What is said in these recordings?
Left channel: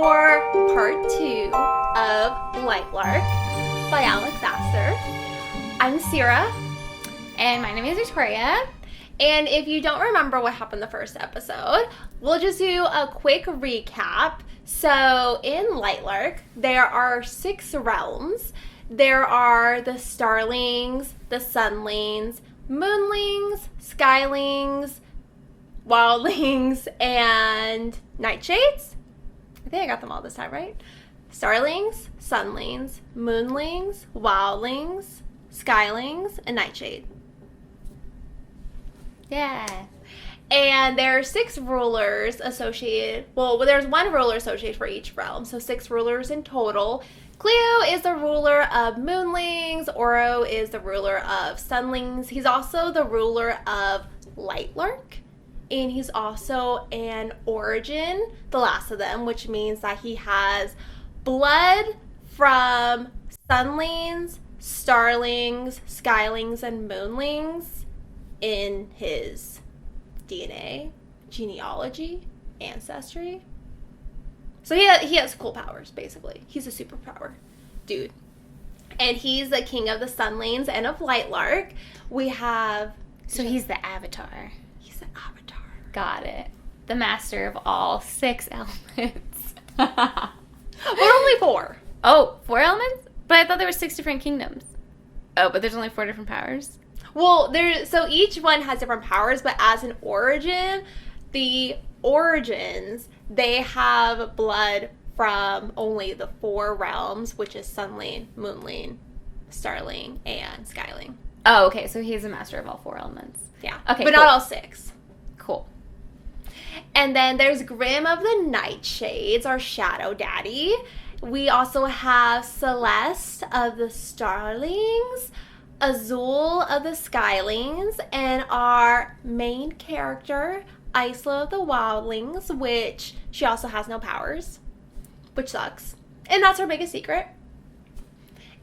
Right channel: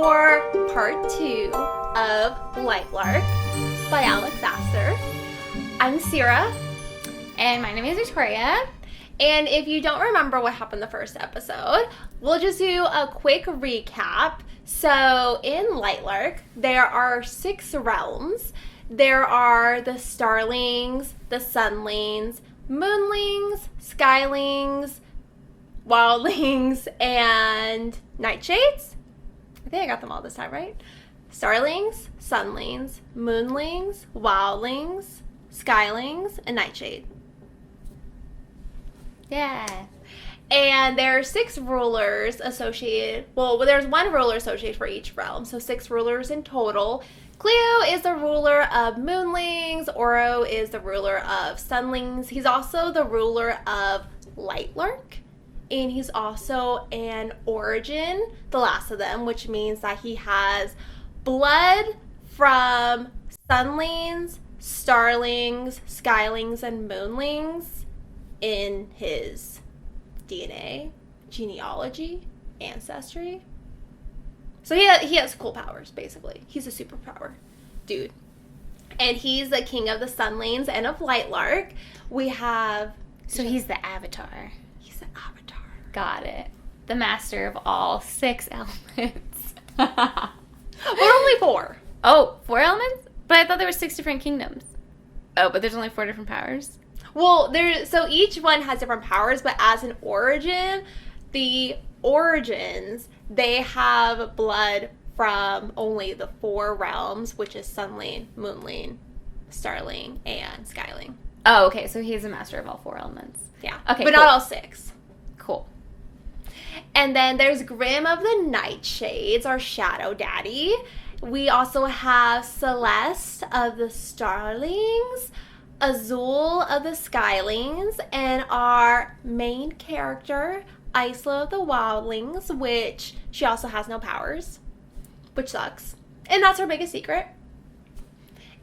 for part 2 of Lightlark by Aster. I'm Sierra. And my name is Victoria. And if you don't remember what happened the first episode, we'll just do a quick recap. So in Lightlark, there are 6 realms. There are the starlings, the sunlings, moonlings, skylings, wildlings, and nightshades. I think I got them all this time, right? Starlings, sunlings, moonlings, wildlings, skylings, and nightshade. Yeah. And there are 6 rulers associated. Well, there's 1 ruler associated for each realm, so 6 rulers in total. Cleo is the ruler of moonlings. Oro is the ruler of sunlings. He's also the ruler of Lightlark. And he's also an origin, the last of them, which means that he has blood from sunlings, starlings, skylings, and moonlings in his DNA, genealogy, ancestry. So he has cool powers, basically. He's a superpower dude. And he's the king of the sunlings and of Lightlark. We have... So he's the avatar. He's the avatar. Got it. The master of all 6 elements. But only 4. Oh, 4 elements? But I thought there were 6 different kingdoms. Oh, but there's only 4 different powers? Well, so each one has different powers, but as an origin, the origins, they have blood from only the 4 realms, which is sunling, moonling, starling, and skyling. Oh, okay. So he's a master of all 4 elements. Yeah. Okay, but cool. not all 6. Cool. And then there's Grim of the Nightshades, our shadow daddy. We also have Celeste of the starlings, Azul of the skylings, and our main character, Isla of the wildlings, which she also has no powers, which sucks. And that's her biggest secret.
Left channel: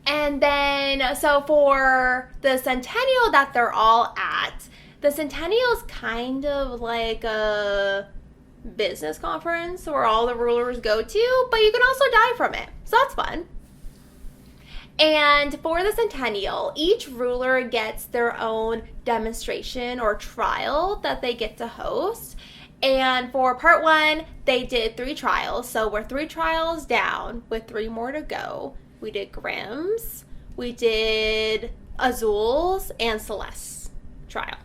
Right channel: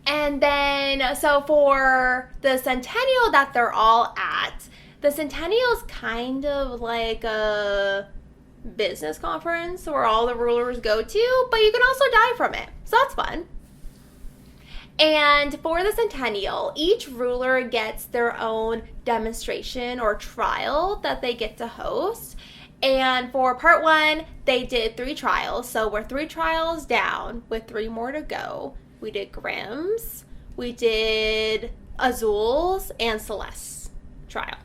And then, so for the Centennial that they're all at, the Centennial is kind of like a business conference where all the rulers go to, but you can also die from it. So that's fun. And for the Centennial, each ruler gets their own demonstration or trial that they get to host. And for part 1, they did 3 trials. So we're 3 trials down with 3 more to go. We did Grimm's, we did Azul's, and Celeste's trial.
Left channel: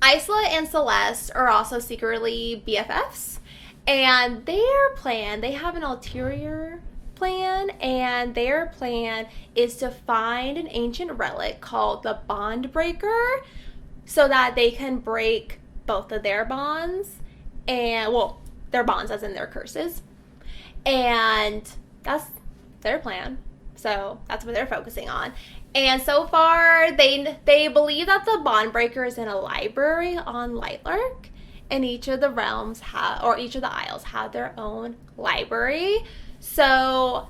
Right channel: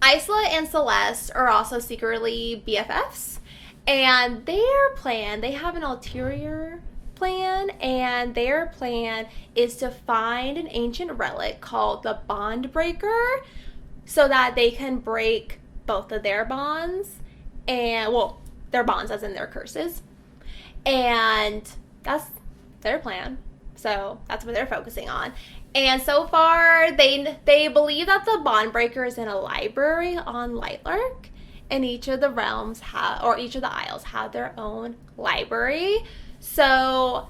Isla and Celeste are also secretly BFFs. And their plan, they have an ulterior plan, and their plan is to find an ancient relic called the Bond Breaker so that they can break both of their bonds, and, well, their bonds as in their curses. And that's their plan. So that's what they're focusing on. And so far, they believe that the Bond Breaker is in a library on Lightlark, and each of the realms each of the isles have their own library. So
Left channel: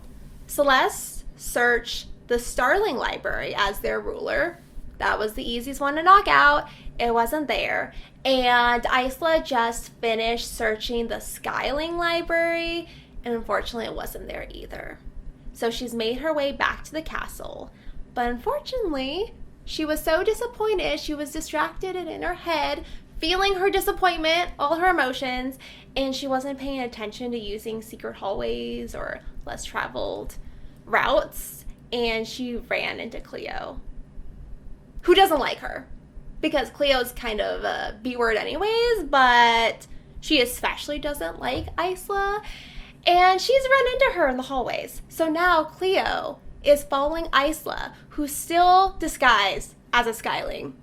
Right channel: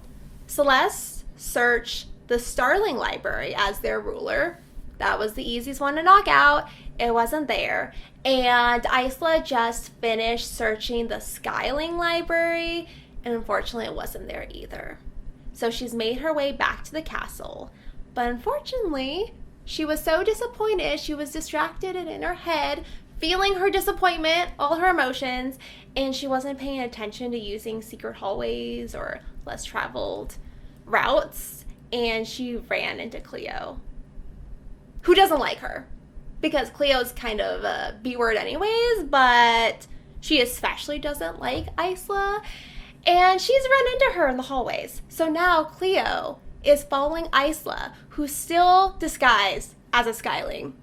Celeste searched the Starling Library as their ruler. That was the easiest one to knock out. It wasn't there. And Isla just finished searching the Skyling Library, and unfortunately it wasn't there either. So she's made her way back to the castle. But unfortunately, she was so disappointed. She was distracted and in her head, feeling her disappointment, all her emotions, and she wasn't paying attention to using secret hallways or less traveled routes, and she ran into Cleo, who doesn't like her, because Cleo's kind of a B-word anyways, but she especially doesn't like Isla, and she's run into her in the hallways. So now Cleo is following Isla, who's still disguised as a skyling.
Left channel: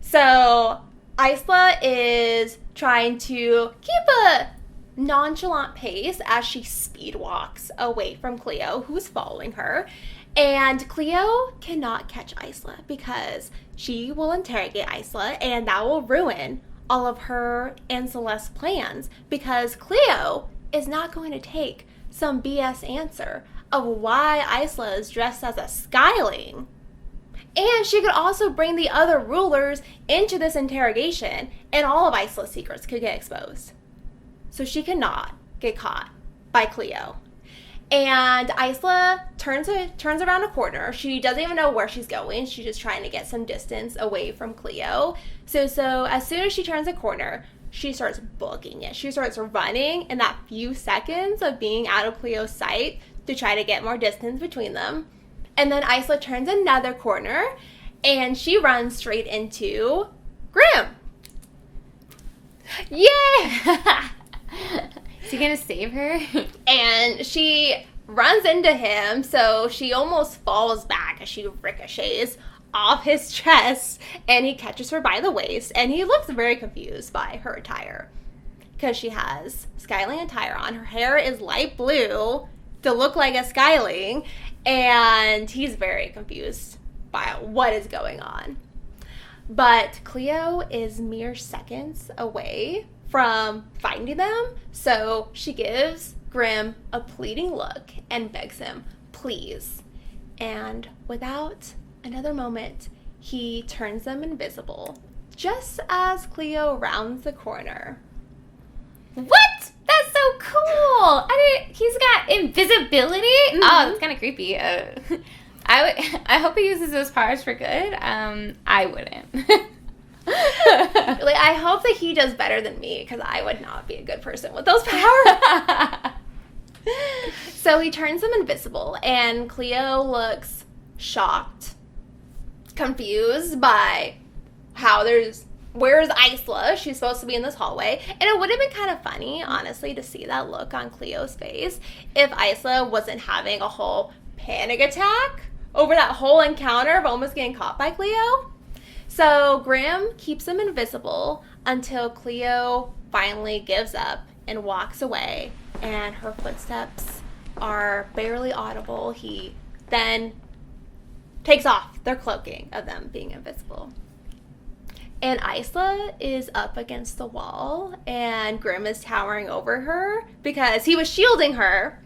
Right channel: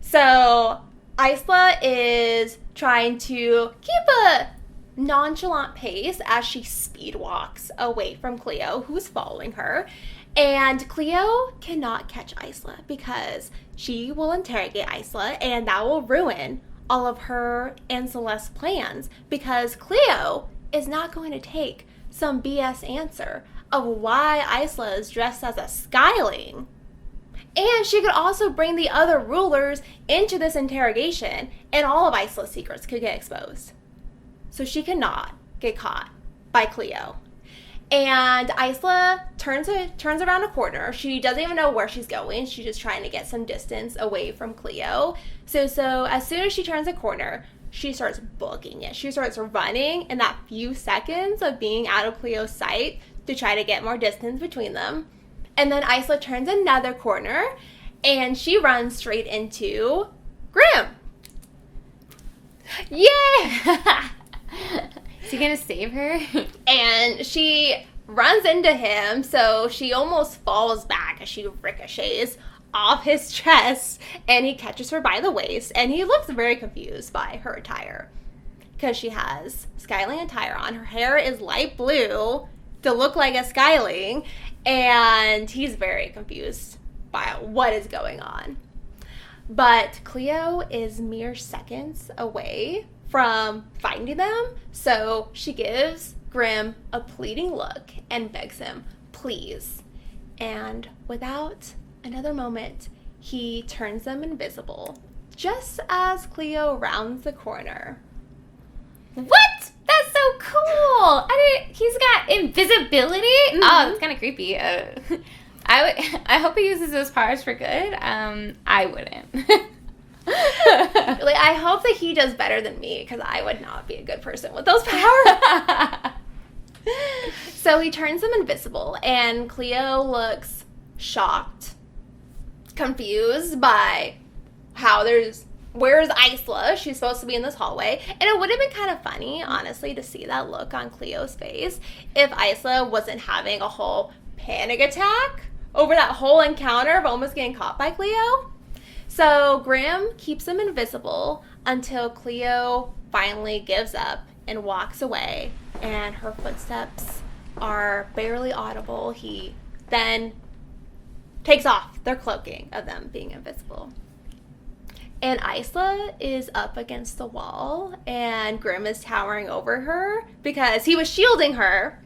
So Isla is trying to keep a nonchalant pace as she speed walks away from Cleo, who's following her. And Cleo cannot catch Isla because she will interrogate Isla, and that will ruin all of her and Celeste's plans, because Cleo is not going to take some BS answer of why Isla is dressed as a skyling. And she could also bring the other rulers into this interrogation, and all of Isla's secrets could get exposed. So she cannot get caught by Cleo. And Isla turns around a corner. She doesn't even know where she's going. She's just trying to get some distance away from Cleo. So as soon as she turns a corner, she starts booking it. She starts running in that few seconds of being out of Cleo's sight to try to get more distance between them. And then Isla turns another corner, and she runs straight into Graham. Yeah! She's gonna save her? And she runs into him, so she almost falls back. She ricochets off his chest, and he catches her by the waist, and he looks very confused by her attire. Because she has styling attire on. Her hair is light blue to look like a skyling, and he's very confused about what is going on. But Cleo is mere seconds away from finding them, so she gives Grim a pleading look and begs him, please. And without another moment, he turns them invisible, just as Cleo rounds the corner. What? That's so cool! He's got invisibility? Mm-hmm. Oh, that's kind of creepy. I hope he uses those powers for good. I wouldn't. I hope that he does better than me, because I would not be a good person with those powers. So he turns them invisible, and Cleo looks shocked, confused by where's Isla? She's supposed to be in this hallway. And it would have been kind of funny, honestly, to see that look on Cleo's face if Isla wasn't having a whole panic attack over that whole encounter of almost getting caught by Cleo. So Grim keeps him invisible until Cleo finally gives up and walks away, and her footsteps are barely audible. He then takes off their cloaking of them being invisible. And Isla is up against the wall, and Grim is towering over her because he was shielding her.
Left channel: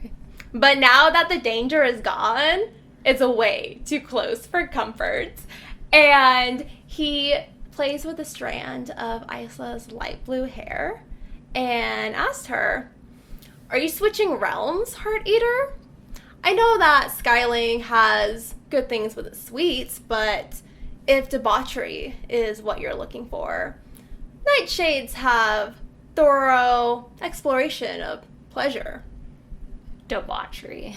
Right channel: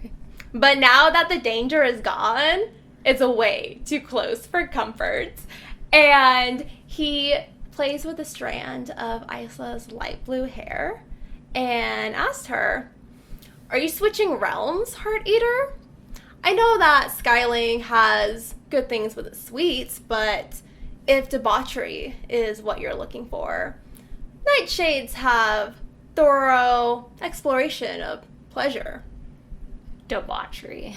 But now that the danger is gone, it's way too close for comfort. And he plays with a strand of Isla's light blue hair and asked her, are you switching realms, Heart Eater? I know that Skyling has good things with its sweets, but if debauchery is what you're looking for, Nightshades have thorough exploration of pleasure. Debauchery.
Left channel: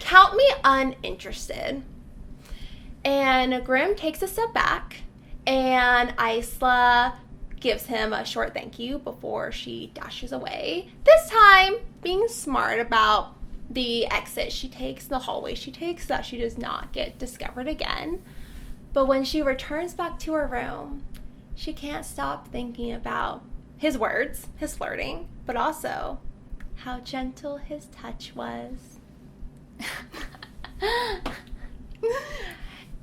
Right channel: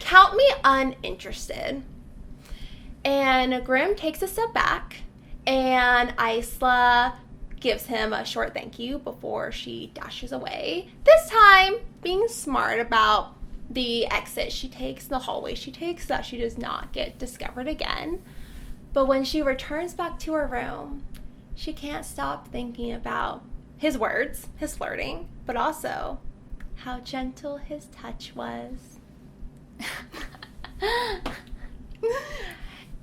Count me uninterested. And Grim takes a step back, and Isla gives him a short thank you before she dashes away. This time, being smart about the exit she takes, the hallway she takes, so that she does not get discovered again. But when she returns back to her room, she can't stop thinking about his words, his flirting, but also how gentle his touch was.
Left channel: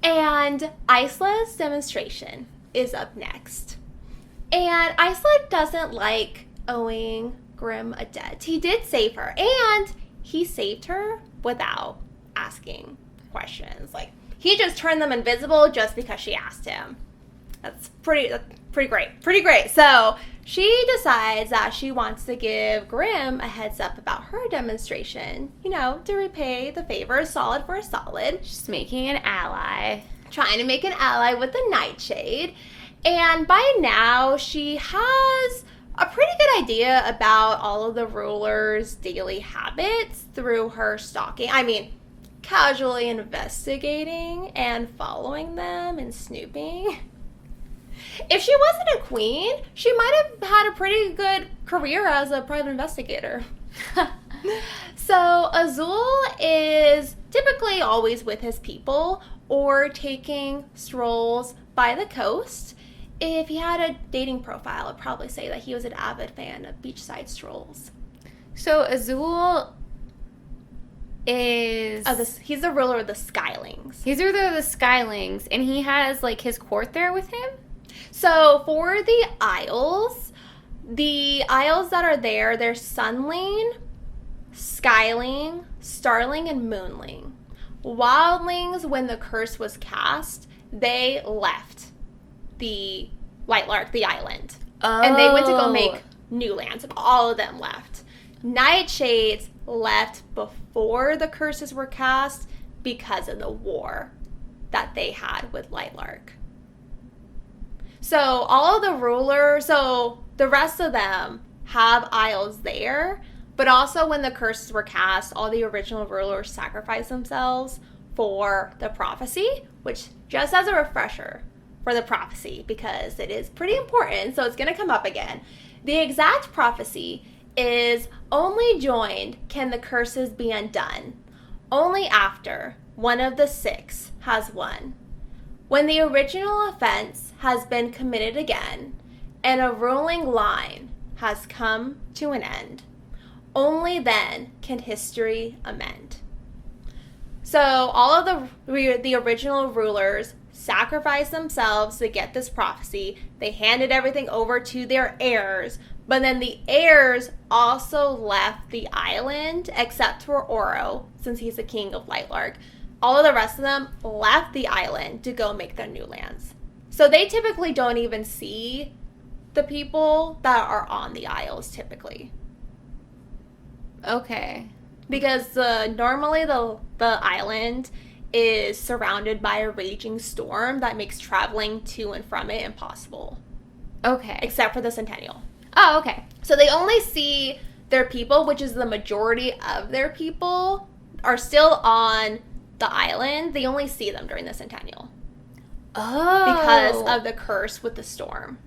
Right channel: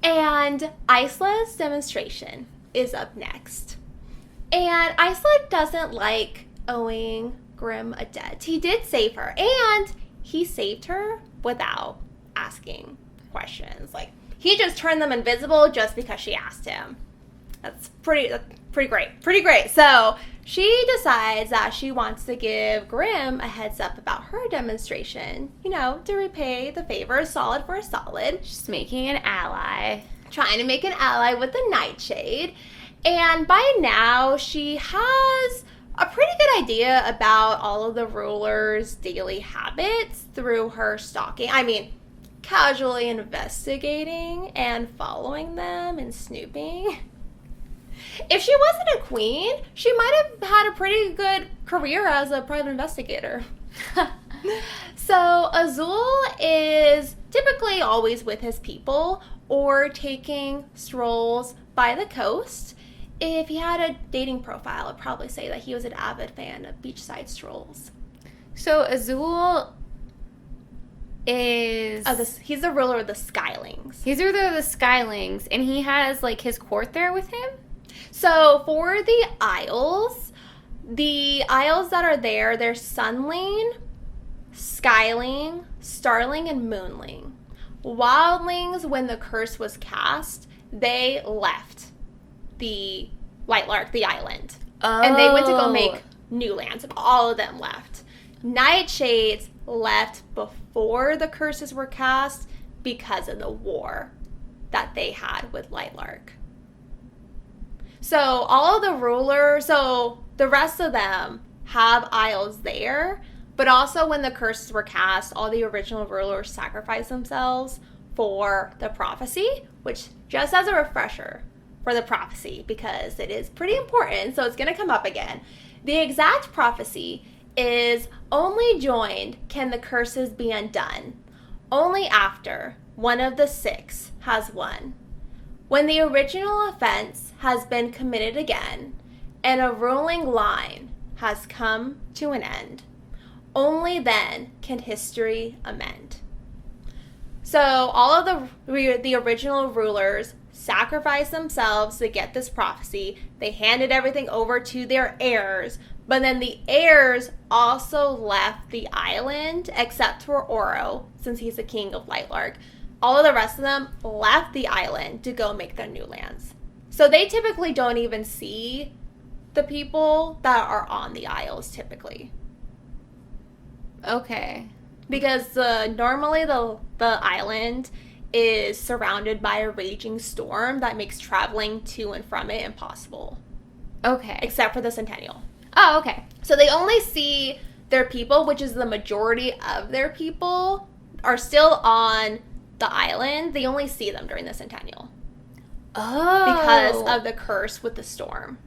And Isla's demonstration is up next. And Isla doesn't like owing Grim a debt. He did save her, and he saved her without asking questions. He just turned them invisible just because she asked him. It's pretty great. So she decides that she wants to give Grim a heads up about her demonstration. To repay the favor, solid for a solid. She's making an ally. Trying to make an ally with the Nightshade. And by now, she has a pretty good idea about all of the rulers' daily habits through her stalking. Casually investigating and following them and snooping. If she wasn't a queen, she might have had a pretty good career as a private investigator. So Azul is typically always with his people or taking strolls by the coast. If he had a dating profile, I'd probably say that he was an avid fan of beachside strolls. So Azul is... he's the ruler of the Skylings. He's the ruler of the Skylings, and he has, his court there with him? So for the Isles that are there, they're Sunling, Skyling, Starling, and Moonling. Wildlings, when the curse was cast, they left the Lightlark, the island. Oh. And they went to go make new lands. All of them left. Nightshades left before the curses were cast because of the war that they had with Lightlark. So all of the rulers, so the rest of them have isles there, but also when the curses were cast, all the original rulers sacrificed themselves for the prophecy, which just as a refresher for the prophecy, because it is pretty important, so it's going to come up again. The exact prophecy is only joined can the curses be undone, only after one of the 6 has won. When the original offense has been committed again, and a ruling line has come to an end, only then can history amend. So all of the original rulers sacrificed themselves to get this prophecy. They handed everything over to their heirs, but then the heirs also left the island, except for Oro, since he's the king of Lightlark. All of the rest of them left the island to go make their new lands. So they typically don't even see the people that are on the isles, typically. Okay. Because normally the island is surrounded by a raging storm that makes traveling to and from it impossible. Okay. Except for the Centennial. Oh, okay. So they only see their people, which is the majority of their people, are still on the island. They only see them during the Centennial. Oh. Because of the curse with the storm.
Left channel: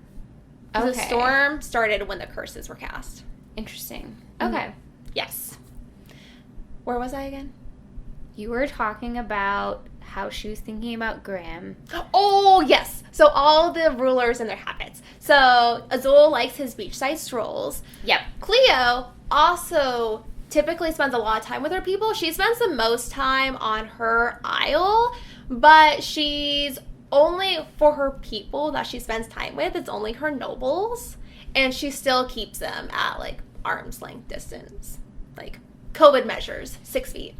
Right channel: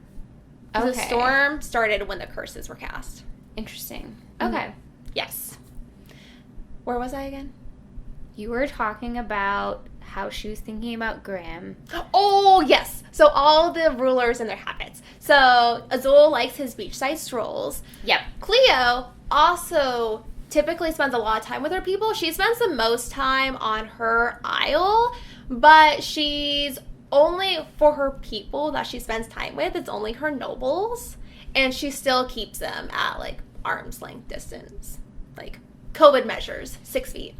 Okay. The storm started when the curses were cast. Interesting. Okay. Yes. Where was I again? You were talking about how she was thinking about Graham. Oh, yes. So all the rulers and their habits. So Azul likes his beachside strolls. Yep. Cleo also typically spends a lot of time with her people. She spends the most time on her isle, but she's only for her people that she spends time with. It's only her nobles, and she still keeps them at like arm's length distance, like COVID measures, 6 feet.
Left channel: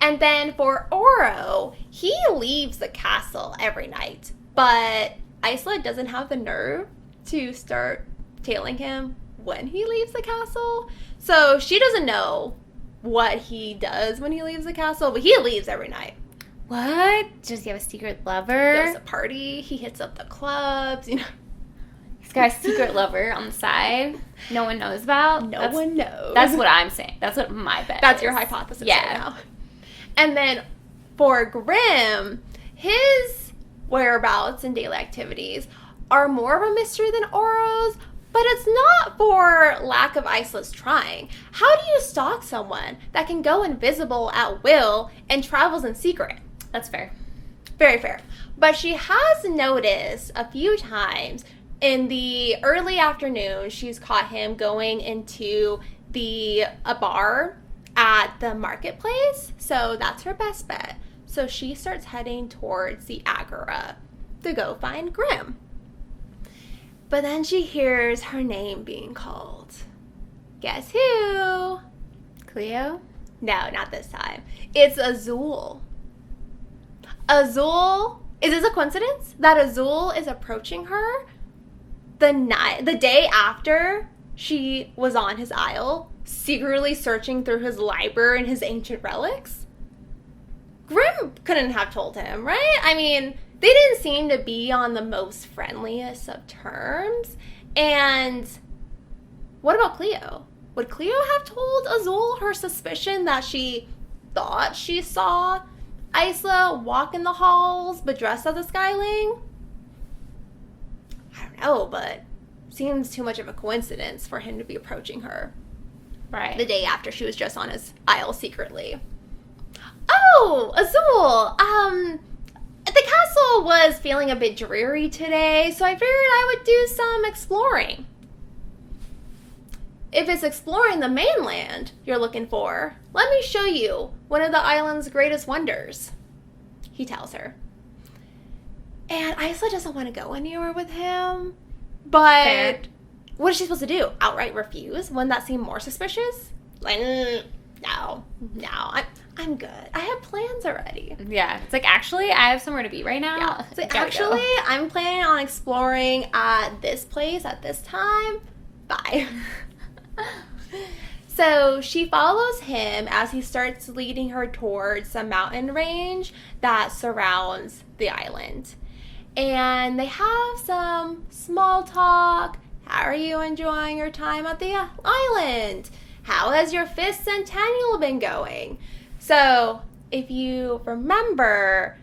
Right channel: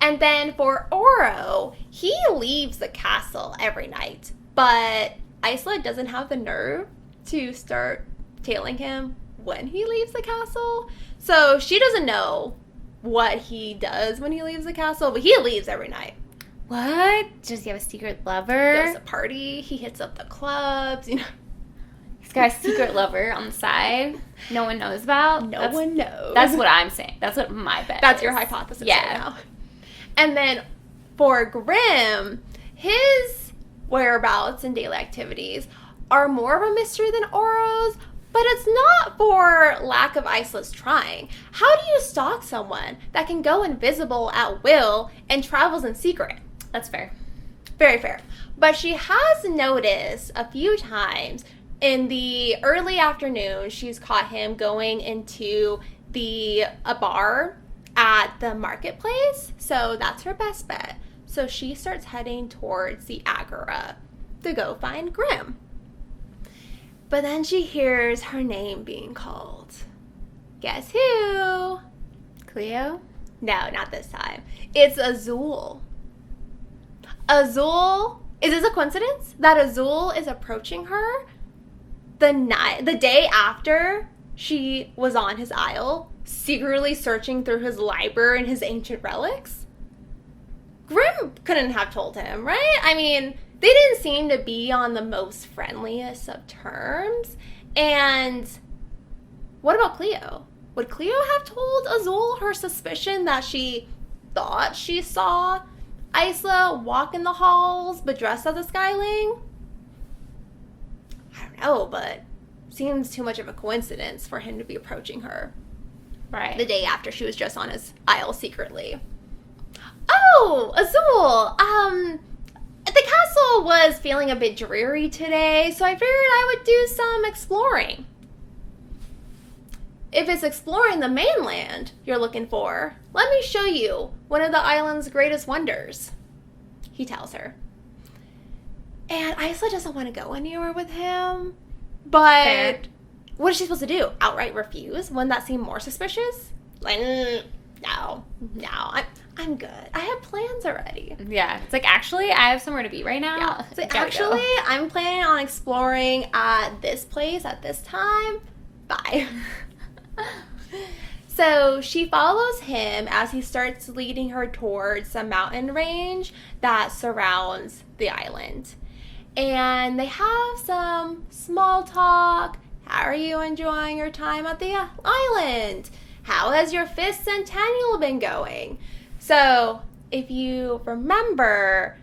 And then for Oro, he leaves the castle every night, but Isla doesn't have the nerve to start tailing him when he leaves the castle. So she doesn't know what he does when he leaves the castle, but he leaves every night. What? Does he have a secret lover? Goes to party, he hits up the clubs, you know. He's got a secret lover on the side no one knows about. No one knows. That's what I'm saying. That's what my bet That's is. your hypothesis Yeah. right now. And then for Grimm, his whereabouts and daily activities are more of a mystery than Oro's, but it's not for lack of Isla's trying. How do you stalk someone that can go invisible at will and travels in secret? That's fair. Very fair. But she has noticed a few times in the early afternoon, she's caught him going into a barn at the marketplace. So that's her best bet. So she starts heading towards the Agora to go find Grimm. But then she hears her name being called. Guess who? Cleo? No, not this time. It's Azul. Azul? Is this a coincidence that Azul is approaching her the day after she was on his isle, secretly searching through his library and his ancient relics? Grimm couldn't have told him, right? I mean, they didn't seem to be on the most friendliest of terms. And what about Cleo? Would Cleo have told Azul her suspicion that she thought she saw Isla walk in the halls but dressed as a Skyling? I don't know, but seems too much of a coincidence for him to be approaching her the day after she was just on his isle secretly. Oh, Azul, the castle was feeling a bit dreary today, so I figured I would do some exploring. If it's exploring the mainland you're looking for, let me show you one of the island's greatest wonders, he tells her. And Isla doesn't want to go anywhere with him, but Fair. what is she supposed to do? Outright refuse? Wouldn't that seem more suspicious? Like, no, I'm good. I have plans eat already. Yeah. It's like, actually, I have somewhere to be right now. Yeah. So Gotta actually, go. I'm planning on exploring at this place at this time. Bye. So she follows him as he starts leading her towards a mountain range that surrounds the island. And they have some small talk. How are you enjoying your time at the island? How has your 5th Centennial been going? So, if you remember,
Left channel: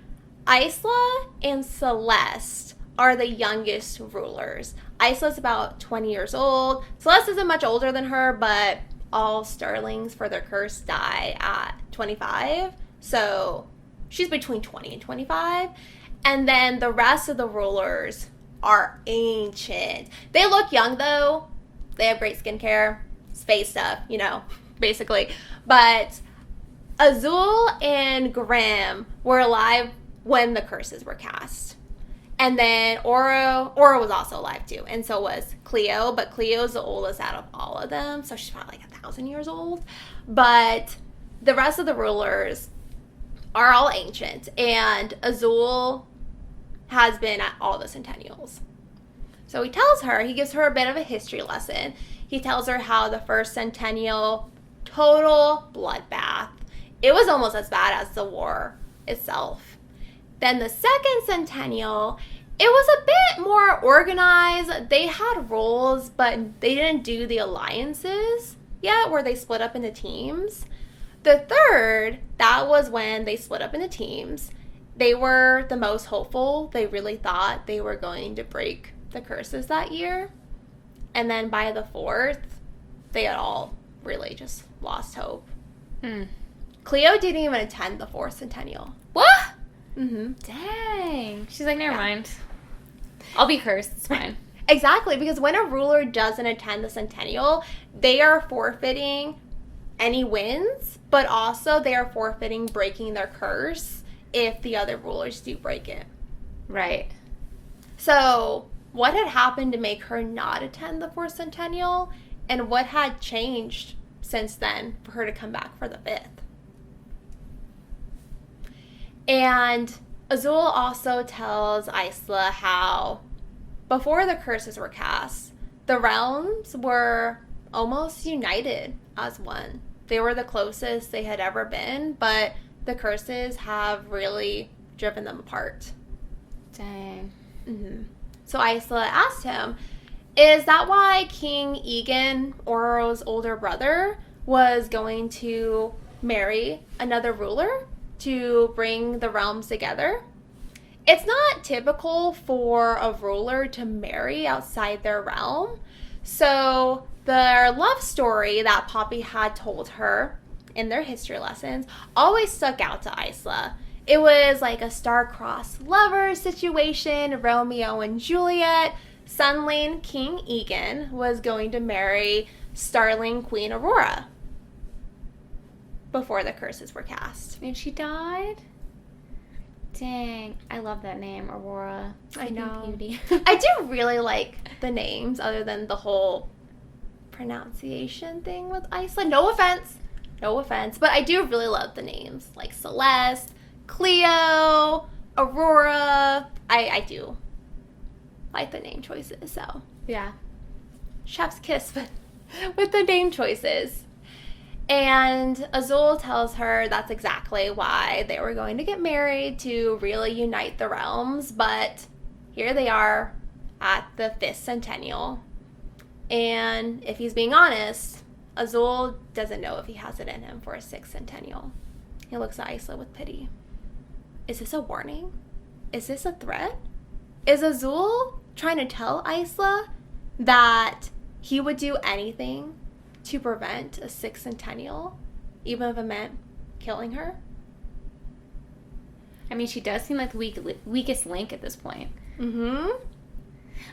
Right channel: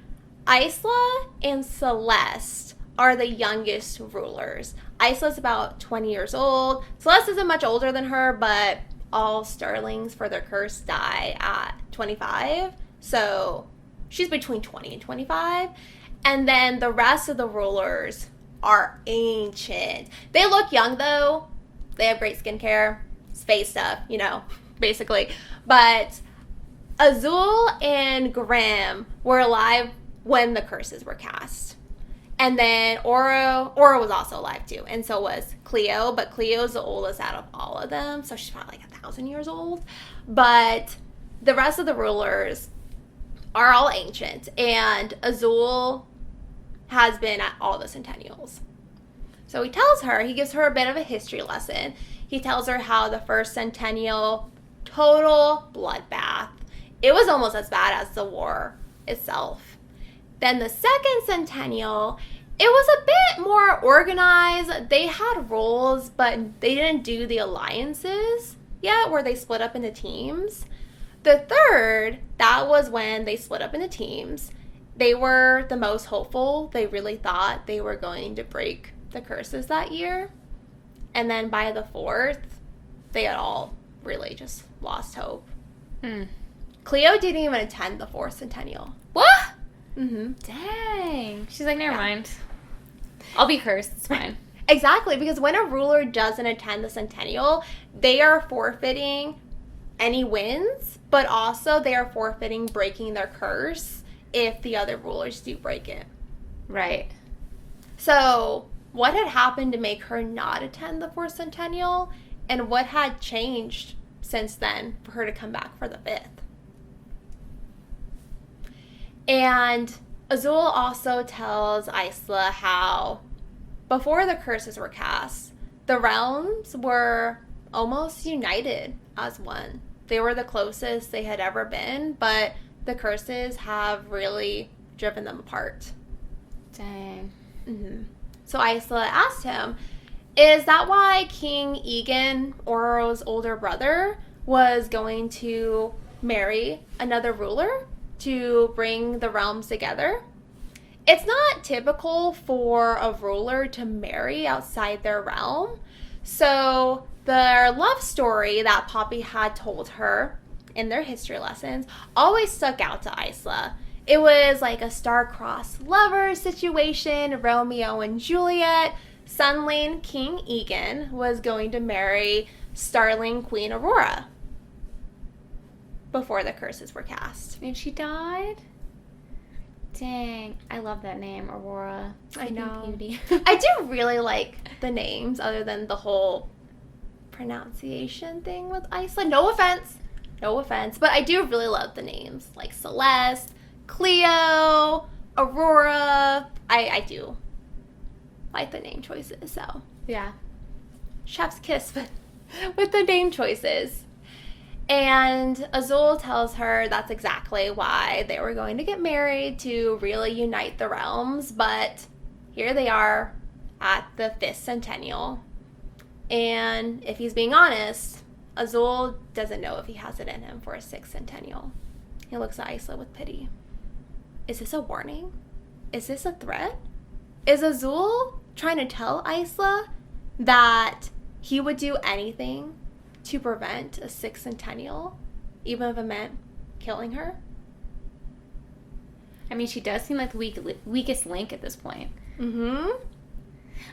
Isla and Celeste are the youngest rulers. Isla's about 20 years old. Celeste isn't much older than her, but all Starlings for their curse die at 25. So, she's between 20 and 25. And then the rest of the rulers are ancient. They look young, though. They have great skincare, space stuff, basically. But Azul and Graham were alive when the curses were cast. And then Aura was also alive, too. And so was Cleo. But Cleo's the oldest out of all of them. So she's probably like 1,000 years old. But the rest of the rulers are all ancient. And Azul has been at all the Centennials. So he gives her a bit of a history lesson. He tells her how the first Centennial, total bloodbath. It was almost as bad as the war itself. Then the second Centennial, it was a bit more organized. They had roles, but they didn't do the alliances yet where they split up into teams. The third, that was when they split up into teams. They were the most hopeful. They really thought they were going to break the curses that year. And then by the 4th, they had all really just lost hope. Cleo didn't even attend the 4th Centennial. What? Mm-hmm. Dang. She's like, never mind. I'll be cursed. It's fine. Exactly, because when a ruler doesn't attend the Centennial, they are forfeiting any wins, but also they are forfeiting breaking their curse if the other rulers do break it. Right. So, what had happened to make her not attend the 4th Centennial, and what had changed since then for her to come back for the 5th? And Azul also tells Isla how, before the curses were cast, the realms were almost united as one. They were the closest they had ever been, but the curses have really driven them apart. Dang. Mm-hmm. So Isla asked him, is that why King Egan, Aurora's older brother, was going to marry another ruler to bring the realms together? It's not typical for a ruler to marry outside their realm. So their love story that Poppy had told her in their history lessons always stuck out to Isla. It was like a star-crossed lover situation, Romeo and Juliet. Sunling King Egan was going to marry Starling Queen Aurora before the curses were cast. And she died? Dang. I love that name, Aurora. I know. Beauty. I do really like the names other than the whole pronunciation thing with Isla. No offense, but I do really love the names like Celeste, Cleo, Aurora. I do like the name choices, so Yeah. chef's kiss with the name choices. And Azul tells her that's exactly why they were going to get married, to really unite the realms. But here they are at the 5th Centennial. And if he's being honest, Azul doesn't know if he has it in him for a 6th Centennial. He looks at Isla with pity. Is this a warning? Is this a threat? Is Azul trying to tell Isla that he would do anything to prevent a 6th Centennial, even if it meant killing her? I mean, she does seem like the weakest link at this point. Mm-hmm.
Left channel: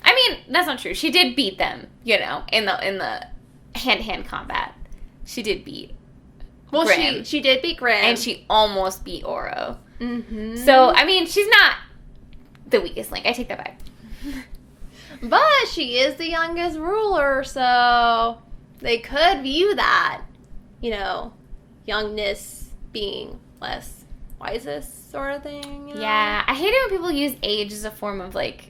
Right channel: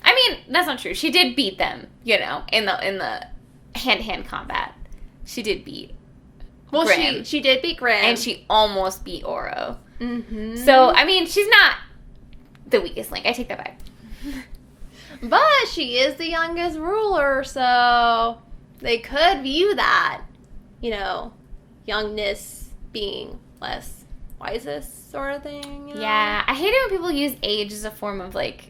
I mean, that's not true. She did beat them, in the hand-to-hand combat. She did beat Grim. She did beat Grim. And she almost beat Oro. Mm-hmm. So, I mean, she's not the weakest link. I take that back. But she is the youngest ruler, so they could view that, youngness being less wisest sort of thing. You know? Yeah, I hate it when people use age as a form of, like,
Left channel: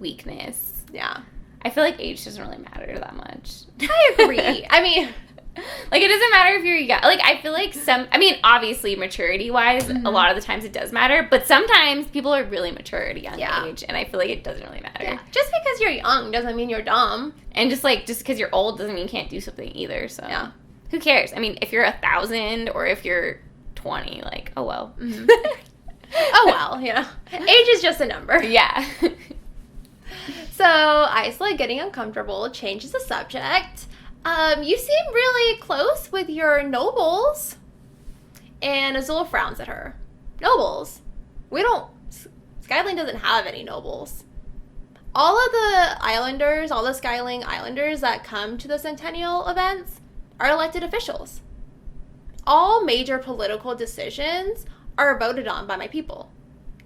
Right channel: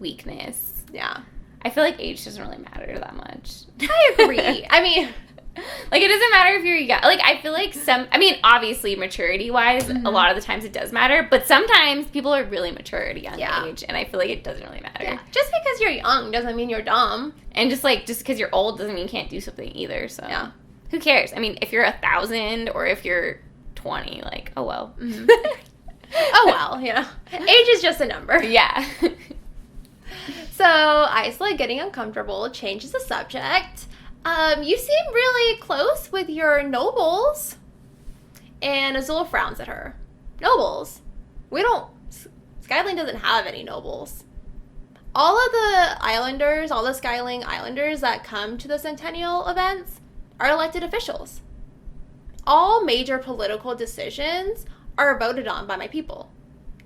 weakness. Yeah. I feel like age doesn't really matter that much. I agree. I mean... Like, it doesn't matter if you're young. Like, I feel like obviously, maturity-wise, a lot of the times it does matter. But sometimes people are really mature at a young age. And I feel like it doesn't really matter. Yeah. Just because you're young doesn't mean you're dumb. And just because you're old doesn't mean you can't do something either. So, who cares? I mean, if you're 1,000 or if you're 20, like, oh, well. Mm-hmm. Oh, well, Age is just a number. Yeah. So, Isla, getting uncomfortable, changes the subject. You seem really close with your nobles. And Azul frowns at her. Nobles? Skyline doesn't have any nobles. All of the islanders, all the Skyline Islanders that come to the Centennial events are elected officials. All major political decisions are voted on by my people.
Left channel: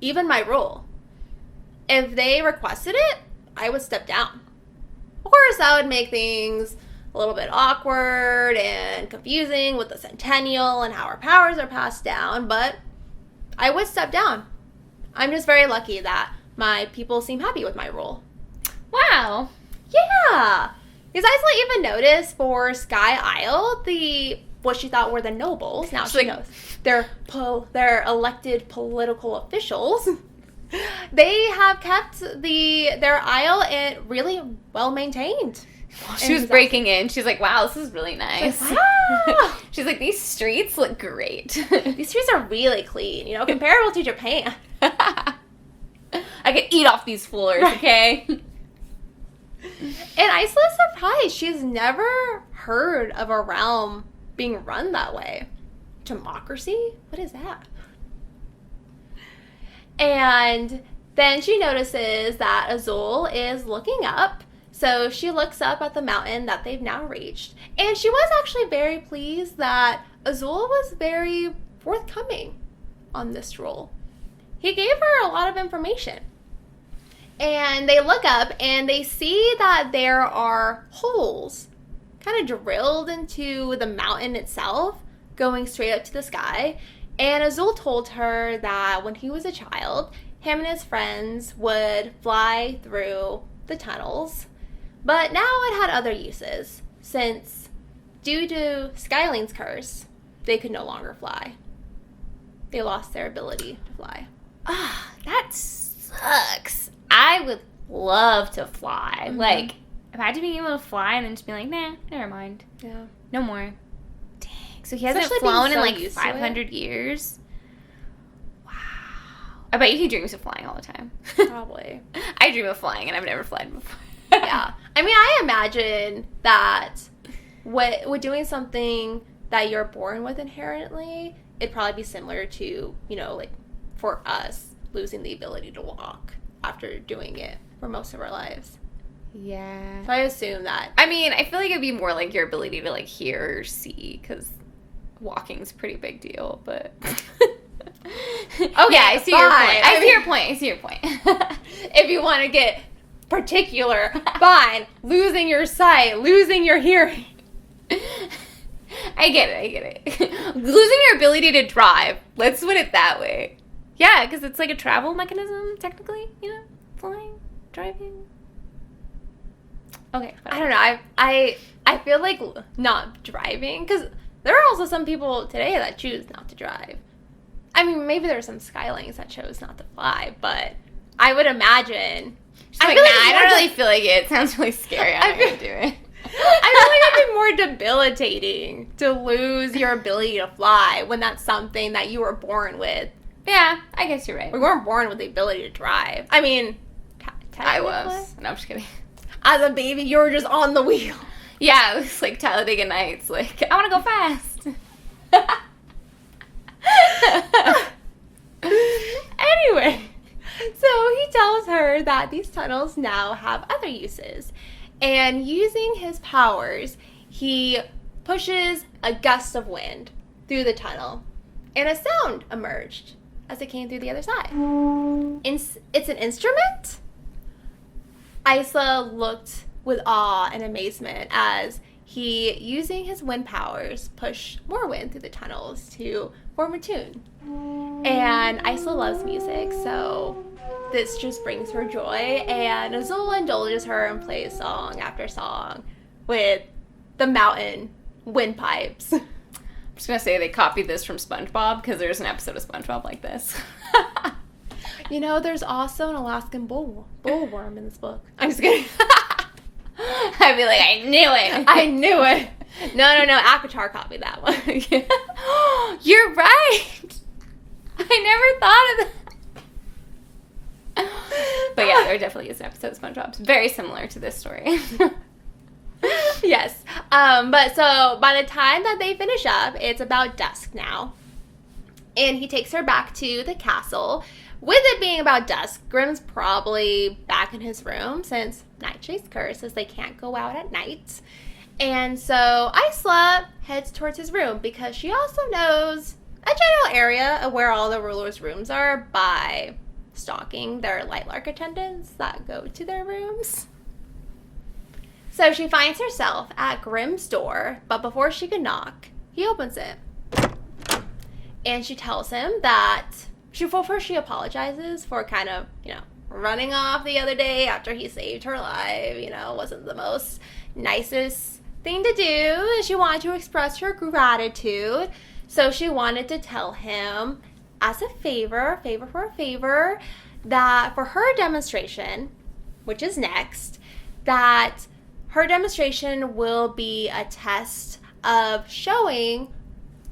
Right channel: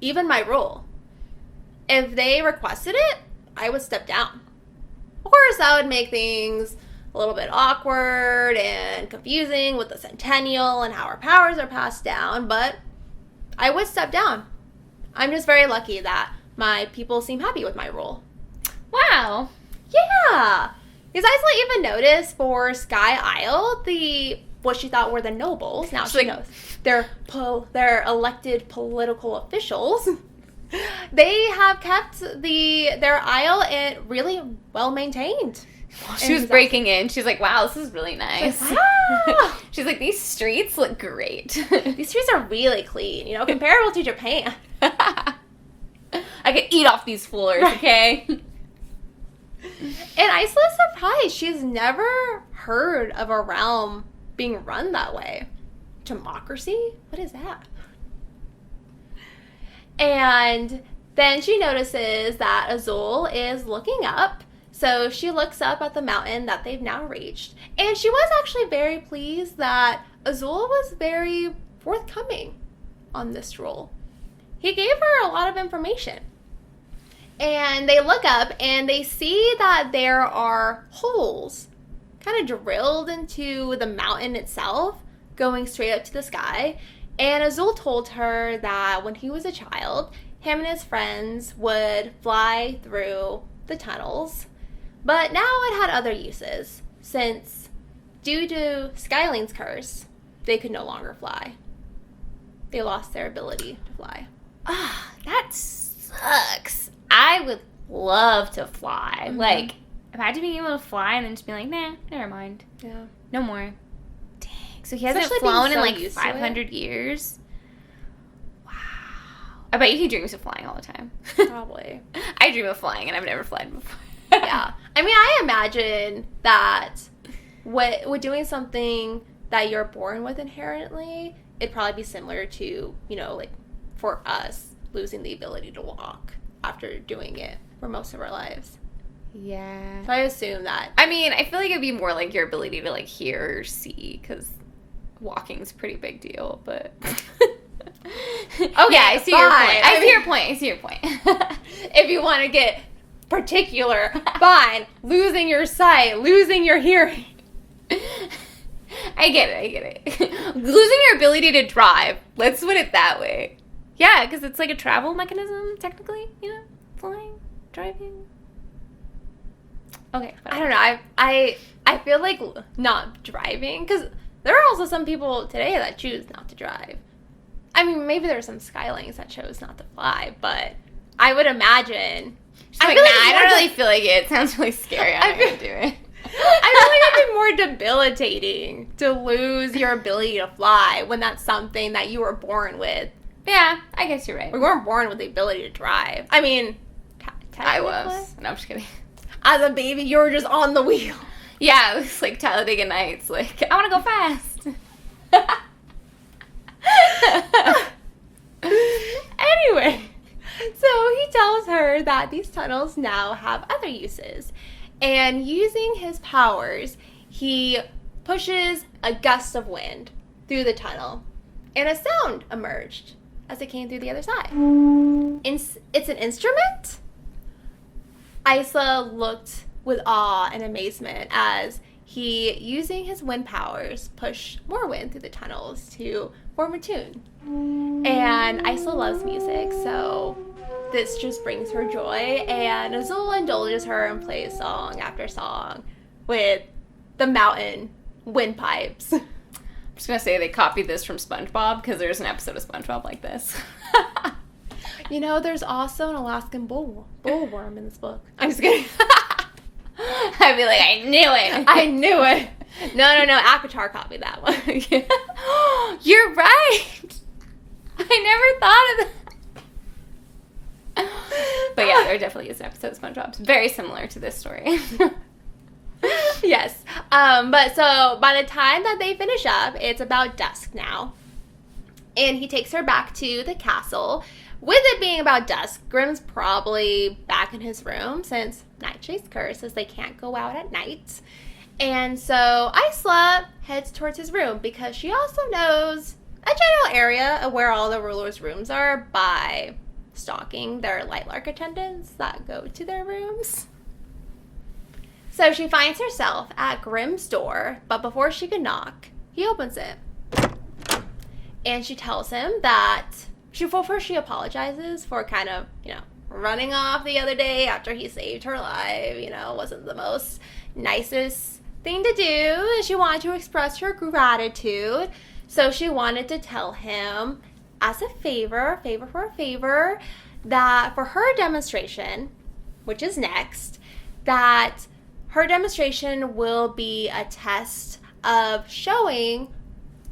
Even my rule. If they requested it, I would step down. Of course, that would make things a little bit awkward and confusing with the Centennial and how our powers are passed down, but I would step down. I'm just very lucky that people seem happy with my rule. Wow. Yeah. Because Isla even noticed for Sky Isle, what she thought were the nobles. Now she knows. They're elected political officials. They have kept their isle really well maintained. She was breaking in. She's like, wow, this is really nice. Wow. She's like, these streets look great. These streets are really clean, comparable to Japan. I could eat off these floors, okay? And Isla's surprised. She's never heard of a realm being run that way. Democracy? What is that? And then she notices that Azul is looking up. So she looks up at the mountain that they've now reached. And she was actually very pleased that Azul was very forthcoming on this role. He gave her a lot of information. And they look up and they see that there are holes kind of drilled into the mountain itself, going straight up to the sky. And Azul told her that when he was a child, him and his friends would fly through the tunnels. But now it had other uses, since due to Skyline's curse, they could no longer fly. They lost their ability to fly. Ah, that sucks. I would love to fly. Mm-hmm. Like, imagine being able to fly and then just be like, nah, never mind. Yeah. No more. Dang. So he hasn't Especially flown being in so like used to 500 years? Wow. I bet you he dreams of flying all the time. Probably. I dream of flying and I've never flown before. Yeah. I mean, I imagine that with doing something that you're born with inherently, it'd probably be similar to, like for us, losing the ability to walk after doing it for most of our lives. Yeah. So I assume that. I mean, I feel like it'd be more like your ability to like hear or see, because walking's a pretty big deal, but... Okay, yeah, I see your point. I see your point. If you want to get particular, fine. Losing your sight, losing your hearing. I get it. Losing your ability to drive. Let's put it that way. Yeah, because it's like a travel mechanism, technically. Flying, driving. Okay, fine. I don't know. I feel like not driving, because there are also some people today that choose not to drive. I mean, maybe there are some Skylines that chose not to fly, but I would imagine. I don't really feel like it. It sounds really scary. I'm not going to do it. I feel like it'd be more debilitating to lose your ability to fly when that's something that you were born with. Yeah, I guess you're right. We weren't born with the ability to drive. I mean, I was. No, I'm just kidding. As a baby, you were just on the wheel. Yeah, it was like Talladega Nights. Like, I want to go fast. Anyway, so he tells her that these tunnels now have other uses. And using his powers, he pushes a gust of wind through the tunnel. And a sound emerged as it came through the other side. It's an instrument? Isla looked with awe and amazement as he, using his wind powers, pushed more wind through the tunnels to form a tune. And Isla loves music, so this just brings her joy, and Azul indulges her and plays song after song with the mountain windpipes. I'm just gonna say they copied this from SpongeBob because there's an episode of SpongeBob like this. You know, there's also an Alaskan bullworm in this book. I'm just kidding. I'd be like, I knew it. I knew it. No, Akatar copied that one. You're right. I never thought of that. But yeah, there definitely is an episode of SpongeBob. It's very similar to this story. Yes. But so by the time that they finish up, it's about dusk now. And he takes her back to the castle. With it being about dusk, Grimm's probably back in his room since Nightshade's curse says they can't go out at night. And so Isla heads towards his room because she also knows a general area of where all the rulers' rooms are by stalking their Lightlark attendants that go to their rooms. So she finds herself at Grimm's door, but before she can knock, he opens it. And she tells him that first she apologizes for kind of, running off the other day after he saved her life. Wasn't the most nicest thing to do. And she wanted to express her gratitude. So she wanted to tell him, as a favor for a favor, that for her demonstration, which is next, that her demonstration will be a test of showing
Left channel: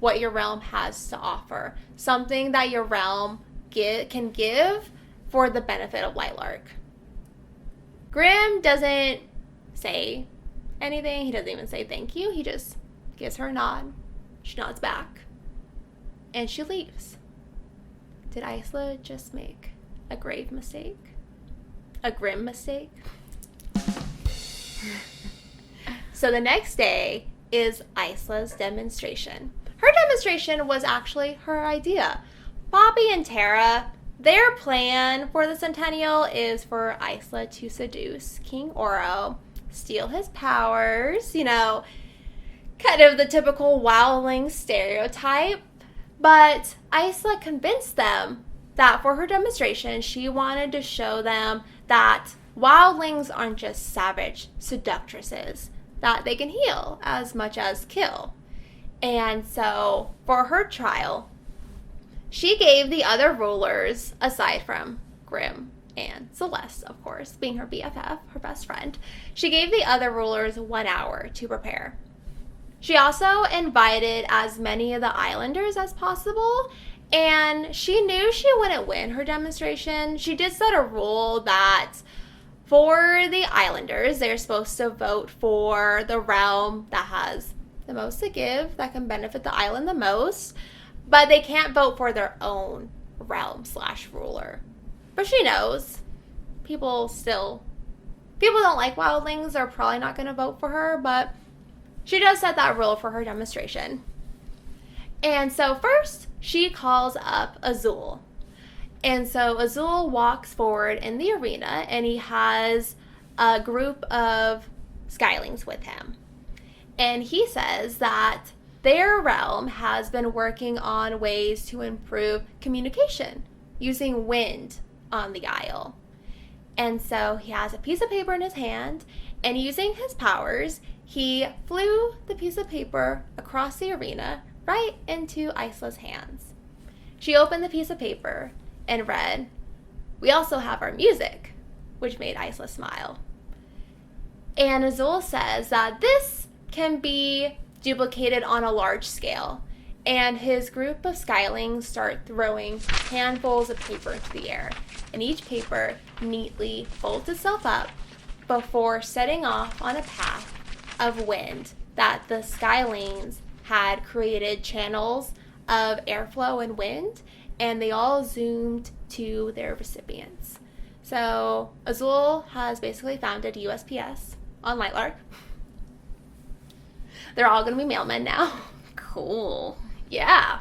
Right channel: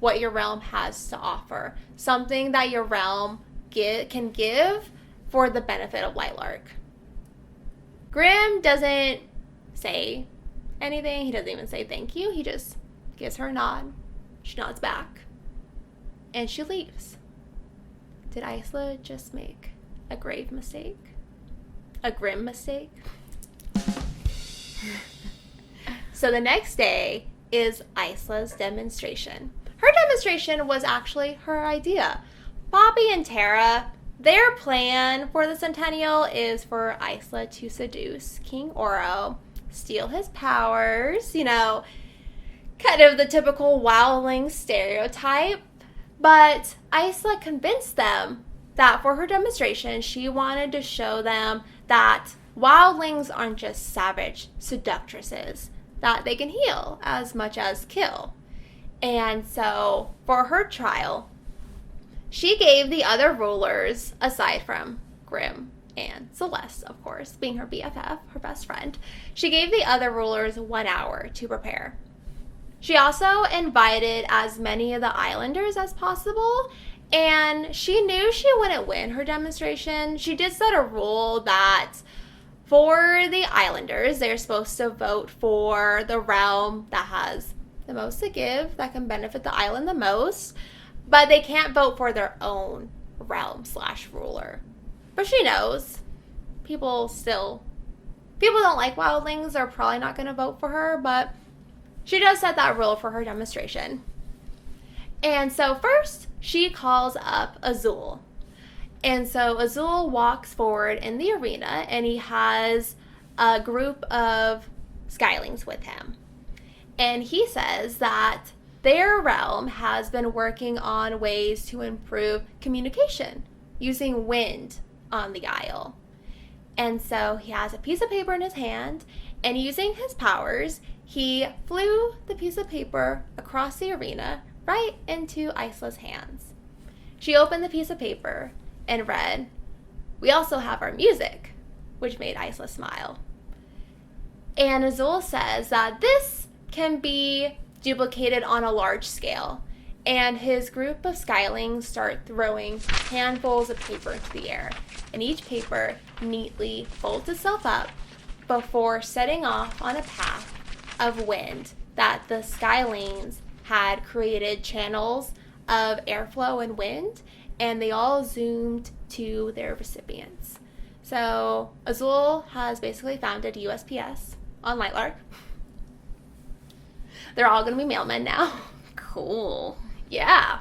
what your realm has to offer. Something that your realm can give for the benefit of Lightlark. Grimm doesn't say anything. He doesn't even say thank you. He just gives her a nod. She nods back. And she leaves. Did Isla just make a grave mistake? A grim mistake? So the next day is Isla's demonstration. Her demonstration was actually her idea. Bobby and Tara, their plan for the Centennial is for Isla to seduce King Oro, steal his powers, kind of the typical wildling stereotype. But Isla convinced them that for her demonstration, she wanted to show them that wildlings aren't just savage seductresses, that they can heal as much as kill. And so, for her trial, she gave the other rulers, aside from Grimm and Sinis, of course, being her BFF, her best friend, she gave the other rulers 1 hour to prepare. She also invited as many of the islanders as possible, and she knew she wouldn't win her demonstration. She did set a rule that for the islanders, they're supposed to vote for the realm that has the most to give, that can benefit the island the most, but they can't vote for their own realm/ruler. But she knows people don't like wildlings. They're probably not going to vote for her, but she does set that rule for her demonstration. And so first, she calls up Azul. And so Azul walks forward in the arena, and he has a group of skylings with him. And he says that their realm has been working on ways to improve communication using wind on the Isle. And so he has a piece of paper in his hand, and using his powers, he flew the piece of paper across the arena right into Isla's hands. She opened the piece of paper and read, "We also have our music," which made Isla smile. And Azul says that this can be duplicated on a large scale, and his group of skylings start throwing handfuls of paper into the air, and each paper neatly folds itself up before setting off on a path of wind that the skylings had created channels of airflow and wind, and they all zoomed to their recipients. So Azul has basically founded USPS on Lightlark. They're all going to be mailmen now. Cool. Yeah.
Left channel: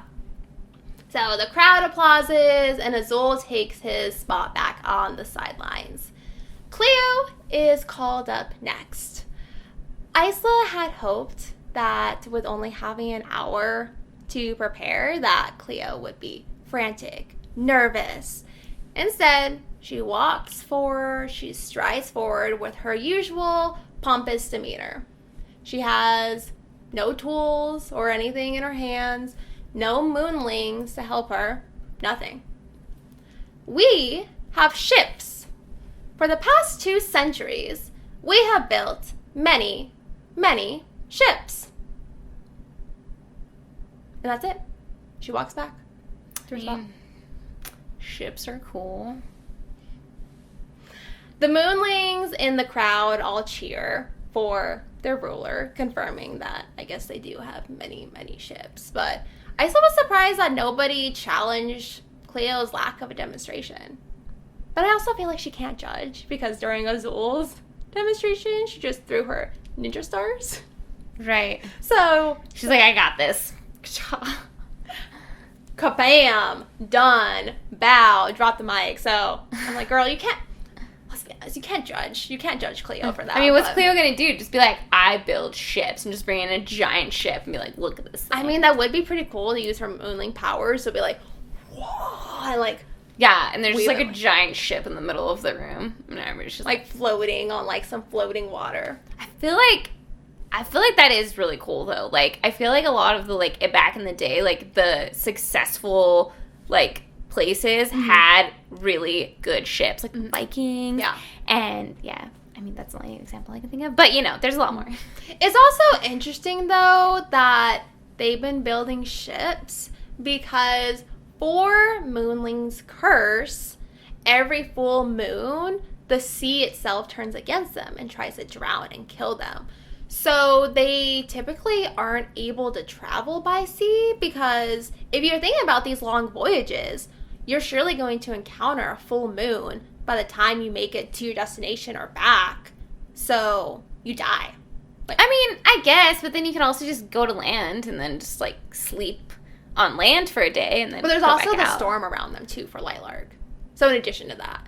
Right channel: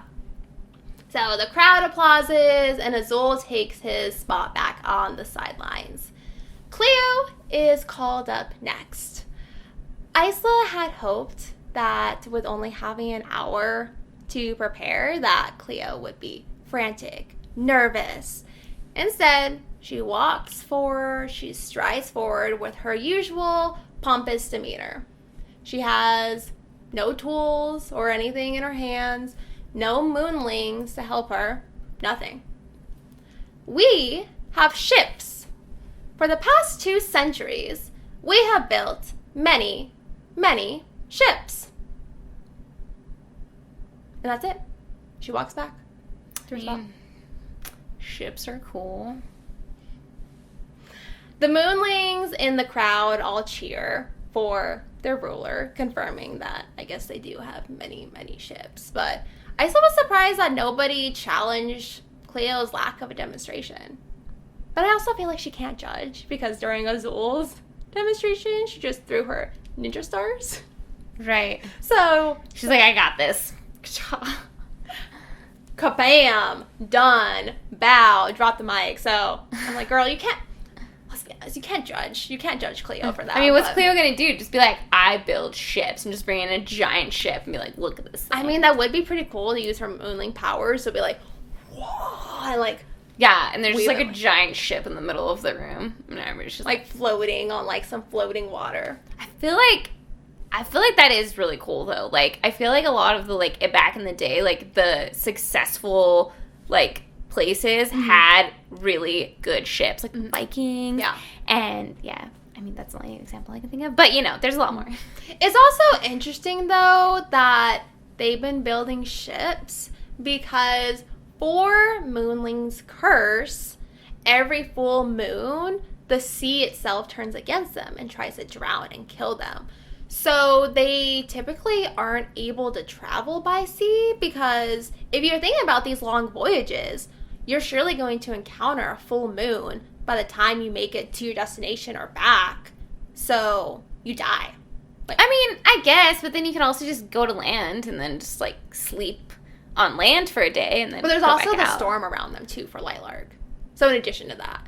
So the crowd applauses, and Azul takes his spot back on the sidelines. Cleo is called up next. Isla had hoped that with only having an hour to prepare, that Cleo would be frantic, nervous. Instead, she strides forward with her usual pompous demeanor. She has no tools or anything in her hands, no moonlings to help her, nothing. We have ships. For the past 2 centuries, we have built many, many ships. And that's it. She walks back. Ships are cool. The moonlings in the crowd all cheer for their ruler, confirming that I guess they do have many, many ships. But I still was surprised that nobody challenged Cleo's lack of a demonstration. But I also feel like she can't judge because during Azul's demonstration, she just threw her ninja stars. Right. So she's like, I got this. Kabam! Done. Bow. Drop the mic. So I'm like, girl, you can't. You can't judge. You can't judge Cleo for that. I mean, what's Cleo gonna do? Just be like, I build ships and just bring in a giant ship and be like, look at this thing. I mean, that would be pretty cool to use her moonling powers to be like, yeah, and there's like a giant ship in the middle of the room. And everybody's just like floating on like some floating water. I feel like that is really cool though. Like, I feel like a lot of the like back in the day, like the successful like places had really good ships, like Viking. Yeah. And yeah, I mean that's the only example I can think of. But you know, there's a lot more. It's also interesting though that they've been building ships because for Moonling's curse, every full moon, the sea itself turns against them and tries to drown and kill them. So they typically aren't able to travel by sea because if you're thinking about these long voyages, you're surely going to encounter a full moon by the time you make it to your destination or back. So you die. Like, I mean, I guess, but then you can also just go to land and then just like sleep on land for a day and then. But there's also the storm around them too for Lightlark. So in addition to that.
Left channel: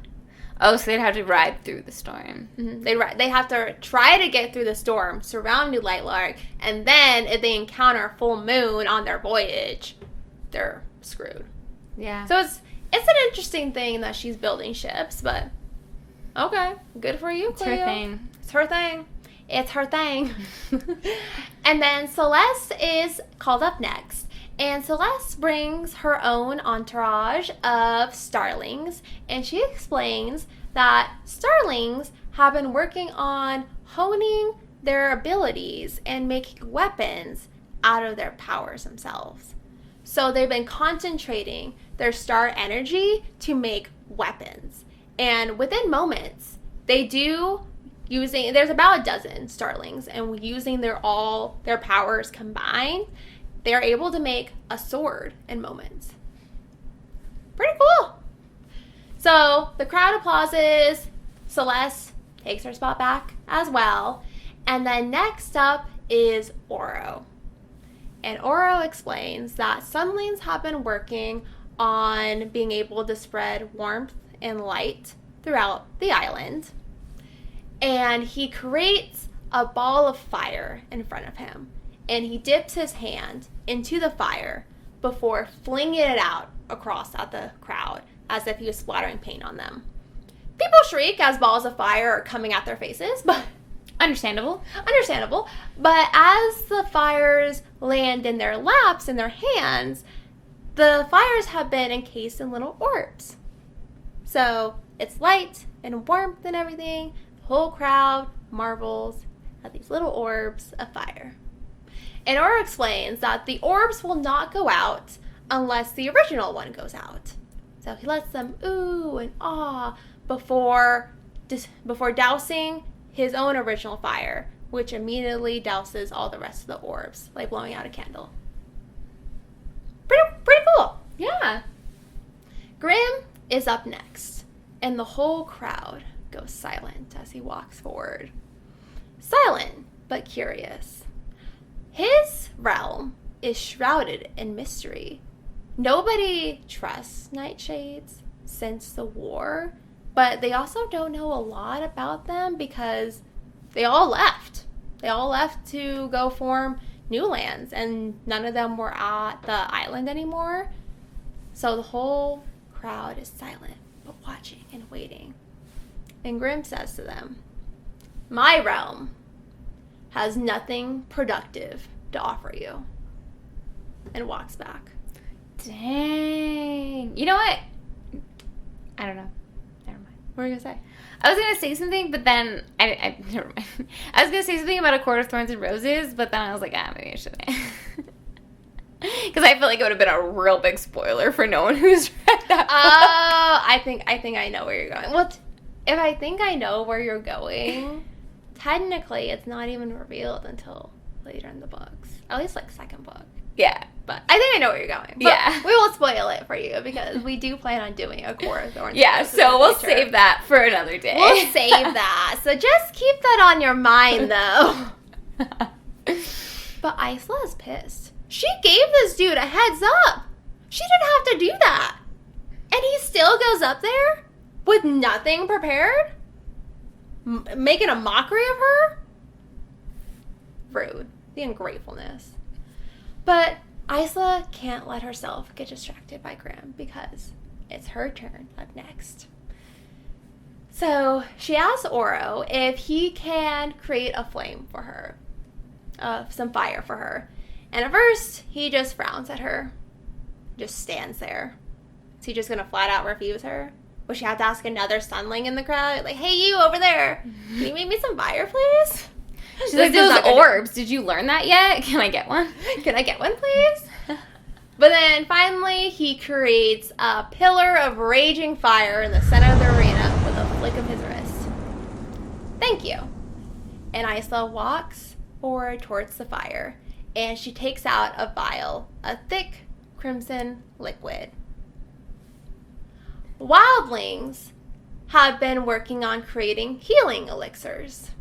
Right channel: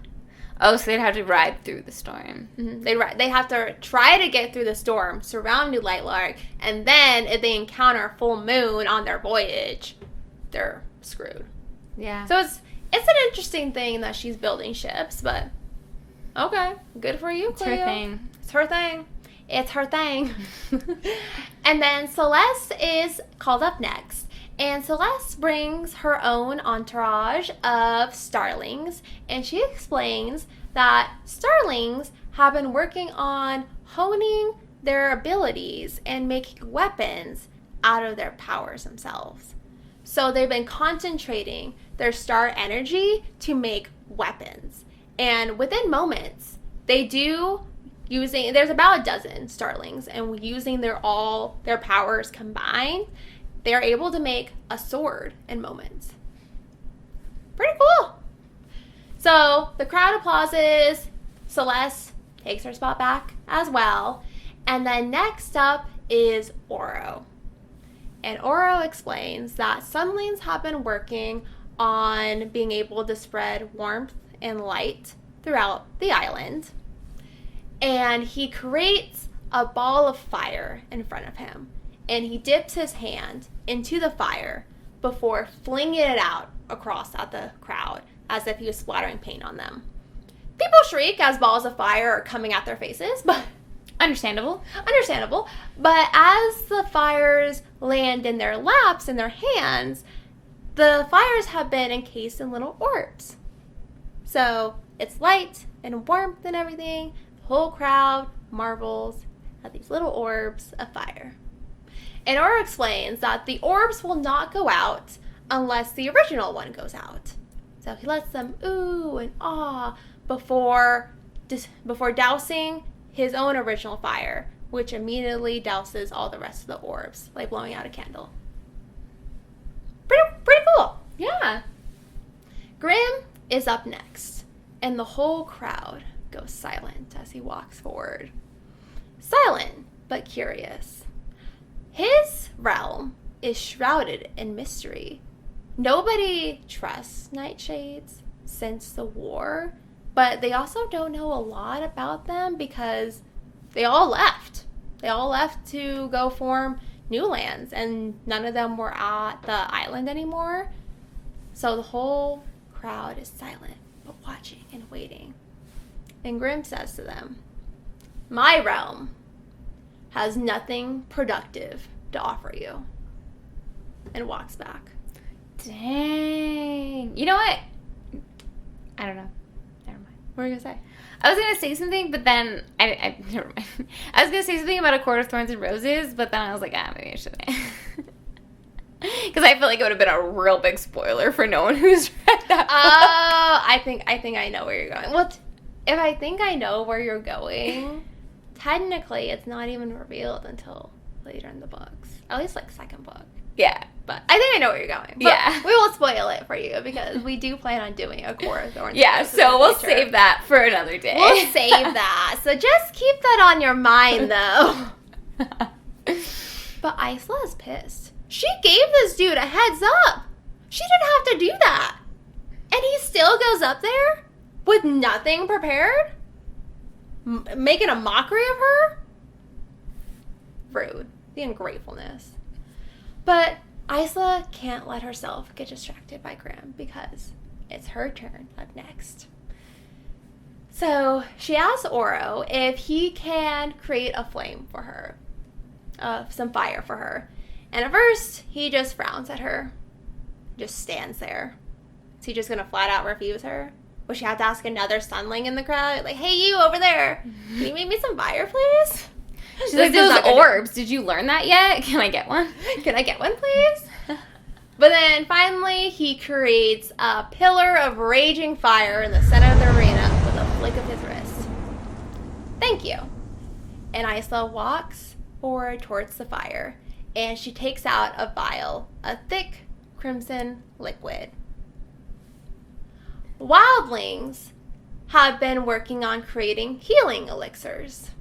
Oh, so they'd have to ride through the storm. Mm-hmm. They have to try to get through the storm surrounding Lightlark, and then if they encounter a full moon on their voyage, they're screwed. Yeah. So it's an interesting thing that she's building ships, but okay, good for you, Cleo. It's her thing. It's her thing. It's her thing. And then Celeste is called up next. And Celeste brings her own entourage of starlings, and she explains that starlings have been working on honing their abilities and making weapons out of their powers themselves. So they've been concentrating their star energy to make weapons. And within moments, they do there's about a dozen starlings, and using their powers combined, they are able to make a sword in moments. Pretty cool. So the crowd applauses. Celeste takes her spot back as well. And then next up is Oro. And Oro explains that sunlings have been working on being able to spread warmth and light throughout the island. And he creates a ball of fire in front of him. And he dips his hand into the fire before flinging it out across at the crowd as if he was splattering paint on them. People shriek as balls of fire are coming at their faces, but Understandable. But as the fires land in their laps and their hands, the fires have been encased in little orbs. So it's light and warmth and everything. The whole crowd marvels at these little orbs of fire. And Oro explains that the orbs will not go out unless the original one goes out. So he lets them ooh and ah before dousing his own original fire, which immediately douses all the rest of the orbs, like blowing out a candle. Pretty cool. Yeah. Graham is up next, and the whole crowd goes silent as he walks forward. Silent, but curious. His realm is shrouded in mystery. Nobody trusts nightshades since the war, but they also don't know a lot about them because they all left. They all left to go form new lands, and none of them were at the island anymore. So the whole crowd is silent, but watching and waiting. And Grimm says to them, "My realm has nothing productive to offer you." And walks back. Dang. You know what? I don't know. What were you going to say? I was going to say something, but then I never mind. I was going to say something about A Court of Thorns and Roses, but then I was like, maybe I shouldn't. Because I feel like it would have been a real big spoiler for no one who's read that book. I think I know where you're going. Well, if I think I know where you're going, technically it's not even revealed until later in the books. At least, like, second book. Yeah. But I think I know where you're going. But yeah. We won't spoil it for you because we do plan on doing A Court of Thorns. Yeah, so we'll save that for another day. We'll save that. So just keep that on your mind, though. But Isla is pissed. She gave this dude a heads up. She didn't have to do that. And he still goes up there with nothing prepared? Making a mockery of her? Rude. The ungratefulness. But Isla can't let herself get distracted by Grimm because it's her turn up next. So she asks Oro if he can create a flame for her, some fire for her. And at first, he just frowns at her, just stands there. Is he just going to flat out refuse her? Will she have to ask another sunling in the crowd? Like, hey, you over there, can you make me some fire, please? Those orbs. Did you learn that yet? Can I get one? Can I get one, please? But then finally, he creates a pillar of raging fire in the center of the arena with a flick of his wrist. Thank you. And Isla walks forward towards the fire, and she takes out a vial, a thick crimson liquid. Wildlings have been working on creating healing elixirs.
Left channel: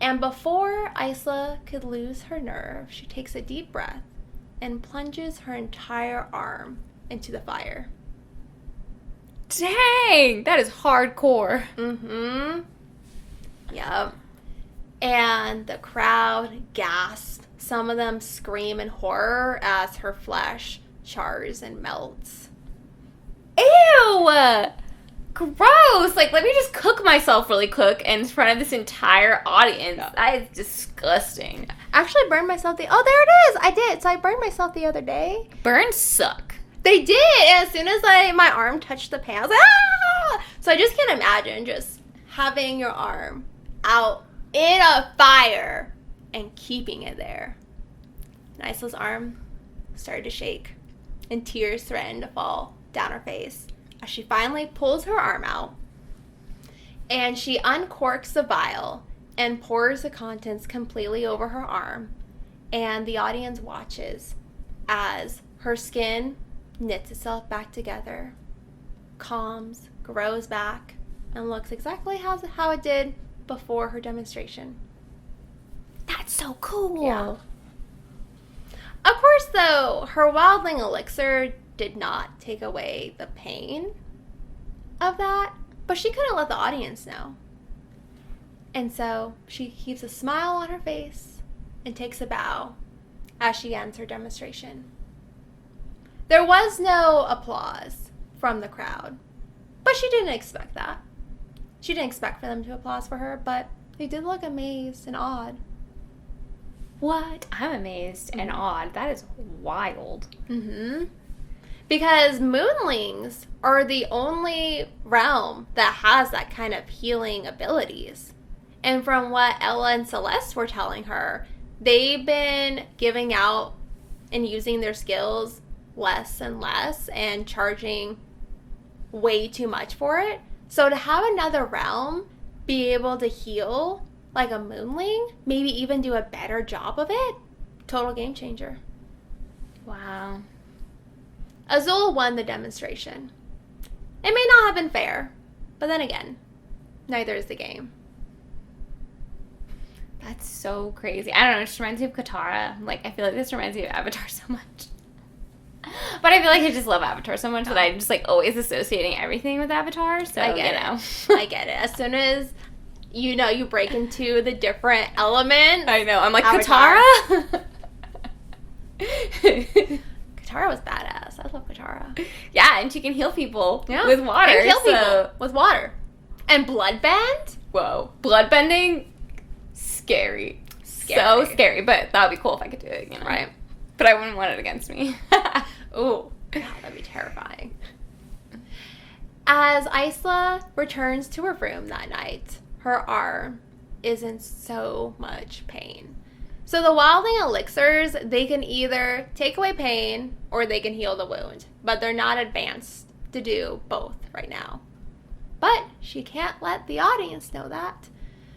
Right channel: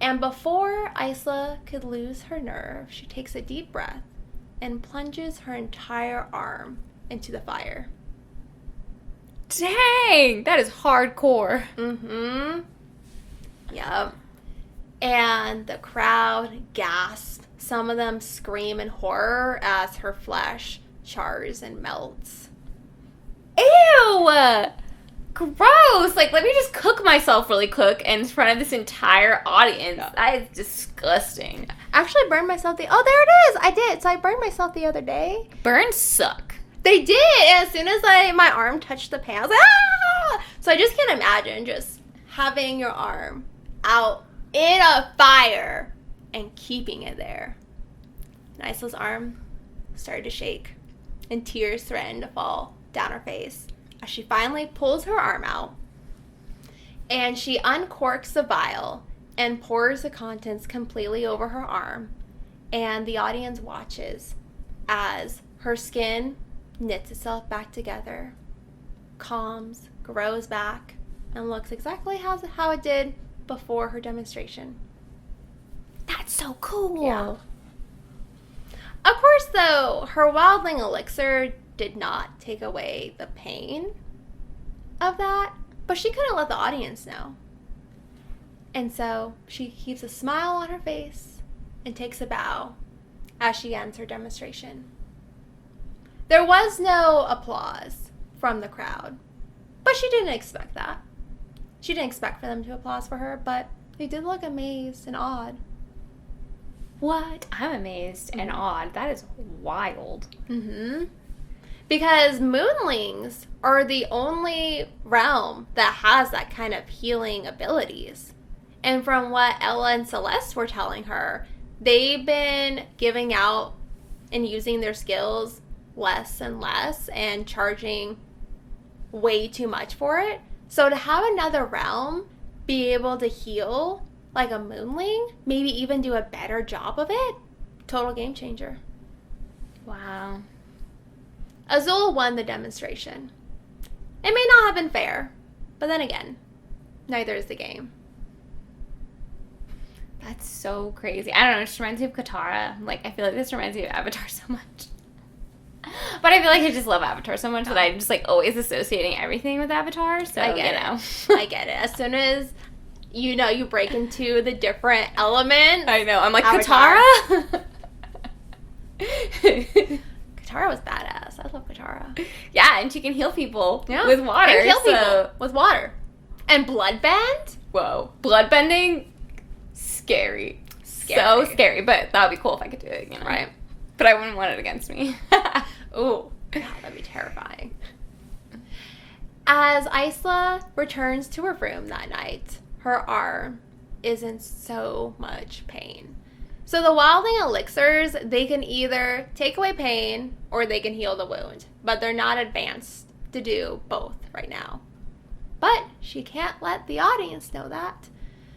And before Isla could lose her nerve, she takes a deep breath and plunges her entire arm into the fire. Dang! That is hardcore. Mm-hmm. Yep. And the crowd gasps. Some of them scream in horror as her flesh chars and melts. Ew! Gross! Like, let me just cook myself really quick in front of this entire audience. That is disgusting. Actually, I burned myself Oh, there it is! I did! So I burned myself the other day. Burns suck. They did! As soon as my arm touched the pan, I was like, ah! So I just can't imagine just having your arm out in a fire and keeping it there. And Isla's arm started to shake, and tears threatened to fall down her face as she finally pulls her arm out. And she uncorks the vial and pours the contents completely over her arm. And the audience watches as her skin knits itself back together, calms, grows back, and looks exactly how it did before her demonstration. That's so cool. Yeah. Of course, though, her wildling elixir did not take away the pain of that, but she couldn't let the audience know. And so she keeps a smile on her face and takes a bow as she ends her demonstration. There was no applause from the crowd, but she didn't expect that. She didn't expect for them to applaud for her, but they did look amazed and awed. What? I'm amazed and awed. That is wild. Mm-hmm. Because moonlings are the only realm that has that kind of healing abilities. And from what Ella and Celeste were telling her, they've been giving out and using their skills less and less and charging way too much for it. So to have another realm be able to heal like a moonling, maybe even do a better job of it, total game changer. Wow. Azul won the demonstration. It may not have been fair, but then again, neither is the game. That's so crazy. I don't know, it just reminds me of Katara. Like, I feel like this reminds me of Avatar so much. But I feel like I just love Avatar so much that I'm just, like, always associating everything with Avatar, so, I get it. I get it. As soon as you break into the different elements. I know. I'm like, Katara? Katara was badass. I love Katara. Yeah, and she can heal people Yeah. with water. And kill people with water. And bloodbend? Whoa. Bloodbending? Scary. So scary. But that would be cool if I could do it again. Right. But I wouldn't want it against me. Ooh. God, that'd be terrifying. As Isla returns to her room that night, her arm is in so much pain. So the Wilding elixirs, they can either take away pain or they can heal the wound. But they're not advanced to do both right now. But she can't let the audience know that.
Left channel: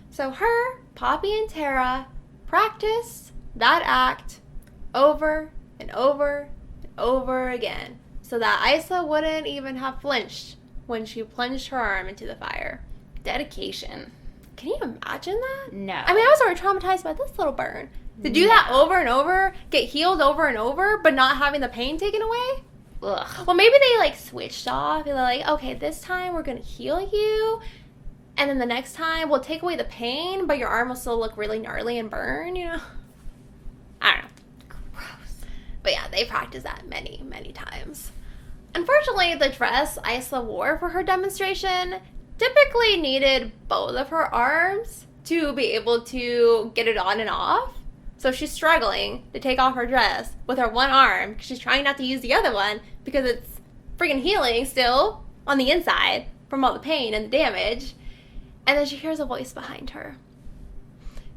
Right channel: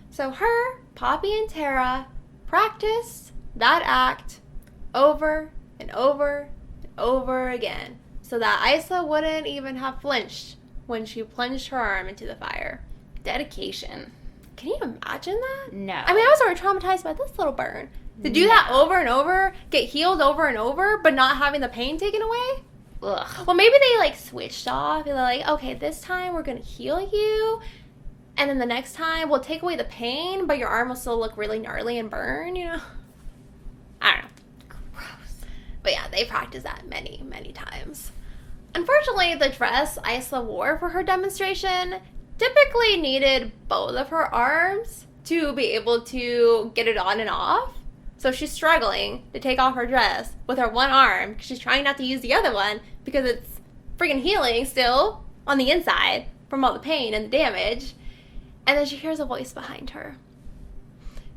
So her, Poppy, and Tara practice that act over and over and over again. So that Isla wouldn't even have flinched when she plunged her arm into the fire. Dedication. Can you imagine that? No. I mean, I was already traumatized by this little burn. To do that over and over, get healed over and over, but not having the pain taken away? Ugh. Well, maybe they, like, switched off. They're like, okay, this time we're going to heal you, and then the next time we'll take away the pain, but your arm will still look really gnarly and burn, you know? I don't know. Gross. But yeah, they practiced that many, many times. Unfortunately, the dress Isla wore for her demonstration typically needed both of her arms to be able to get it on and off. So she's struggling to take off her dress with her one arm because she's trying not to use the other one because it's freaking healing still on the inside from all the pain and the damage. And then she hears a voice behind her.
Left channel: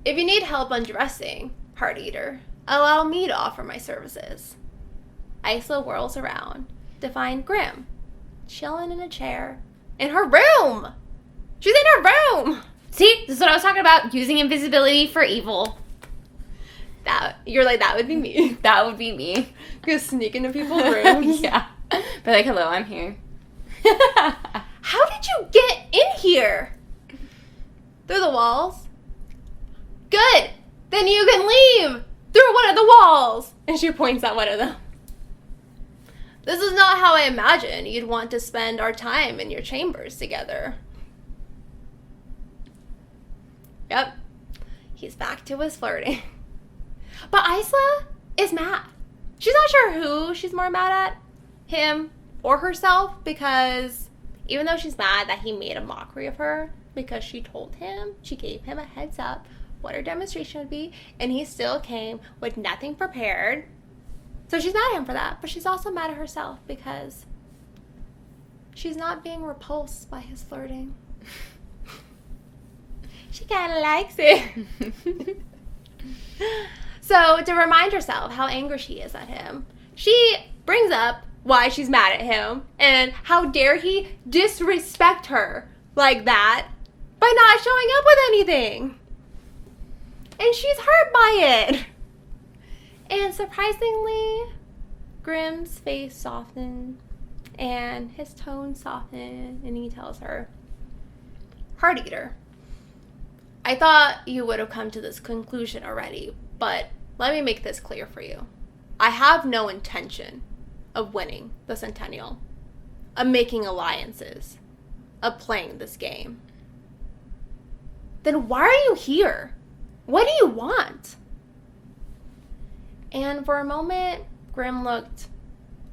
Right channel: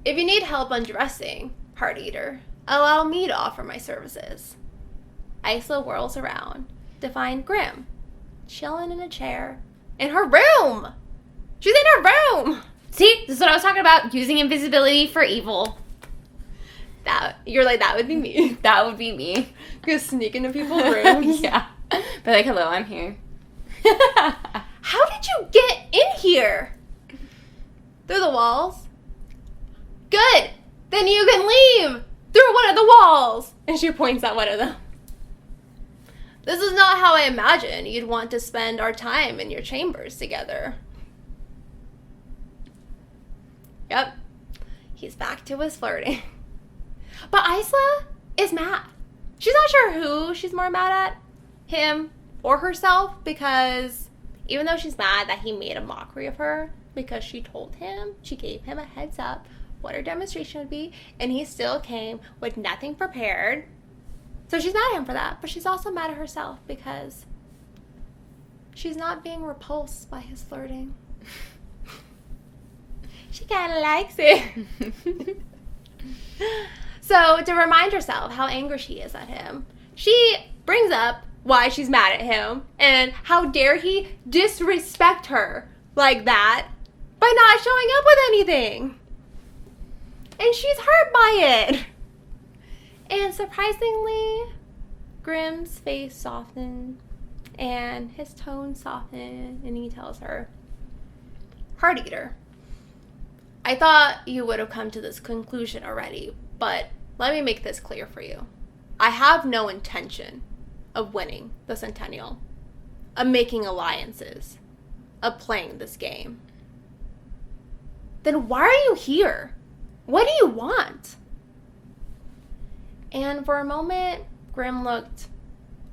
If you need help undressing, Heart Eater, allow me to offer my services. Isla whirls around to find Grim chilling in a chair in her room. She's in her room. See, this is what I was talking about. Using invisibility for evil. You're like, that would be me. That would be me. Go sneak into people's rooms. Yeah. But like, hello, I'm here. How did you get in here? Through the walls? Good. Then you can leave through one of the walls. And she points at one of them. This is not how I imagined you'd want to spend our time in your chambers together. Yep. He's back to his flirting. But Isla is mad. She's not sure who she's more mad at, him or herself, because even though she's mad that he made a mockery of her, because she told him, she gave him a heads up what her demonstration would be, and he still came with nothing prepared. So she's mad at him for that, but she's also mad at herself because she's not being repulsed by his flirting. She kind of likes it. So, to remind herself how angry she is at him, she brings up why she's mad at him and how dare he disrespect her like that by not showing up with anything. And she's hurt by it. And surprisingly, Grim's face softened and his tone softened, and he tells her, Heart Eater, I thought you would have come to this conclusion already, but let me make this clear for you. I have no intention of winning the Centennial, of making alliances, of playing this game. Then why are you here? What do you want? And for a moment, Grim looked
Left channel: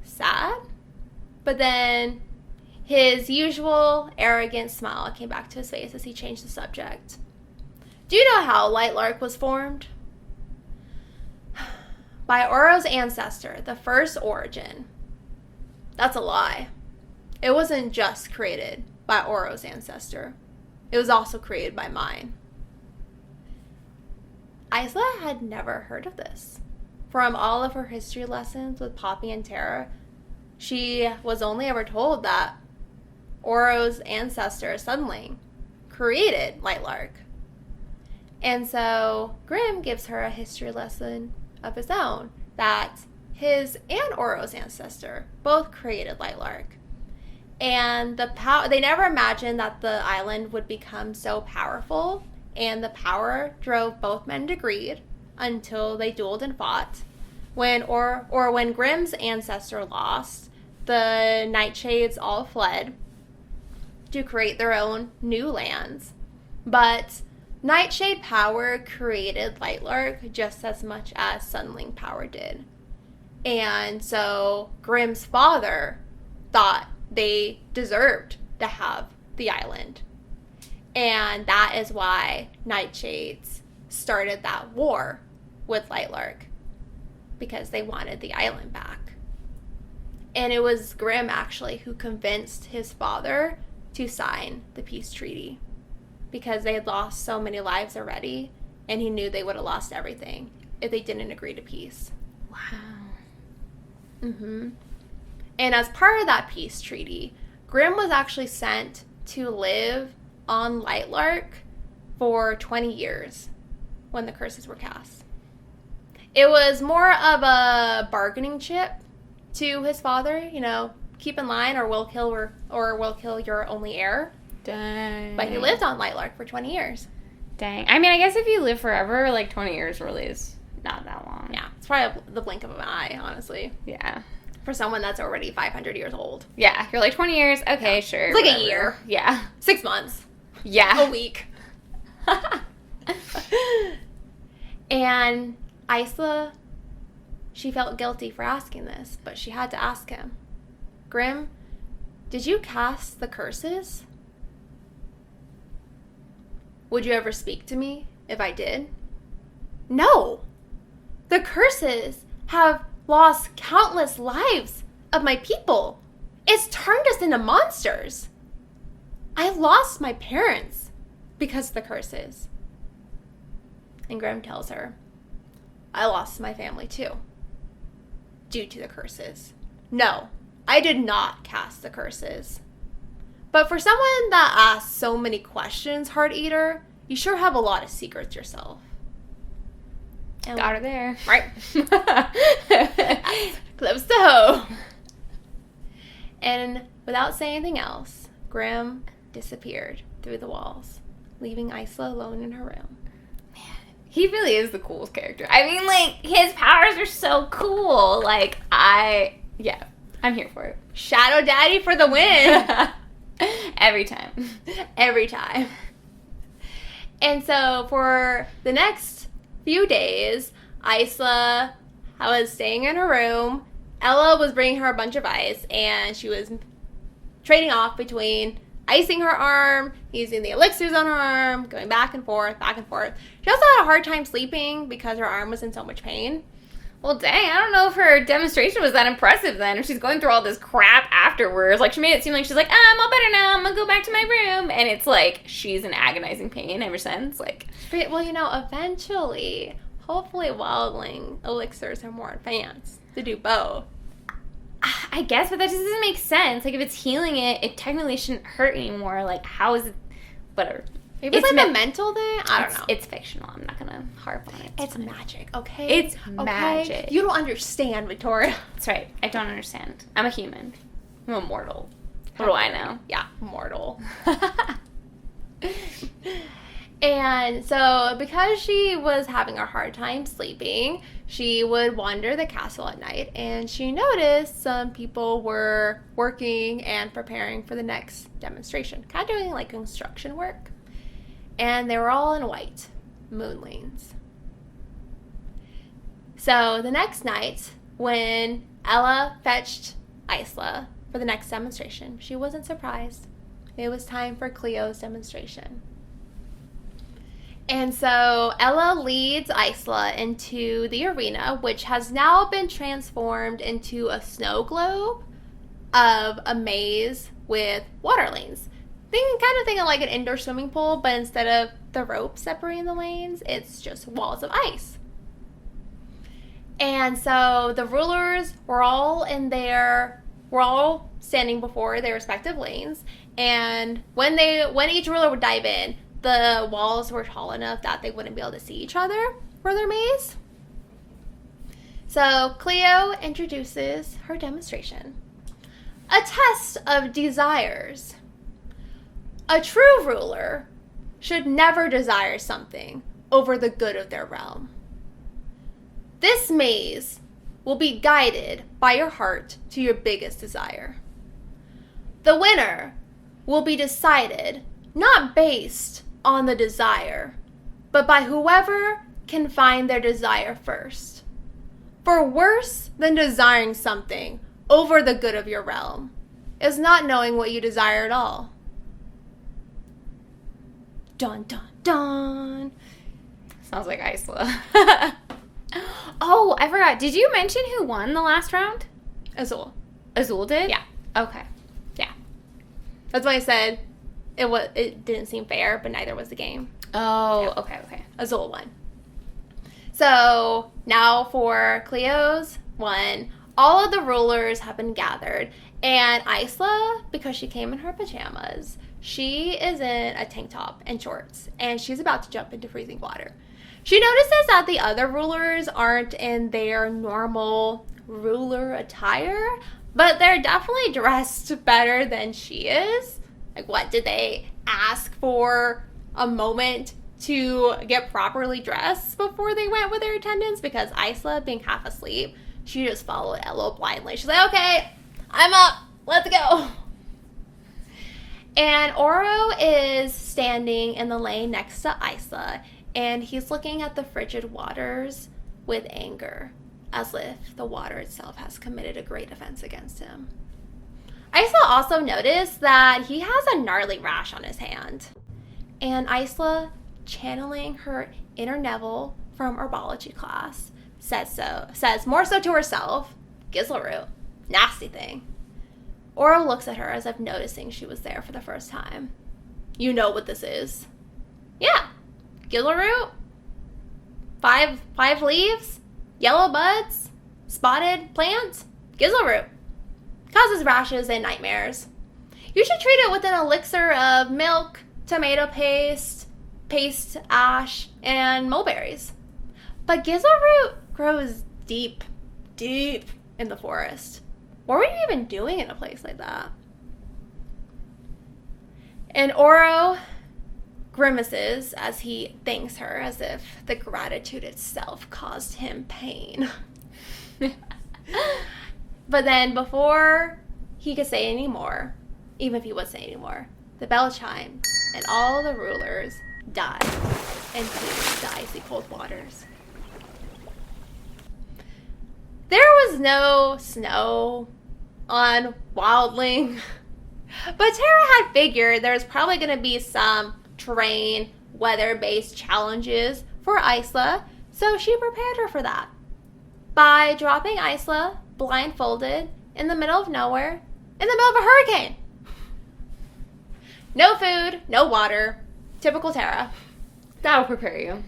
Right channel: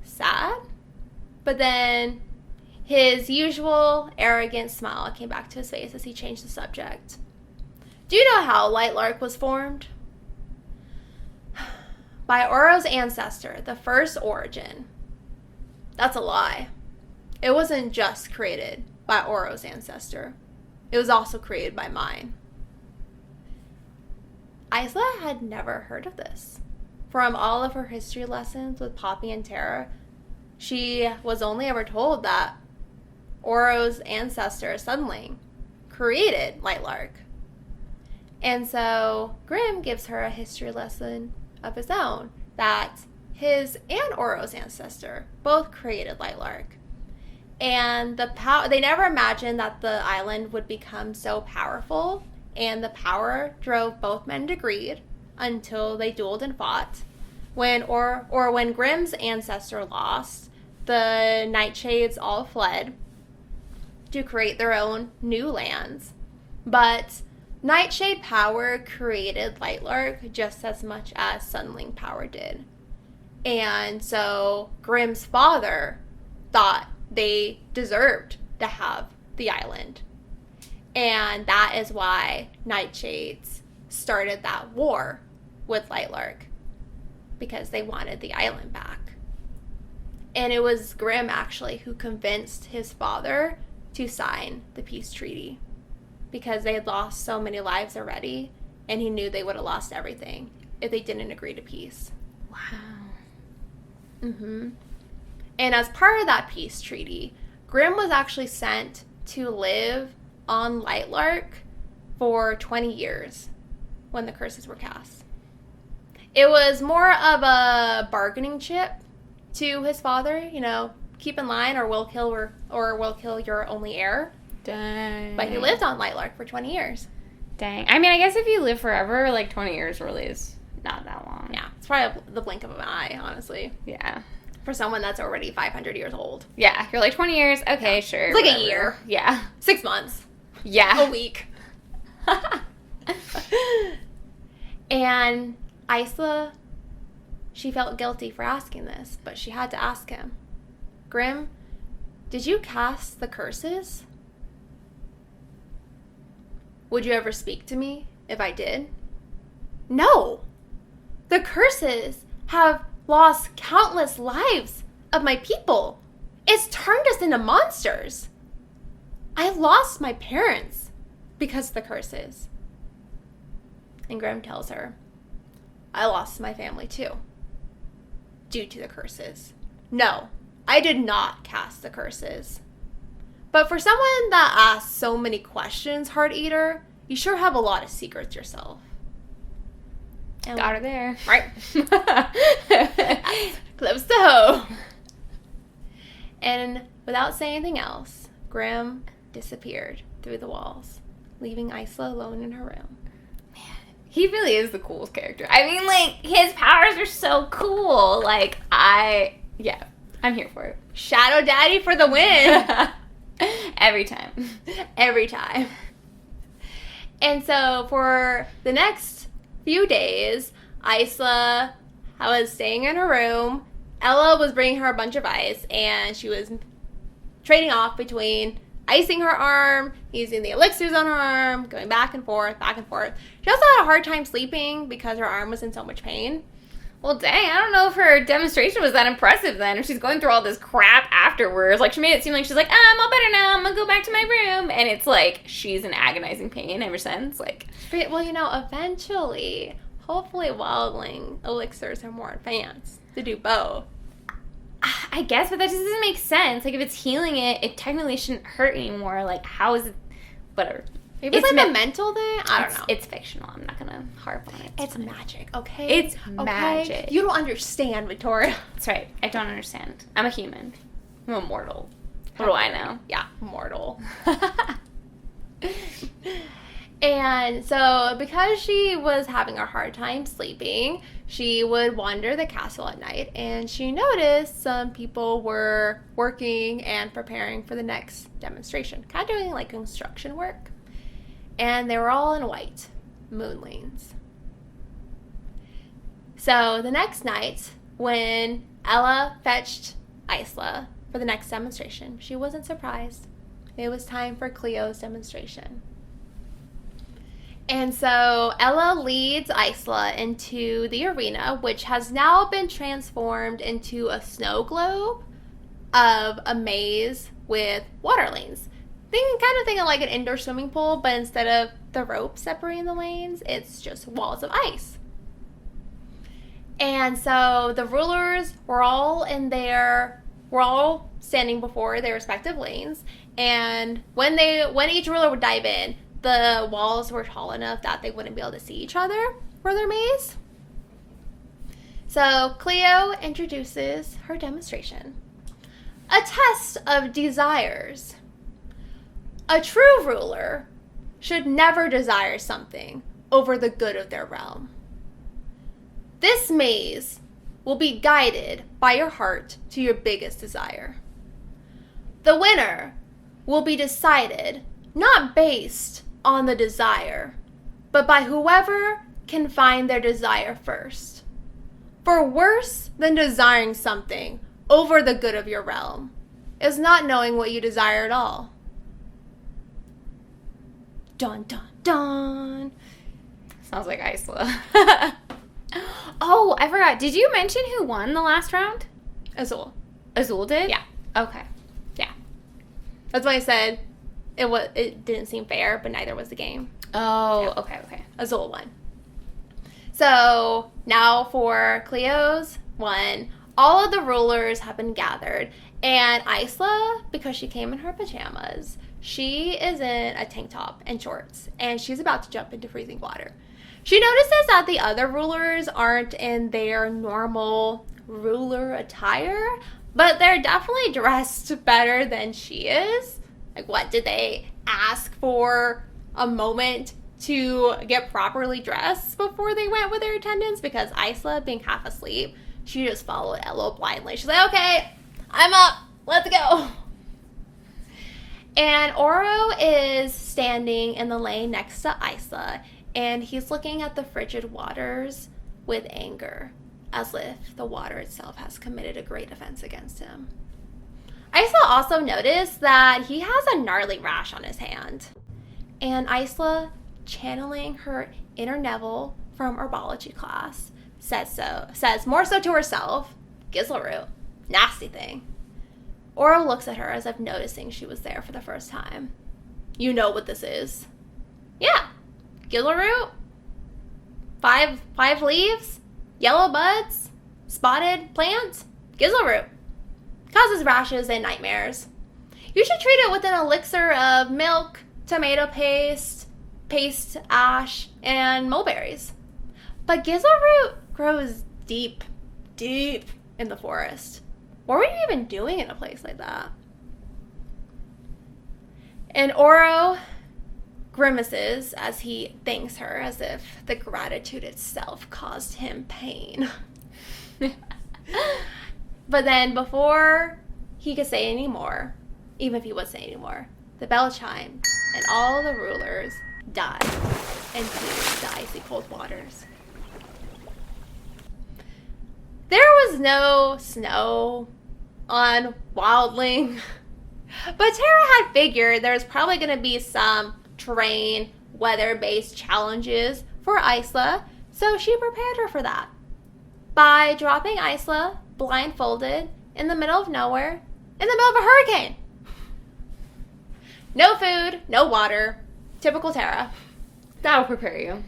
sad, but then his usual arrogant smile came back to his face as he changed the subject. Do you know how Lightlark was formed? By Oro's ancestor, the first origin. That's a lie. It wasn't just created by Oro's ancestor. It was also created by mine. Isla had never heard of this. From all of her history lessons with Poppy and Tara, she was only ever told that Oro's ancestor suddenly created Lightlark. And so Grim gives her a history lesson of his own, that his and Oro's ancestor both created Lightlark. And they never imagined that the island would become so powerful, and the power drove both men to greed until they dueled and fought. When Grim's ancestor lost, the Nightshades all fled to create their own new lands, But Nightshade power created Lightlark just as much as Sunling power did. And so Grimm's father thought they deserved to have the island. And that is why Nightshades started that war with Lightlark, because they wanted the island back. And it was Grimm, actually, who convinced his father to sign the peace treaty, because they had lost so many lives already, and he knew they would have lost everything if they didn't agree to peace. Wow. Mm-hmm. And as part of that peace treaty, Grimm was actually sent to live on Lightlark for 20 years when the curses were cast. It was more of a bargaining chip to his father, keep in line or we'll kill your only heir. Dang. But he lived on Lightlark for 20 years. Dang. I mean, I guess if you live forever, 20 years really is not that long. Yeah, it's probably the blink of an eye, honestly. Yeah. For someone that's already 500 years old. Yeah, you're 20 years, okay, sure. It's like whatever. a year. Yeah. 6 months. Yeah. A week. And Isla, she felt guilty for asking this, but she had to ask him. Grimm, did you cast the curses? Would you ever speak to me if I did? No. The curses have lost countless lives of my people. It's turned us into monsters. I lost my parents because of the curses. And Grimm tells her, I lost my family too, due to the curses. No, I did not cast the curses. But for someone that asks so many questions, Heart Eater, you sure have a lot of secrets yourself. And got her there. Right. Close to home. And without saying anything else, Grimm disappeared through the walls, leaving Isla alone in her room. He really is the coolest character. I mean, his powers are so cool. I'm here for it. Shadow Daddy for the win. Every time. Every time. And so for the next few days, Isla was staying in her room. Ella was bringing her a bunch of ice, and she was trading off between icing her arm, using the elixirs on her arm, going back and forth, back and forth. She also had a hard time sleeping because her arm was in so much pain. Well, dang, I don't know if her demonstration was that impressive then, if she's going through all this crap afterwards. She made it seem like she's like, I'm all better now, I'm gonna go back to my room. And it's she's in agonizing pain ever since. Well, eventually, hopefully wildling elixirs are more advanced to do both. I guess, but that just doesn't make sense. If it's healing it, it technically shouldn't hurt anymore. How is it? Whatever. Maybe it's a mental thing? I don't know. It's fictional. I'm not going to harp on it. It's magic, okay? It's magic. You don't understand, Victoria. That's right. I don't understand. I'm a human. I'm a mortal. What do I know? Yeah, mortal. And so, because she was having a hard time sleeping, she would wander the castle at night, and she noticed some people were working and preparing for the next demonstration, kind of doing construction work. And they were all in white moonlings. So the next night, when Ella fetched Isla for the next demonstration, she wasn't surprised. It was time for Cleo's demonstration. And so Ella leads Isla into the arena, which has now been transformed into a snow globe of a maze with water lanes. Think of like an indoor swimming pool, but instead of the rope separating the lanes, it's just walls of ice. And so the rulers were all standing before their respective lanes, and when each ruler would dive in, the walls were tall enough that they wouldn't be able to see each other for their maze. So Cleo introduces her demonstration. A test of desires. A true ruler should never desire something over the good of their realm. This maze will be guided by your heart to your biggest desire. The winner will be decided not based on the desire, but by whoever can find their desire first. For worse than desiring something over the good of your realm is not knowing what you desire at all. Dun, dun, dun. Sounds like Isla. Oh, I forgot. Did you mention who won the last round? Azul. Azul did? Yeah. Okay. Yeah. That's why I said it didn't seem fair, but neither was the game. Oh, okay. Azul won. So now for Cleo's one, all of the rulers have been gathered. And Isla, because she came in her pajamas, she is in a tank top and shorts. And she's about to jump into freezing water. She notices that the other rulers aren't in their normal ruler attire, but they're definitely dressed better than she is. Like, what, did they ask for a moment to get properly dressed before they went with their attendants? Because Isla, being half asleep, she just followed Elo blindly. She's like, okay, I'm up, let's go. And Oro is standing in the lane next to Isla, and he's looking at the frigid waters with anger, as if the water itself has committed a great offense against him. Isla also noticed that he has a gnarly rash on his hand. And Isla, channeling her inner Neville from herbology class, says more so to herself, Gizzleroot, nasty thing. Oro looks at her as if noticing she was there for the first time. You know what this is. What? Gizzleroot? Five leaves? Yellow buds? Spotted plants? Gizzleroot. Causes rashes and nightmares. You should treat it with an elixir of milk, tomato paste, ash, and mulberries. But Gizzleroot grows deep in the forest. What are you even doing in a place like that? And Oro grimaces as he thanks her as if the gratitude itself caused him pain. But then before he could say any more, even if he would say any more, the bell chimed and all the rulers died into the icy cold waters. There was no snow on Wildling, but Tara had figured there was probably going to be some terrain, weather-based challenges for Isla, so she prepared her for that by dropping Isla blindfolded in the middle of nowhere, in the middle of a hurricane. No food, no water. Typical Tara. That'll prepare you.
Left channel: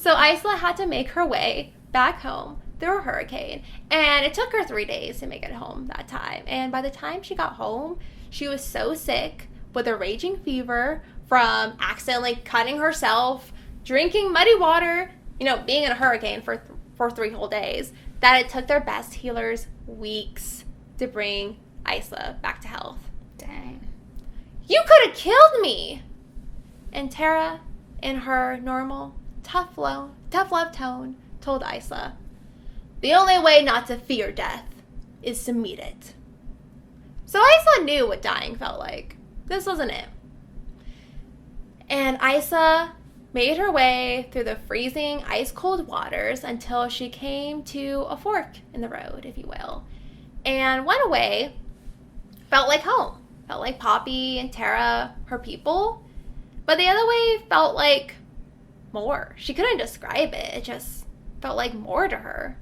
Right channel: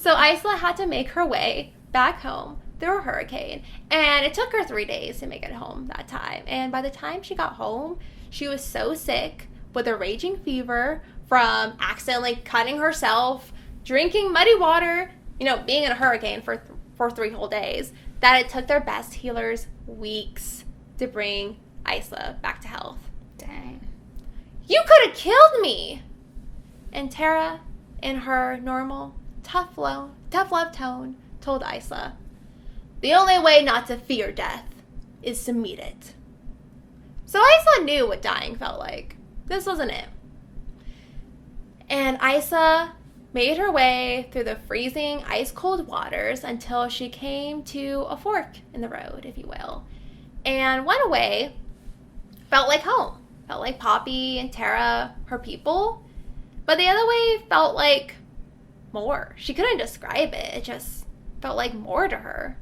So Isla had to make her way back home through a hurricane, and it took her 3 days to make it home that time. And by the time she got home, she was so sick with a raging fever from accidentally cutting herself, drinking muddy water, being in a hurricane for 3 whole days, that it took their best healers weeks to bring Isla back to health. Dang. You could have killed me! And Tara, in her normal, tough love tone, told Isla, the only way not to fear death is to meet it. So Isla knew what dying felt like. This wasn't it. And Isla made her way through the freezing, ice-cold waters until she came to a fork in the road, if you will. And one way felt like home. Felt like Poppy and Tara, her people. But the other way felt like more. She couldn't describe it. It just felt like more to her.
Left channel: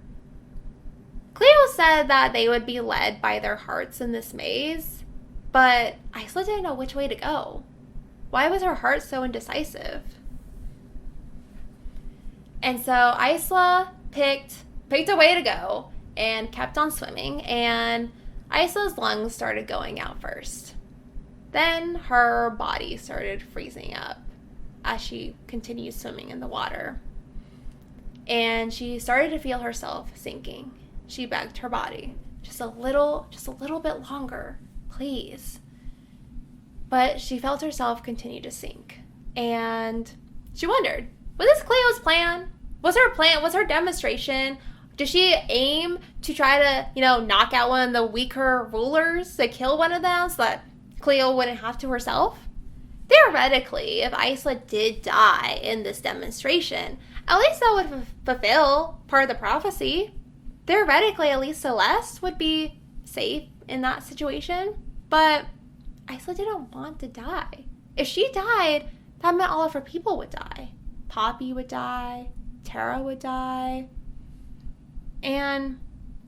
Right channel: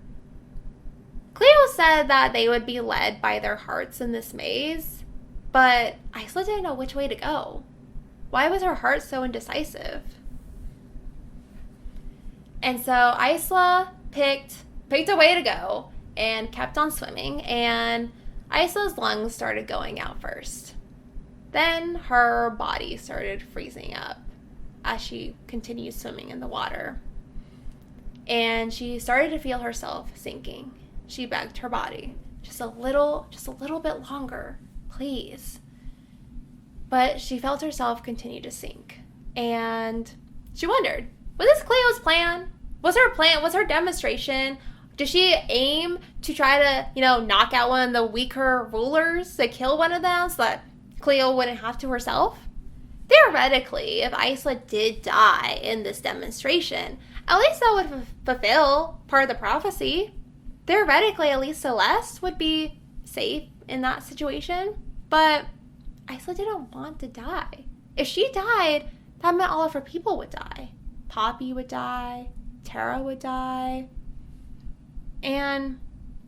Cleo said that they would be led by their hearts in this maze, but Isla didn't know which way to go. Why was her heart so indecisive? And so Isla picked a way to go and kept on swimming, and Isla's lungs started going out first. Then her body started freezing up as she continued swimming in the water. And she started to feel herself sinking. She begged her body, just a little bit longer, please. But she felt herself continue to sink. And she wondered, was this Cleo's plan? Was her demonstration? Did she aim to try to, knock out one of the weaker rulers, to kill one of them so that Cleo wouldn't have to herself? theoretically, if Isla did die in this demonstration, at least that would fulfill part of the prophecy. Theoretically, at least Celeste would be safe in that situation. But Isla didn't want to die. If she died, that meant all of her people would die. Poppy would die. Tara would die. And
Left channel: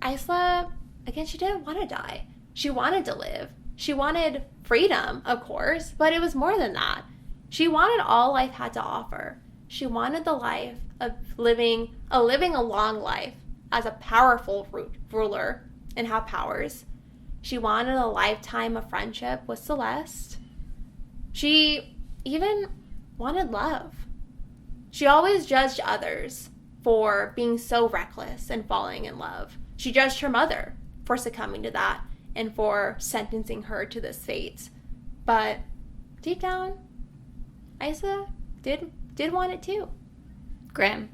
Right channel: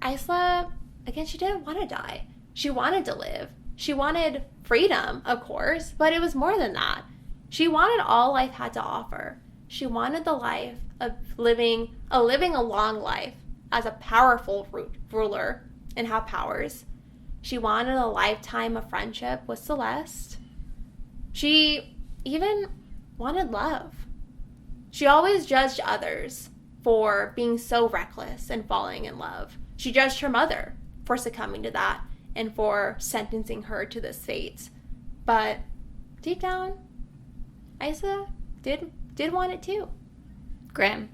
Isla, again, she didn't want to die. She wanted to live. She wanted freedom, of course, but it was more than that. She wanted all life had to offer. She wanted the life of living a long life as a powerful ruler and have powers. She wanted a lifetime of friendship with Celeste. She even wanted love. She always judged others for being so reckless and falling in love. She judged her mother for succumbing to that and for sentencing her to this fate. But deep down, Isla did want it too. Grim.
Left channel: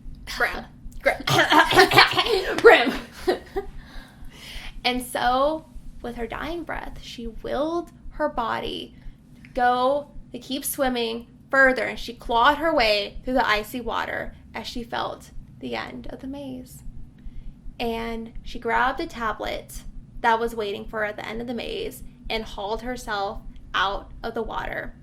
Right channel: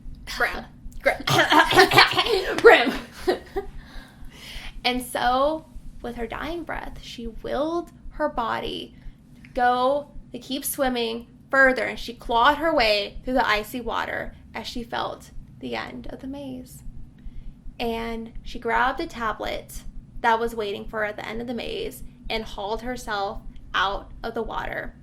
And so, with her dying breath, she willed her body to keep swimming further, and she clawed her way through the icy water as she felt the end of the maze. And she grabbed a tablet that was waiting for her at the end of the maze and hauled herself out of the water.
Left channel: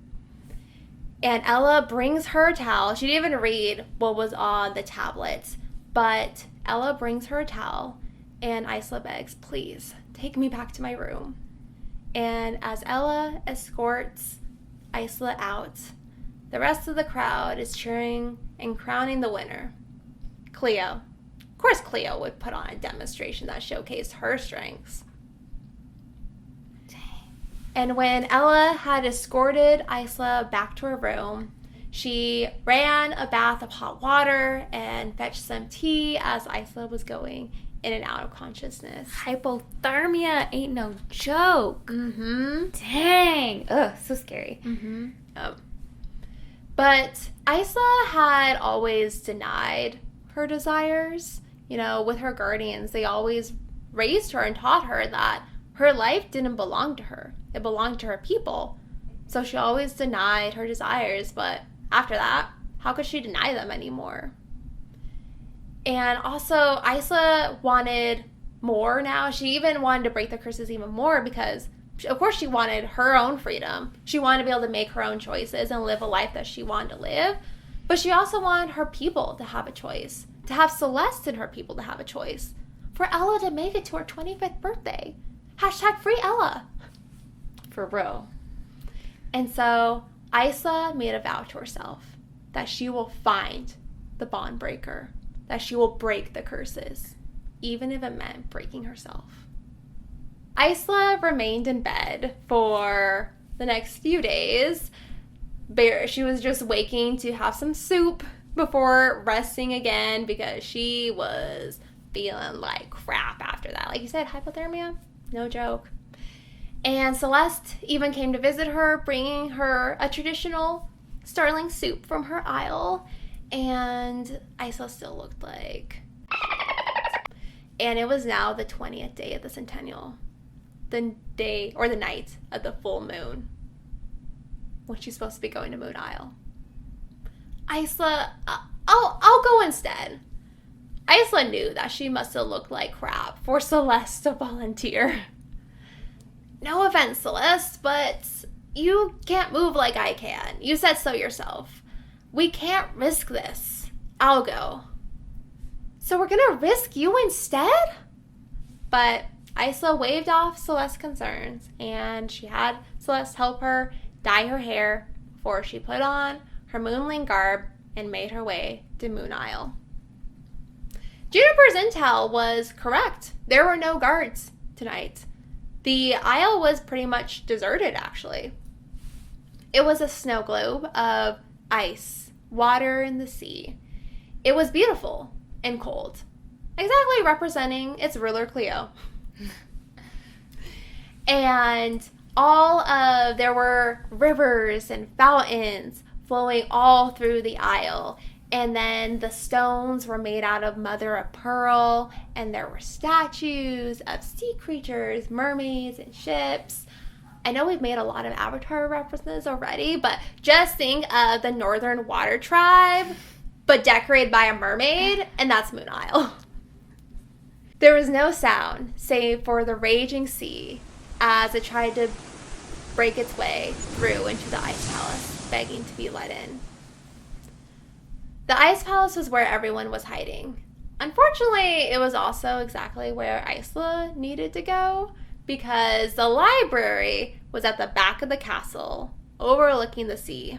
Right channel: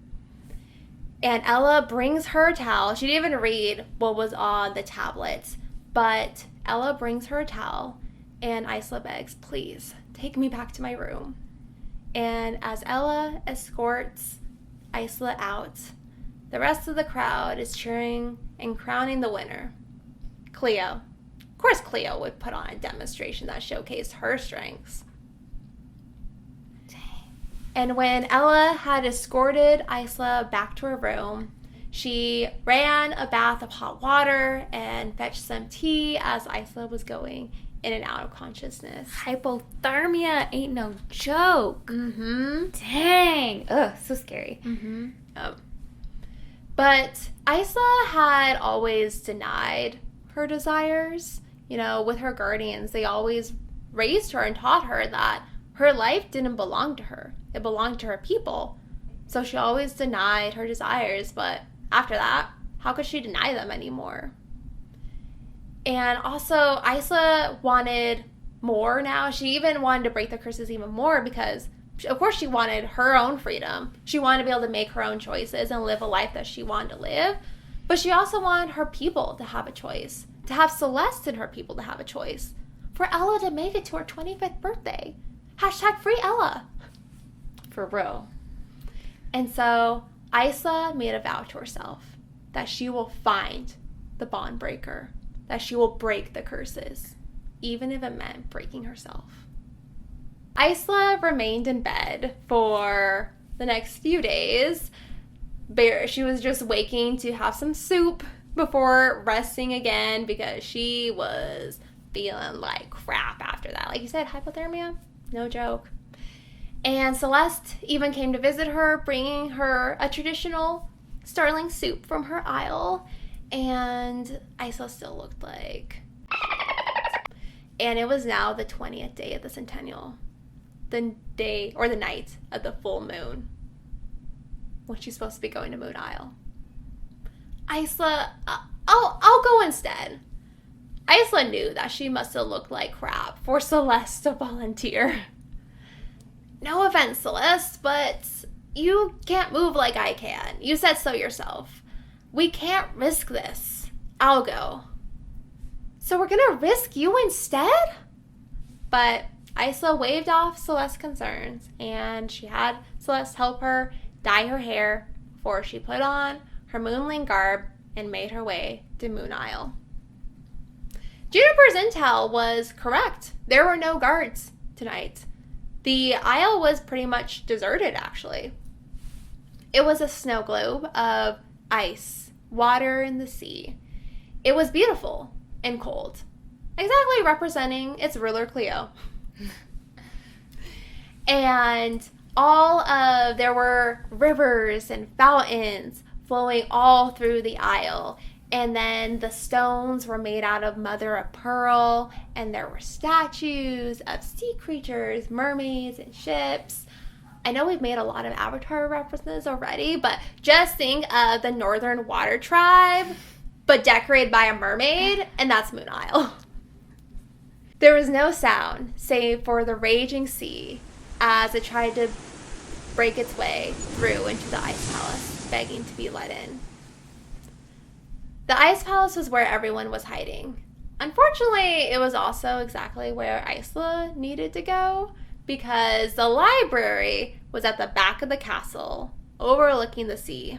And Ella brings her a towel. She didn't even read what was on the tablet, but Ella brings her a towel, and Isla begs, please, take me back to my room. And as Ella escorts Isla out, the rest of the crowd is cheering and crowning the winner, Cleo. Of course, Cleo would put on a demonstration that showcased her strengths. And when Ella had escorted Isla back to her room, she ran a bath of hot water and fetched some tea as Isla was going in and out of consciousness. Hypothermia ain't no joke. Mm-hmm. Dang. Ugh, so scary. Mm-hmm. But Isla had always denied her desires. You know, with her guardians, they always raised her and taught her that her life didn't belong to her. It belonged to her people. So she always denied her desires, but after that, how could she deny them anymore? And also, Isla wanted more now. She even wanted to break the curses even more because, of course, she wanted her own freedom. She wanted to be able to make her own choices and live a life that she wanted to live. But she also wanted her people to have a choice, to have Celeste and her people to have a choice, for Ella to make it to her 25th birthday. Hashtag free Ella. For real. And so Isla made a vow to herself that she will find the bond breaker, that she will break the curses, even if it meant breaking herself. Isla remained in bed for the next few days. She was just waking to have some soup before resting again because she was feeling like crap after that. Like you said, hypothermia, no joke. And Celeste even came to visit her, bringing her a traditional starling soup from her isle. And Isla still looked like... And it was now the 20th day of the Centennial. The day, or the night of the full moon, when she's supposed to be going to Moon Isle. Isla, I'll go instead. Isla knew that she must have looked like crap for Celeste to volunteer. No offense, Celeste, but you can't move like I can. You said so yourself. We can't risk this. I'll go. So we're gonna risk you instead? But Isla waved off Celeste's concerns, and she had Celeste help her dye her hair before she put on her moonling garb and made her way to Moon Isle. Juniper's intel was correct. There were no guards tonight. The isle was pretty much deserted, actually. It was a snow globe of ice, water, and the sea. It was beautiful and cold, exactly representing its ruler, Cleo. And there were rivers and fountains flowing all through the isle. And then the stones were made out of mother of pearl, and there were statues of sea creatures, mermaids, and ships. I know we've made a lot of Avatar references already, but just think of the Northern Water Tribe, but decorated by a mermaid, and that's Moon Isle. There was no sound, save for the raging sea, as it tried to break its way through into the Ice Palace, begging to be let in. The Ice Palace was where everyone was hiding. Unfortunately, it was also exactly where Isla needed to go, because the library was at the back of the castle, overlooking the sea.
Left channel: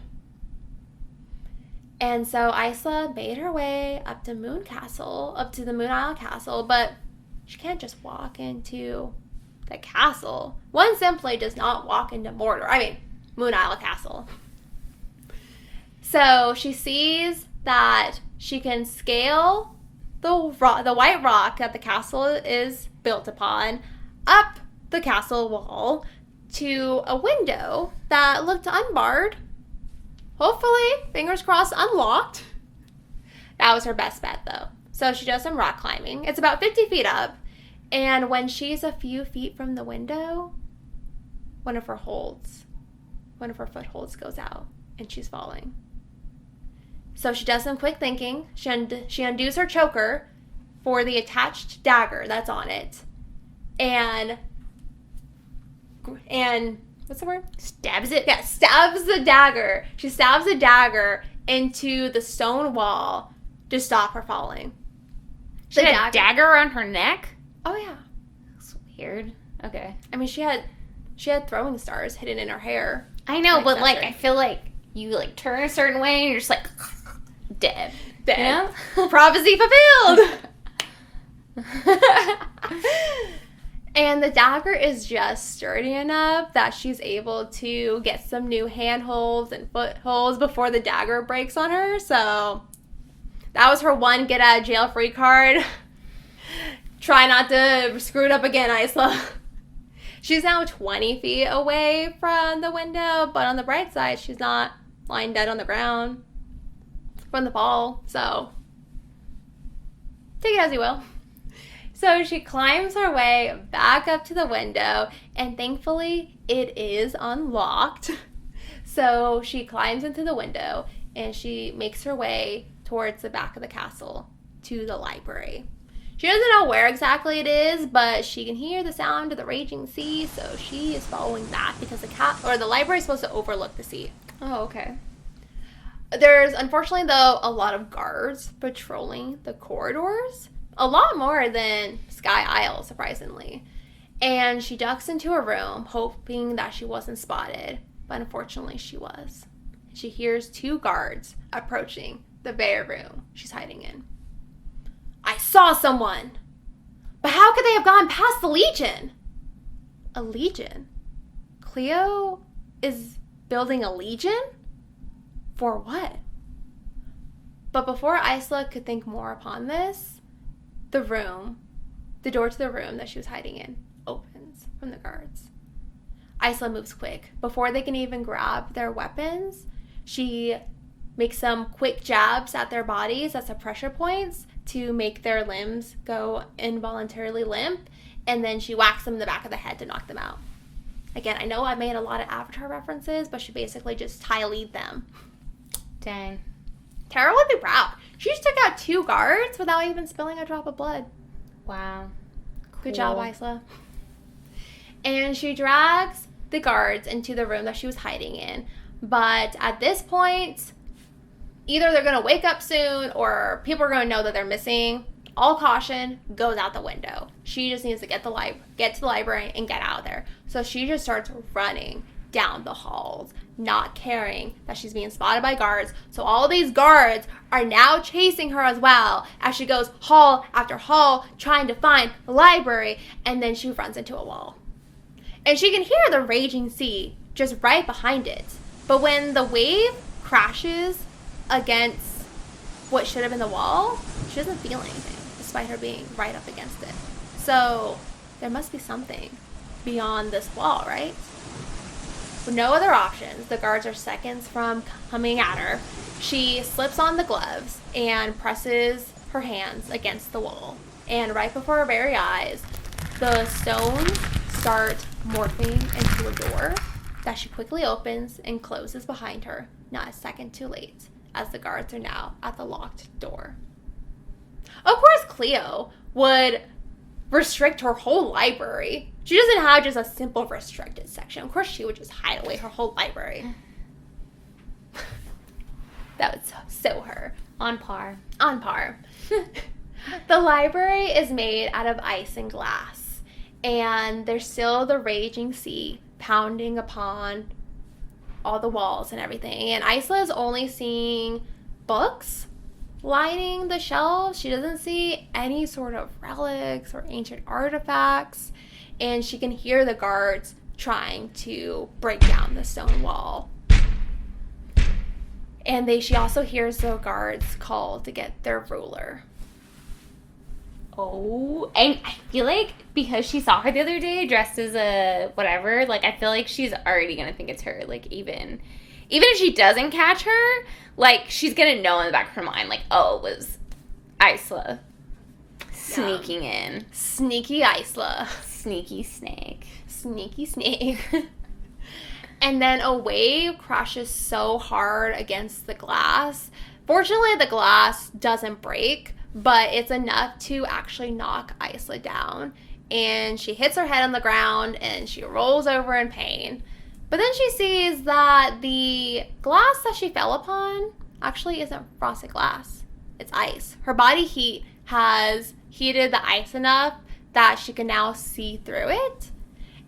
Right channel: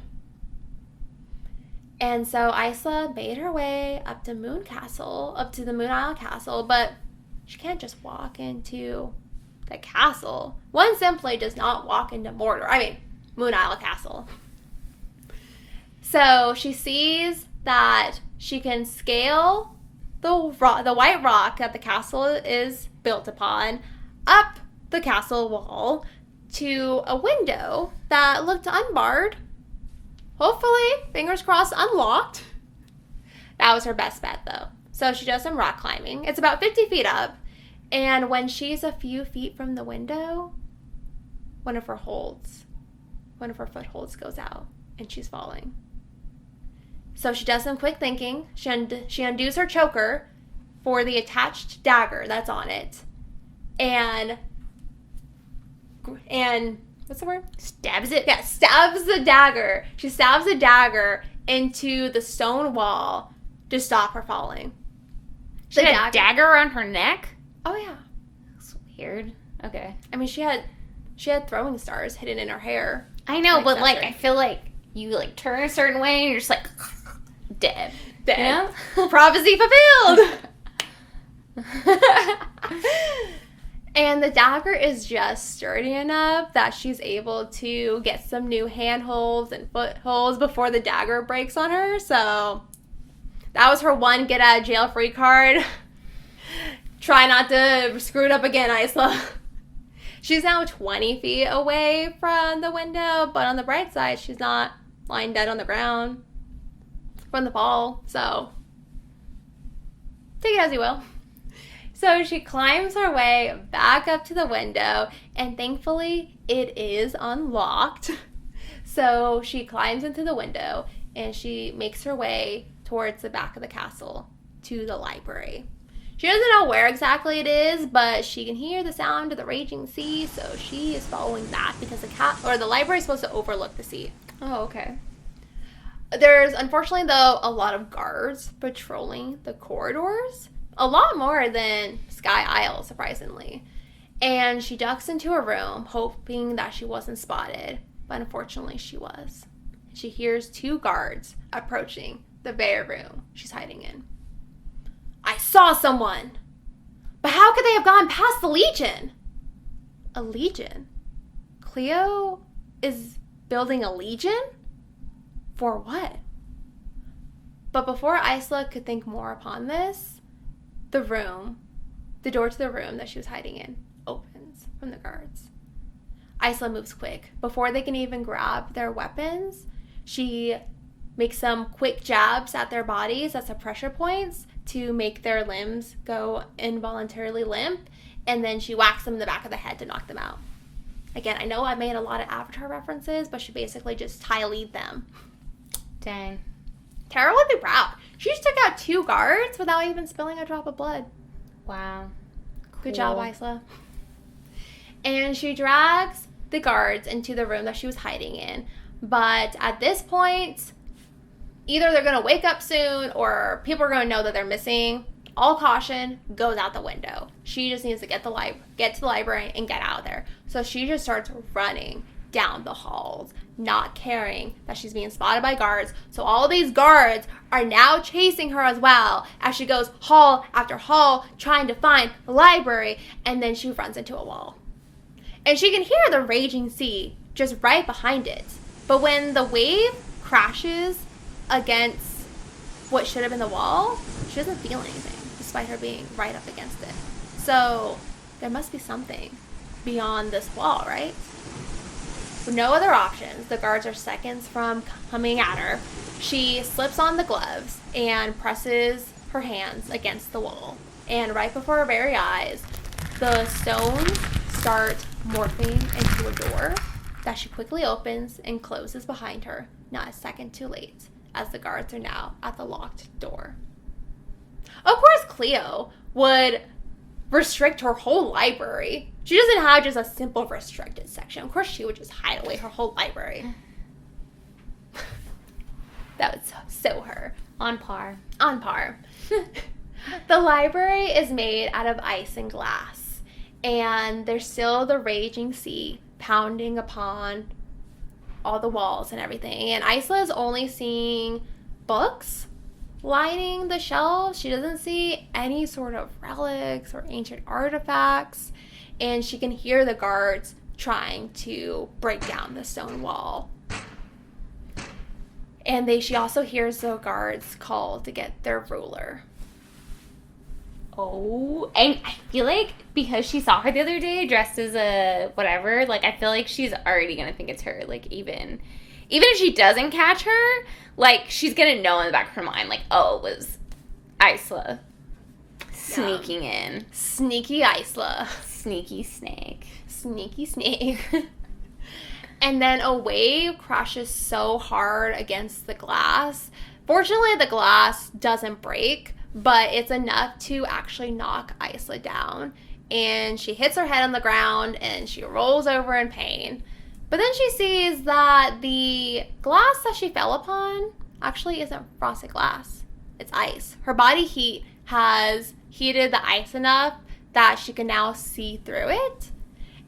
And so Isla made her way up to the Moon Isle Castle, but she can't just walk into the castle. One simply does not walk into Moon Isle Castle. So she sees that she can scale the white rock that the castle is built upon up the castle wall to a window that looked unbarred. Hopefully, fingers crossed, unlocked. That was her best bet, though. So she does some rock climbing. It's about 50 feet up. And when she's a few feet from the window, one of her footholds goes out, and she's falling. So she does some quick thinking. She undoes her choker for the attached dagger that's on it. And what's the word? Stabs the dagger. She stabs the dagger into the stone wall to stop her falling. She had a dagger around her neck? Oh, yeah. That's weird. Okay. I mean, she had throwing stars hidden in her hair. I know, but, I feel like you, turn a certain way and you're just, dead. Dead. You know? Prophecy fulfilled! And the dagger is just sturdy enough that she's able to get some new handholds and footholds before the dagger breaks on her. So that was her one get out of jail free card. Try not to screw it up again, Isla. She's now 20 feet away from the window, but on the bright side, she's not lying dead on the ground from the fall. So take it as you will. So she climbs her way back up to the window, and thankfully it is unlocked. So she climbs into the window, and she makes her way towards the back of the castle to the library. She doesn't know where exactly it is, but she can hear the sound of the raging sea, so she is following back because the library is supposed to overlook the sea. Oh, okay. There's, unfortunately, though, a lot of guards patrolling the corridors. A lot more than Sky Isle, surprisingly. And she ducks into her room, hoping that she wasn't spotted. But unfortunately, she was. She hears two guards approaching the very room she's hiding in. I saw someone! But how could they have gone past the Legion? A Legion? Cleo is building a Legion? For what? The door to the room that she was hiding in opens from the guards. Isla moves quick. Before they can even grab their weapons, she makes some quick jabs at their bodies as pressure points to make their limbs go involuntarily limp, and then she whacks them in the back of the head to knock them out. Again, I know I made a lot of Avatar references, but she basically just Ty-Lead them. Dang. Tara would be proud. She just took out two guards without even spilling a drop of blood. Wow. Cool. Good job, Isla. And she drags the guards into the room that she was hiding in. But at this point, either they're going to wake up soon or people are going to know that they're missing. All caution goes out the window. She just needs to get to the library and get out of there. So she just starts running down the halls, not caring that she's being spotted by guards. So all these guards are now chasing her as well as she goes hall after hall trying to find the library, and then she runs into a wall. And she can hear the raging sea just right behind it. But when the wave crashes against what should have been the wall, she doesn't feel anything, despite her being right up against it. So there must be something beyond this wall, right? With no other options, the guards are seconds from coming at her. She slips on the gloves and presses her hands against the wall. And right before her very eyes, the stones start morphing into a door that she quickly opens and closes behind her, not a second too late, as the guards are now at the locked door. Of course, Cleo would restrict her whole library. She doesn't have just a simple restricted section. Of course, she would just hide away her whole library. That was so her. On par. On par. The library is made out of ice and glass, and there's still the raging sea pounding upon all the walls and everything. And Isla is only seeing books lining the shelves. She doesn't see any sort of relics or ancient artifacts, and she can hear the guards trying to break down the stone wall. And she also hears the guards call to get their ruler. Oh, and I feel like because she saw her the other day dressed as a whatever, like, I feel like she's already gonna think it's her. Like, even if she doesn't catch her, like, she's gonna know in the back of her mind, like, oh, it was Isla sneaking in. Sneaky Isla. Sneaky snake. Sneaky snake. And then a wave crashes so hard against the glass. Fortunately, the glass doesn't break, but it's enough to actually knock Isla down. And she hits her head on the ground and she rolls over in pain. But then she sees that the glass that she fell upon actually isn't frosted glass. It's ice. Her body heat has heated the ice enough that she can now see through it.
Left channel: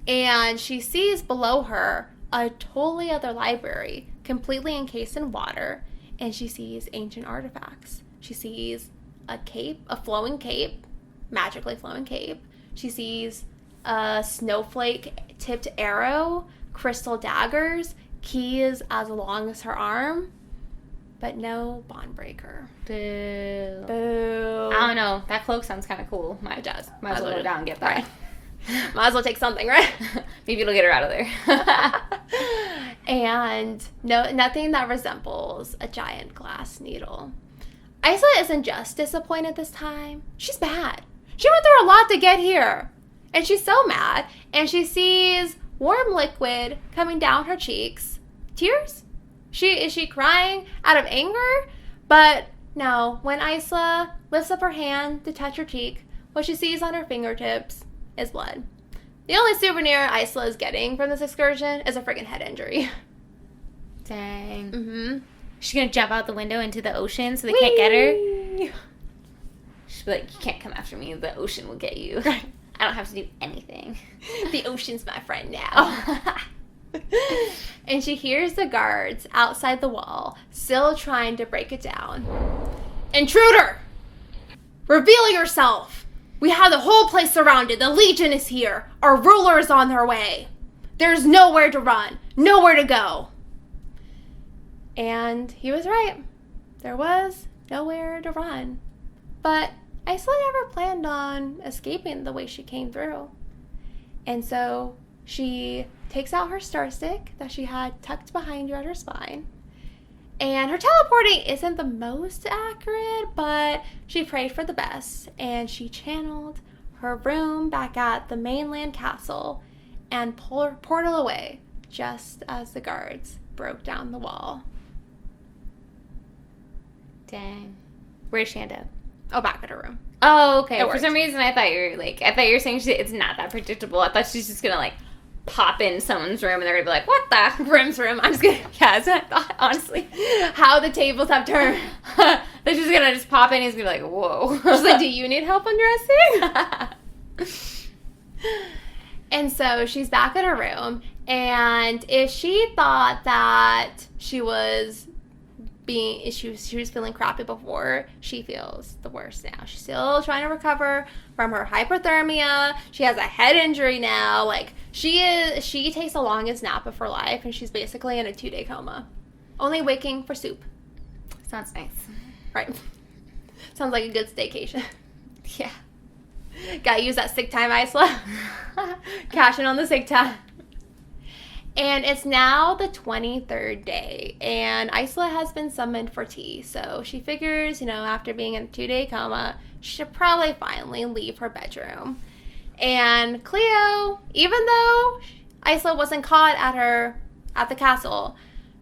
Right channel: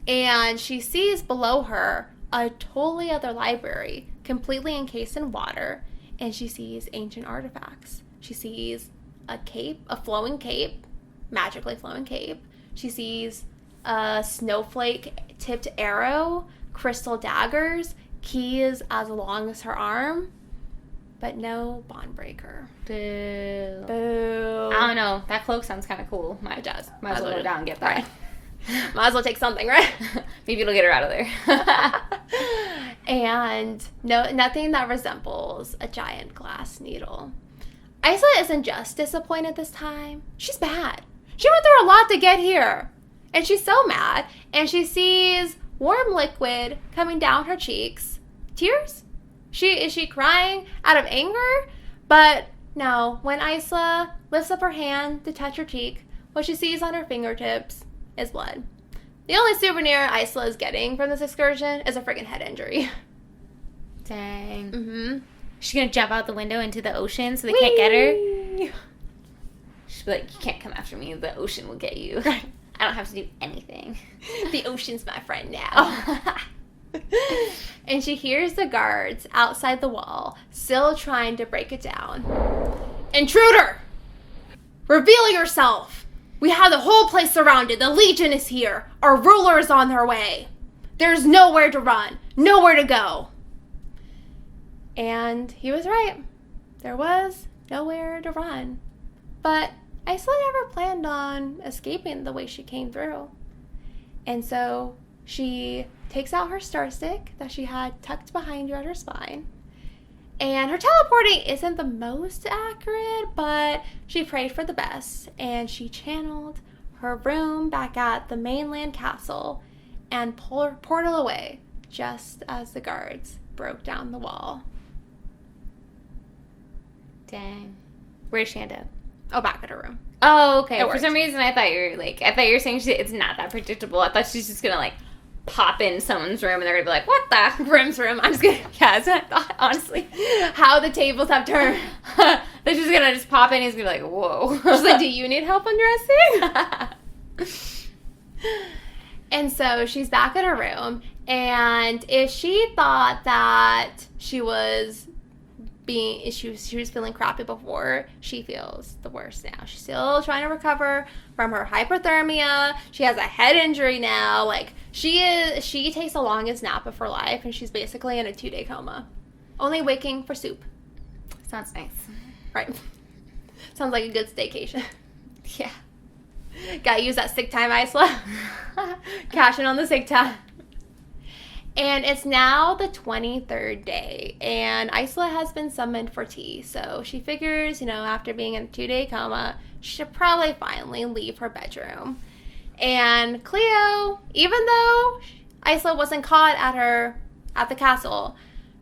And she sees below her a totally other library, completely encased in water. And she sees ancient artifacts. She sees a cape, a flowing cape, magically flowing cape. She sees a snowflake-tipped arrow, crystal daggers, keys as long as her arm, but no bond breaker. Boo. Boo. I don't know. That cloak sounds kind of cool. It does. Might as well go down and get that. Might as well take something, right? Maybe it'll get her out of there. And nothing that resembles a giant glass needle. Isla isn't just disappointed this time. She's mad. She went through a lot to get here. And she's so mad. And she sees warm liquid coming down her cheeks. Tears? Is she crying out of anger? But no, when Isla lifts up her hand to touch her cheek, what she sees on her fingertips is blood. The only souvenir Isla is getting from this excursion is a friggin' head injury. Dang. Mm-hmm. She's gonna jump out the window into the ocean so they can't get her. She'll be like, you can't come after me. The ocean will get you. I don't have to do anything. The ocean's my friend now. And she hears the guards outside the wall, still trying to break it down. Intruder! Reveal yourself! We have the whole place surrounded. The Legion is here. Our ruler is on their way. There's nowhere to run. Nowhere to go. And he was right. There was nowhere to run. But Isla never planned on escaping the way she came through. And so she takes out her star stick that she had tucked behind her at her spine. And her teleporting isn't the most accurate, but she prayed for the best. And she channeled her room back at the mainland castle and portal away just as the guards broke down the wall. Dang. Where's Shanda? Oh, back at her room. Oh, okay. It For worked. some reason, I thought you were saying it's not that predictable. I thought she's just gonna pop in someone's room and they're gonna be like, "What the?" Room's room. I'm just gonna, that's what I thought, honestly. How the tables have turned. They're just gonna pop in and he's gonna be like, "Whoa." She's like, do you need help undressing? And so she's back in her room, and if she thought that she was feeling crappy before, she feels the worst now. She's still trying to recover from her hypothermia. She has a head injury now. She takes the longest nap of her life, and she's basically in a 2-day coma, only waking for soup. Sounds nice. Right. Sounds like a good staycation. Yeah. Gotta use that sick time, Isla. Cashing on the sick time. And it's now the 23rd day, and Isla has been summoned for tea. So she figures, after being in a 2-day coma, she should probably finally leave her bedroom. And Cleo, even though Isla wasn't caught at the castle,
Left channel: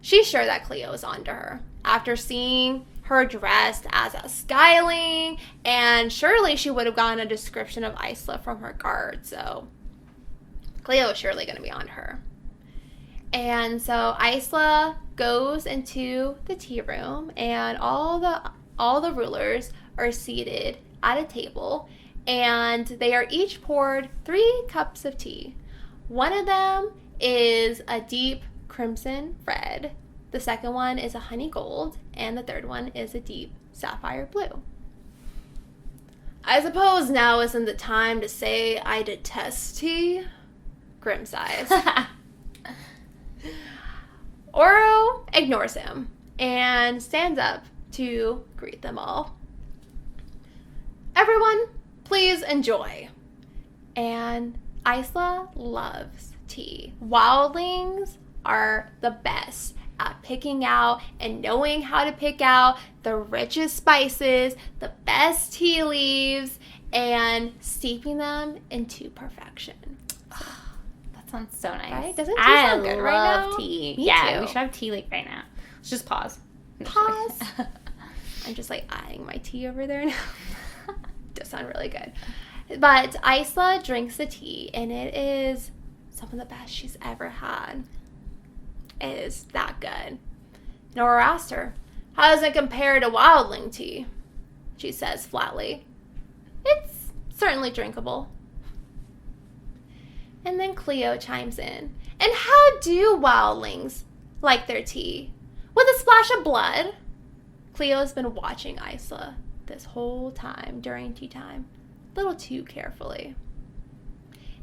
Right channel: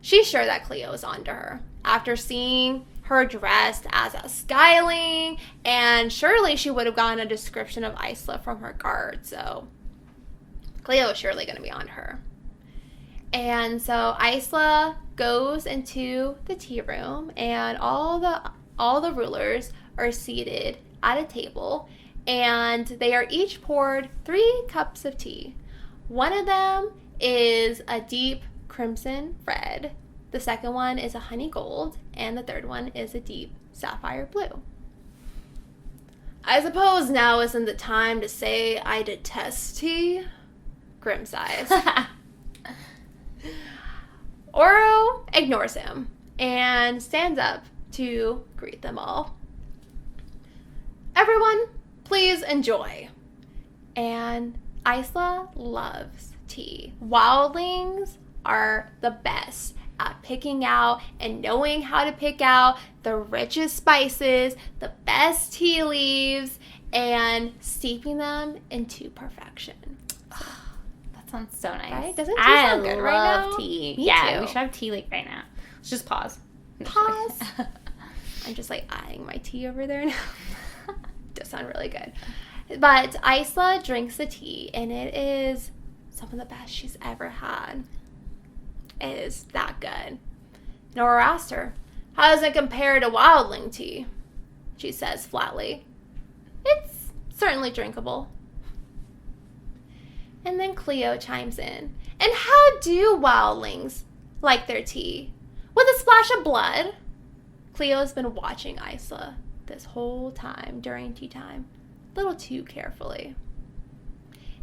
she's sure that Cleo is onto her. After seeing her dressed as a Skyling, and surely she would have gotten a description of Isla from her guard, so Cleo is surely going to be on her. And so Isla goes into the tea room, and all the rulers are seated at a table, and they are each poured 3 cups of tea. One of them is a deep crimson red, the second one is a honey gold, and the third one is a deep sapphire blue. I suppose now isn't the time to say I detest tea. Grim sighs. Oro ignores him and stands up to greet them all. Everyone, please enjoy. And Isla loves tea. Wildlings are the best at picking out and knowing how to pick out the richest spices, the best tea leaves, and steeping them into perfection. Sounds so nice. Right? Doesn't tea sound good right now? Tea. Me Yeah, too. we should have tea like right now. Let's just pause. Pause. I'm just like eyeing my tea over there now. Does sound really good. But Isla drinks the tea, and it is some of the best she's ever had. It is that good. Nora asked her, "How does it compare to wildling tea?" She says flatly, "It's certainly drinkable." And then Cleo chimes in. "And how do wildlings like their tea? With a splash of blood?" Cleo's been watching Isla this whole time during tea time, a little too carefully.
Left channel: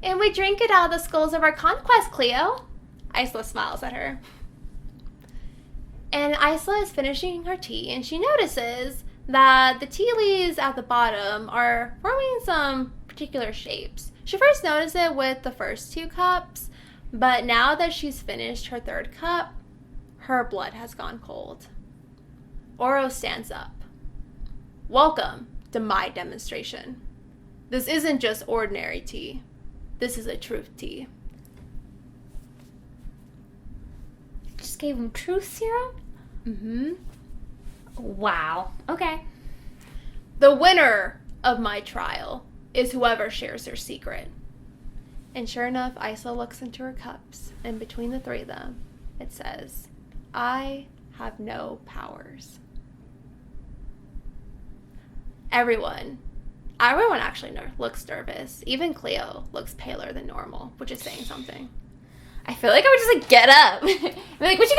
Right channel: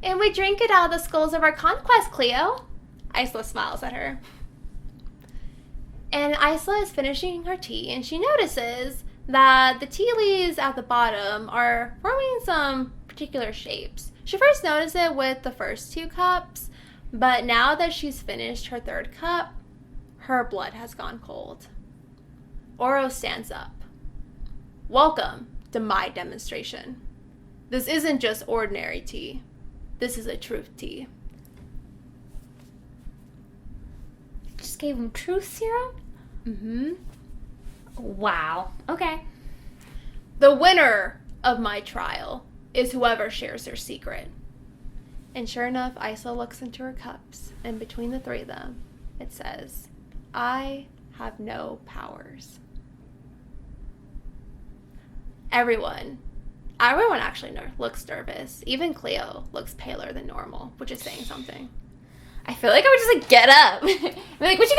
"And we drink it out of the skulls of our conquest, Cleo." Isla smiles at her. And Isla is finishing her tea, and she notices that the tea leaves at the bottom are forming some particular shapes. She first noticed it with the first 2 cups, but now that she's finished her 3rd cup, her blood has gone cold. Oro stands up. "Welcome to my demonstration. This isn't just ordinary tea. This is a truth tea." Just gave him truth serum? Mm-hmm. Wow. Okay. "The winner of my trial is whoever shares their secret." And sure enough, Isla looks into her cups, and between the 3 of them, it says, "I have no powers." Everyone actually looks nervous. Even Cleo looks paler than normal, which is saying something. I feel like I would just like get up. Be like, "What you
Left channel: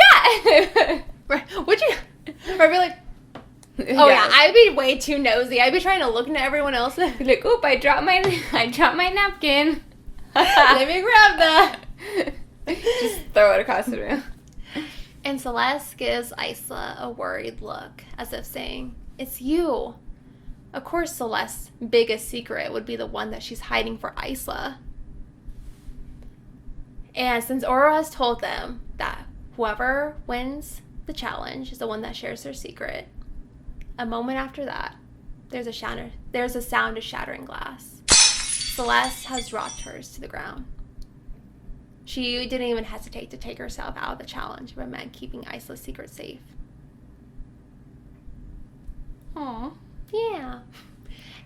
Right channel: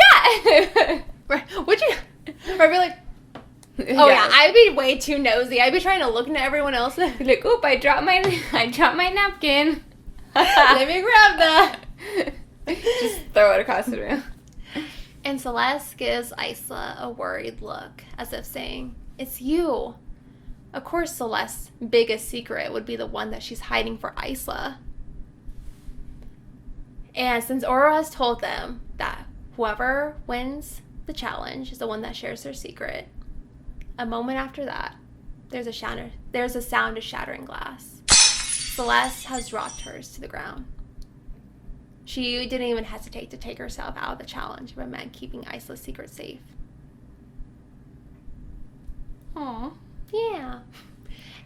got?" Would you? Or I'd be like, oh yeah, I'd be way too nosy. I'd be trying to look into everyone else. Like, "Oop, I dropped my napkin." Let me grab that. Just throw it across the room. And Celeste gives Isla a worried look, as if saying, "It's you." Of course, Celeste's biggest secret would be the one that she's hiding for Isla. And since Oro has told them that whoever wins the challenge is the one that shares their secret, a moment after that, there's a sound of shattering glass. Celeste has dropped hers to the ground. She didn't even hesitate to take herself out of the challenge if it meant keeping Isla's secret safe. Aw. Yeah.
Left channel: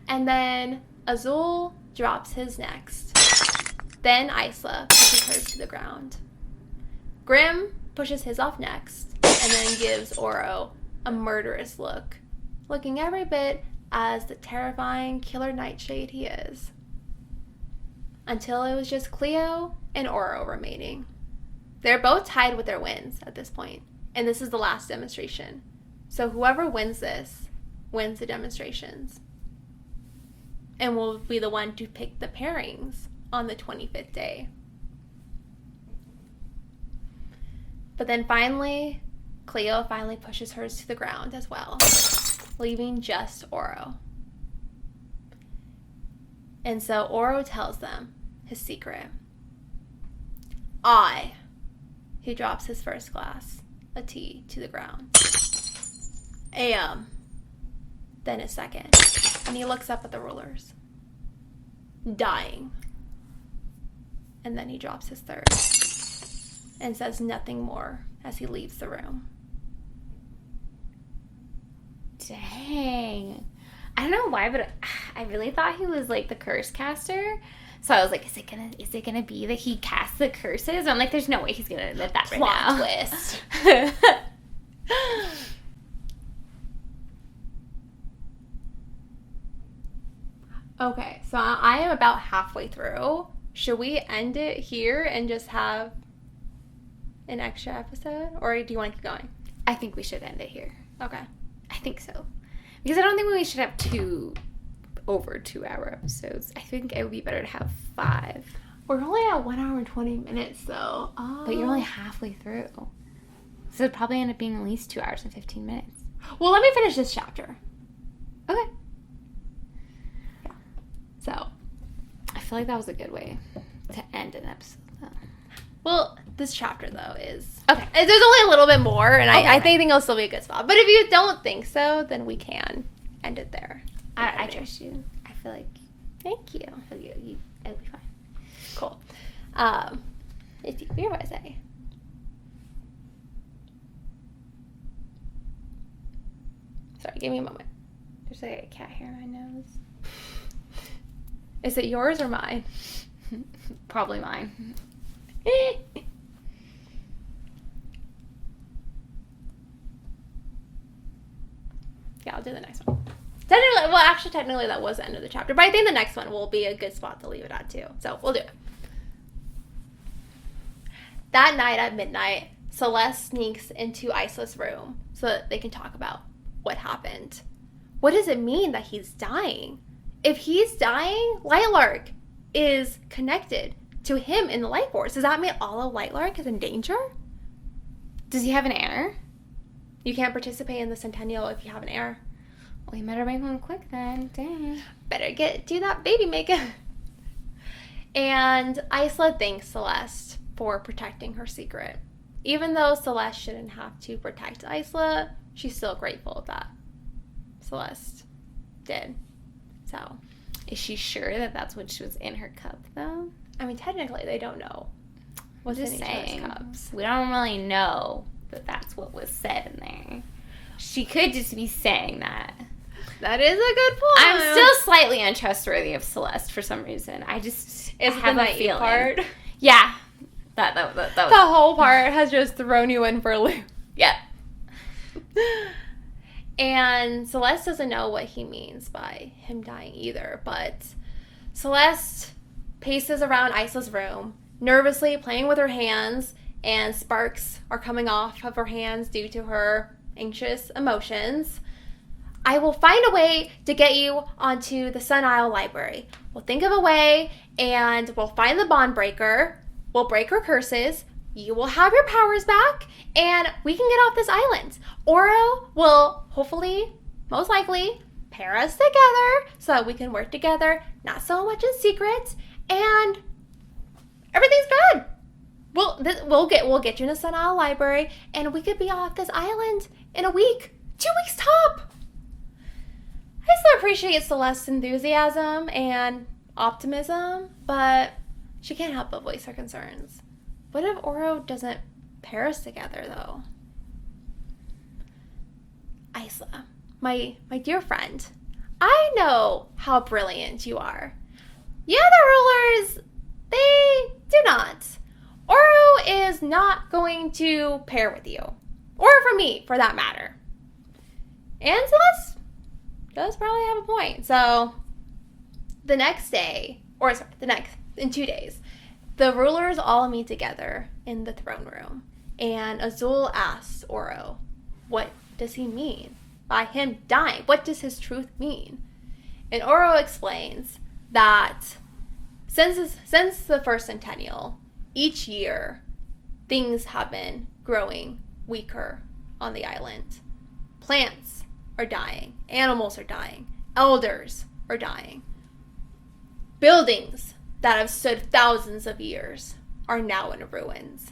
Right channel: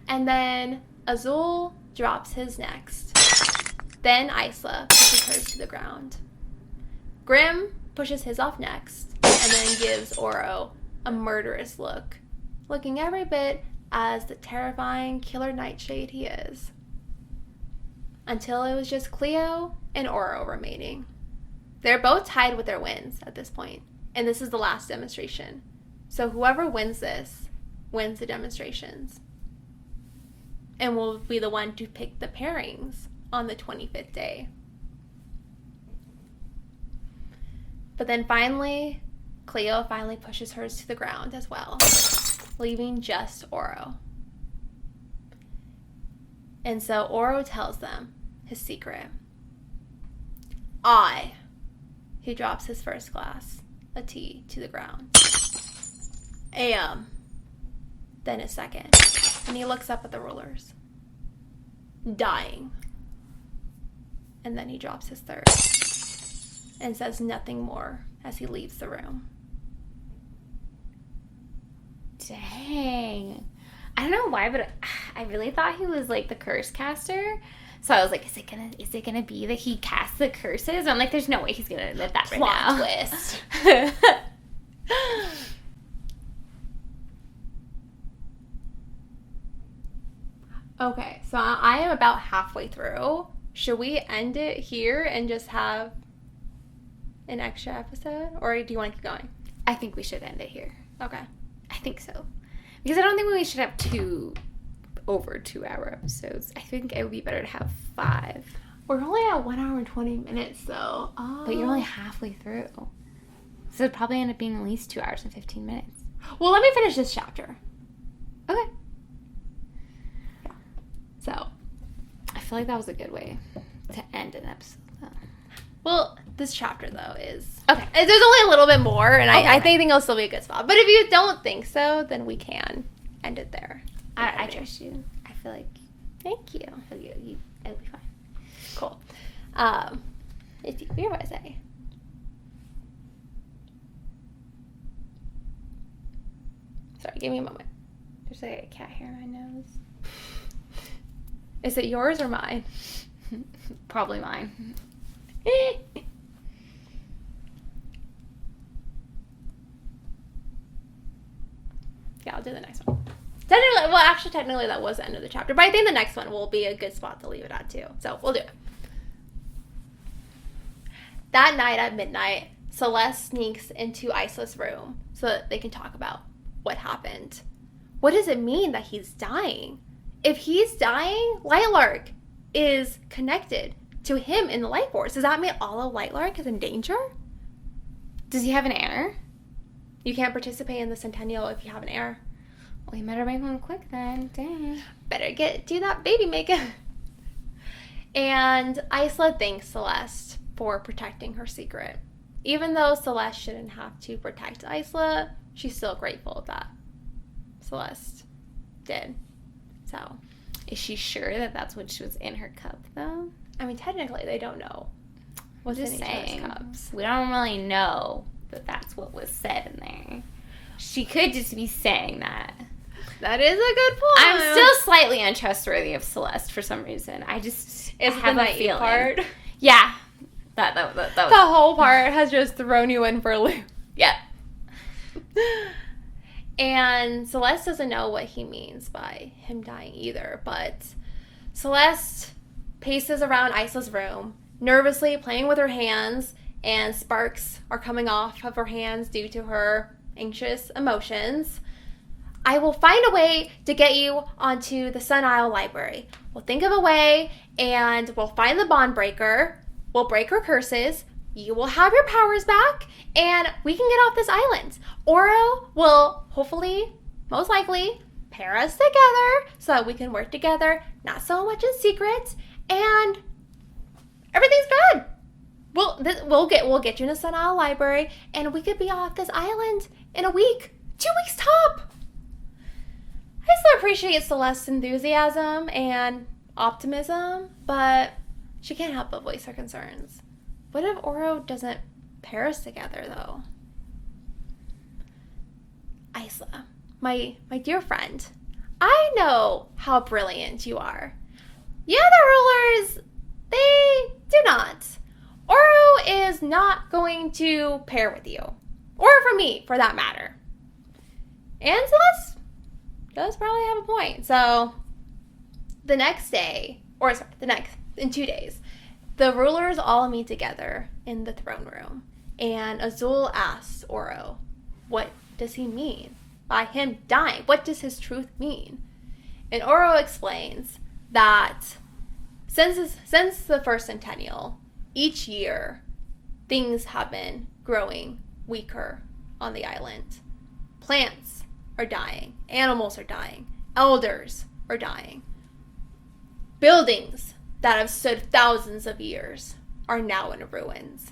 And then Azul drops his next. Then Isla pushes hers to the ground. Grim pushes his off next, and then gives Oro a murderous look, looking every bit as the terrifying killer nightshade he is. Until it was just Cleo and Oro remaining. They're both tied with their wins at this point, and this is the last demonstration. So whoever wins this wins the demonstrations, and will be the one to pick the pairings on the 25th day. But then Cleo finally pushes hers to the ground as well, leaving just Oro. And so Oro tells them his secret. He drops his first glass of tea to the ground. AM. Then his second. And he looks up at the rulers. Dying. And then he drops his third and says nothing more as he leaves the room. Dang. I don't know why, but I really thought he was like the curse caster. So I was like, is it gonna be that he casts the curses? I'm like, there's no way he's gonna admit that right now. Twist. Okay, so I am about halfway through. Should we end it here and just have an extra episode? Or do you want to keep going? I think we should end it here. Okay. I think so. Because I don't think we should have 2 over 2-hour episodes. I think it would be better to have 5. We're only at 1 hour and 20 minutes, though. But you're only halfway through. So it'd probably end up being at least 2 hours and 15 minutes. Well, let me finish this chapter. Okay. Yeah. So. I feel like that was a good way to end an episode. Well, this chapter, though, is... Okay. There's only a little bit more, and okay. I think it'll still be a good spot. But if you don't think so, then we can end it there. I trust you. I feel like... Thank you. It'll be fine. Cool. If you were going to say... Sorry, give me a moment. There's a cat on my nose. Is it yours or mine? Probably mine. Yeah, I'll do the next one. Technically that was the end of the chapter, but I think the next one will be a good spot to leave it at too. So we'll do it. That night at midnight, Celeste sneaks into Isla's room so that they can talk about what happened. What does it mean that he's dying? If he's dying, Lightlark is connected to him in the light force. Does that mean all of Lightlark is in danger? Does he have an heir? You can't participate in the Centennial if you have an heir. Well, you better make one quick then. Dang. Better do that baby maker. And Isla thanks Celeste for protecting her secret. Even though Celeste shouldn't have to protect Isla, she's still grateful that Celeste did. So, is she sure that that's what was in her cup, though? I mean, technically, they don't know what's in each other's cups. We don't really know that that's what was said in there. She could just be saying that. That is a good point. I'm still slightly untrustworthy of Celeste for some reason. I have a feeling. Part? Yeah. That was... The whole part has just thrown you in for a loop. Yeah. And Celeste doesn't know what he means by him dying either, but Celeste paces around Isla's room, nervously playing with her hands, and sparks are coming off of her hands due to her anxious emotions. I will find a way to get you onto the Sun Isle Library. We'll think of a way, and we'll find the bond breaker. We'll break her curses. You will have your powers back, and we can get off this island. Oro will hopefully, most likely, pair us together so that we can work together, not so much in secret, and everything's good. We'll get you in the Sun Isle Library, and we could be off this island in a week, 2 weeks top. I still appreciate Celeste's enthusiasm and optimism, but she can't help but voice her concerns. What if Oro doesn't pair us together, though? Isla, my dear friend, I know how brilliant you are. The other rulers, they do not. Oro is not going to pair with you. Or for me, for that matter. And Celeste does probably have a point. So, the next day, in 2 days, the rulers all meet together in the throne room. And Azul asks Oro, what does he mean by him dying? What does his truth mean? And Oro explains that since the first Centennial, each year, things have been growing weaker on the island. Plants are dying. Animals are dying. Elders are dying. Buildings that have stood thousands of years are now in ruins.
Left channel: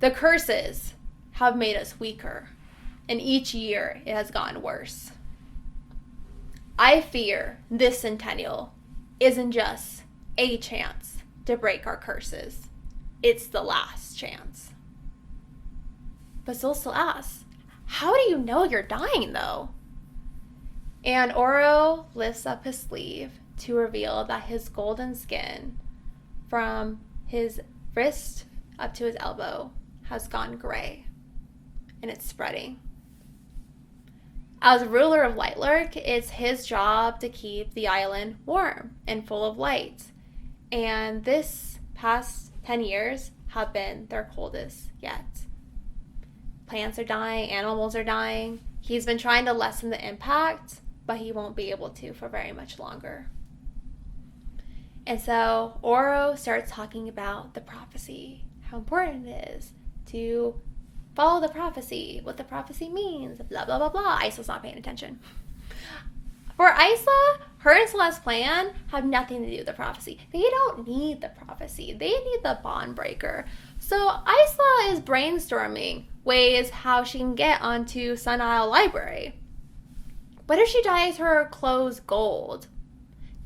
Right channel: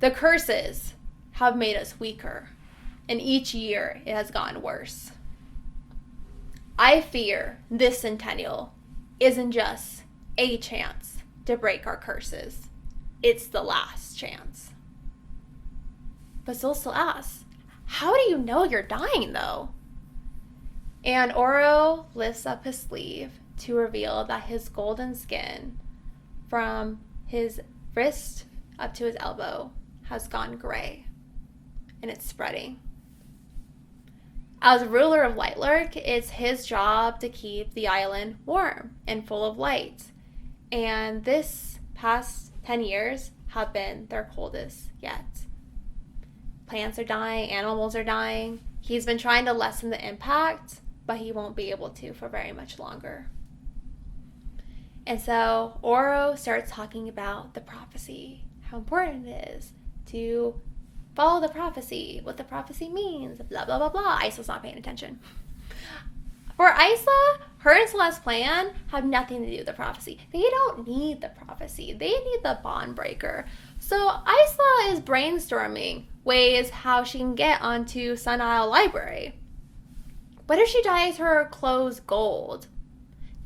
The curses have made us weaker, and each year it has gotten worse. I fear this Centennial isn't just a chance to break our curses. It's the last chance. But Zulsa asks, how do you know you're dying, though? And Oro lifts up his sleeve to reveal that his golden skin from his wrist up to his elbow has gone gray, and it's spreading. As ruler of Lightlark, it's his job to keep the island warm and full of light. And this past 10 years have been their coldest yet. Plants are dying, animals are dying. He's been trying to lessen the impact, but he won't be able to for very much longer. And so Oro starts talking about the prophecy, how important it is to follow the prophecy, what the prophecy means, blah, blah, blah, blah. Isla's not paying attention. For Isla, her and Celeste's plan have nothing to do with the prophecy. They don't need the prophecy. They need the bond breaker. So Isla is brainstorming ways how she can get onto Sun Isle Library. What if she dyes her clothes gold?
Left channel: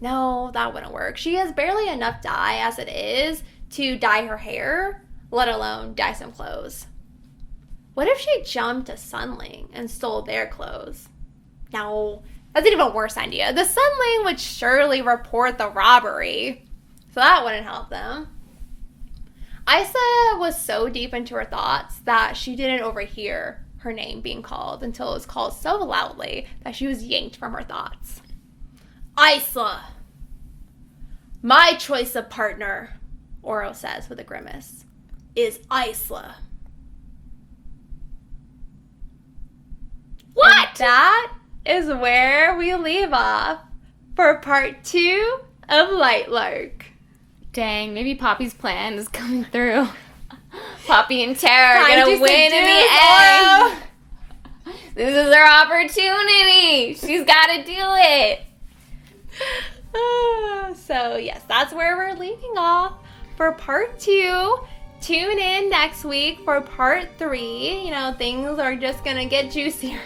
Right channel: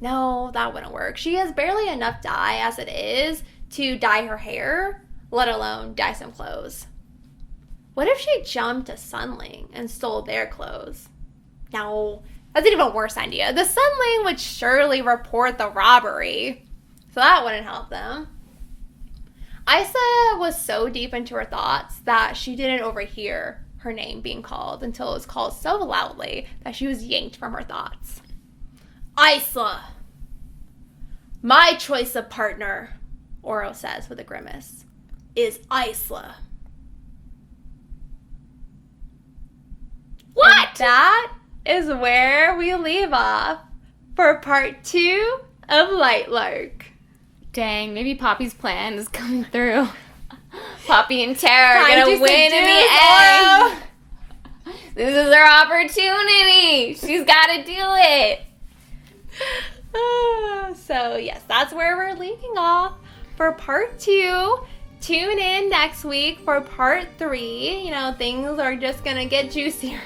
No, that wouldn't work. She has barely enough dye as it is to dye her hair, let alone dye some clothes. What if she jumped to Sunling and stole their clothes? No, that's an even worse idea. The Sunling would surely report the robbery, so that wouldn't help them. Isla was so deep into her thoughts that she didn't overhear her name being called until it was called so loudly that she was yanked from her thoughts. Isla! My choice of partner, Oro says with a grimace, is Isla. What? And that is where we leave off for part 2 of Lightlark. Dang, maybe Poppy's plan is coming through. Poppy and Tara are gonna win in the end. This is your opportunity. She's gotta do it. So yes, that's where we're leaving off for part 2. Tune in next week for part 3. You know, things are just gonna get juicier.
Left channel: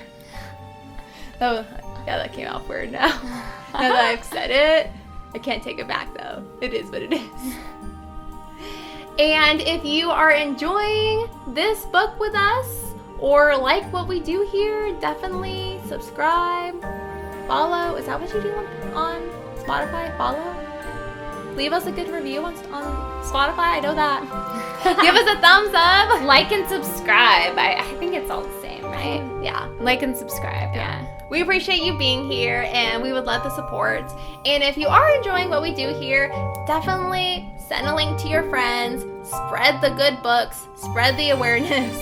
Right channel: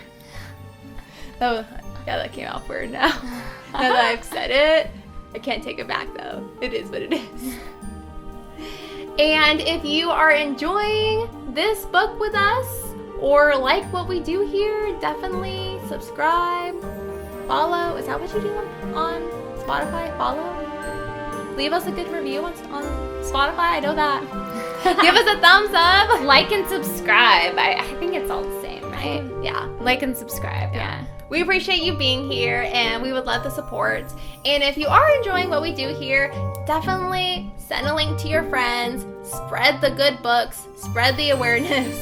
Oh, yeah, that came out weird now. Now that I've said it, I can't take it back though. It is what it is. And if you are enjoying this book with us or like what we do here, definitely subscribe, follow. Is that what you do on Spotify? Follow. Leave us a good review on Spotify. I know that. Give us a thumbs up, like and subscribe. I think it's all the same. Yeah, like and subscribe. Yeah. We appreciate you being here, and we would love the support. And if you are enjoying what we do here, definitely send a link to your friends, spread the good books, spread the awareness.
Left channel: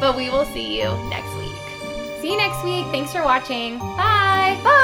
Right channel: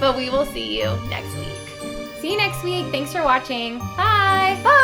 But we will see you next week. See you next week. Thanks for watching. Bye. Bye.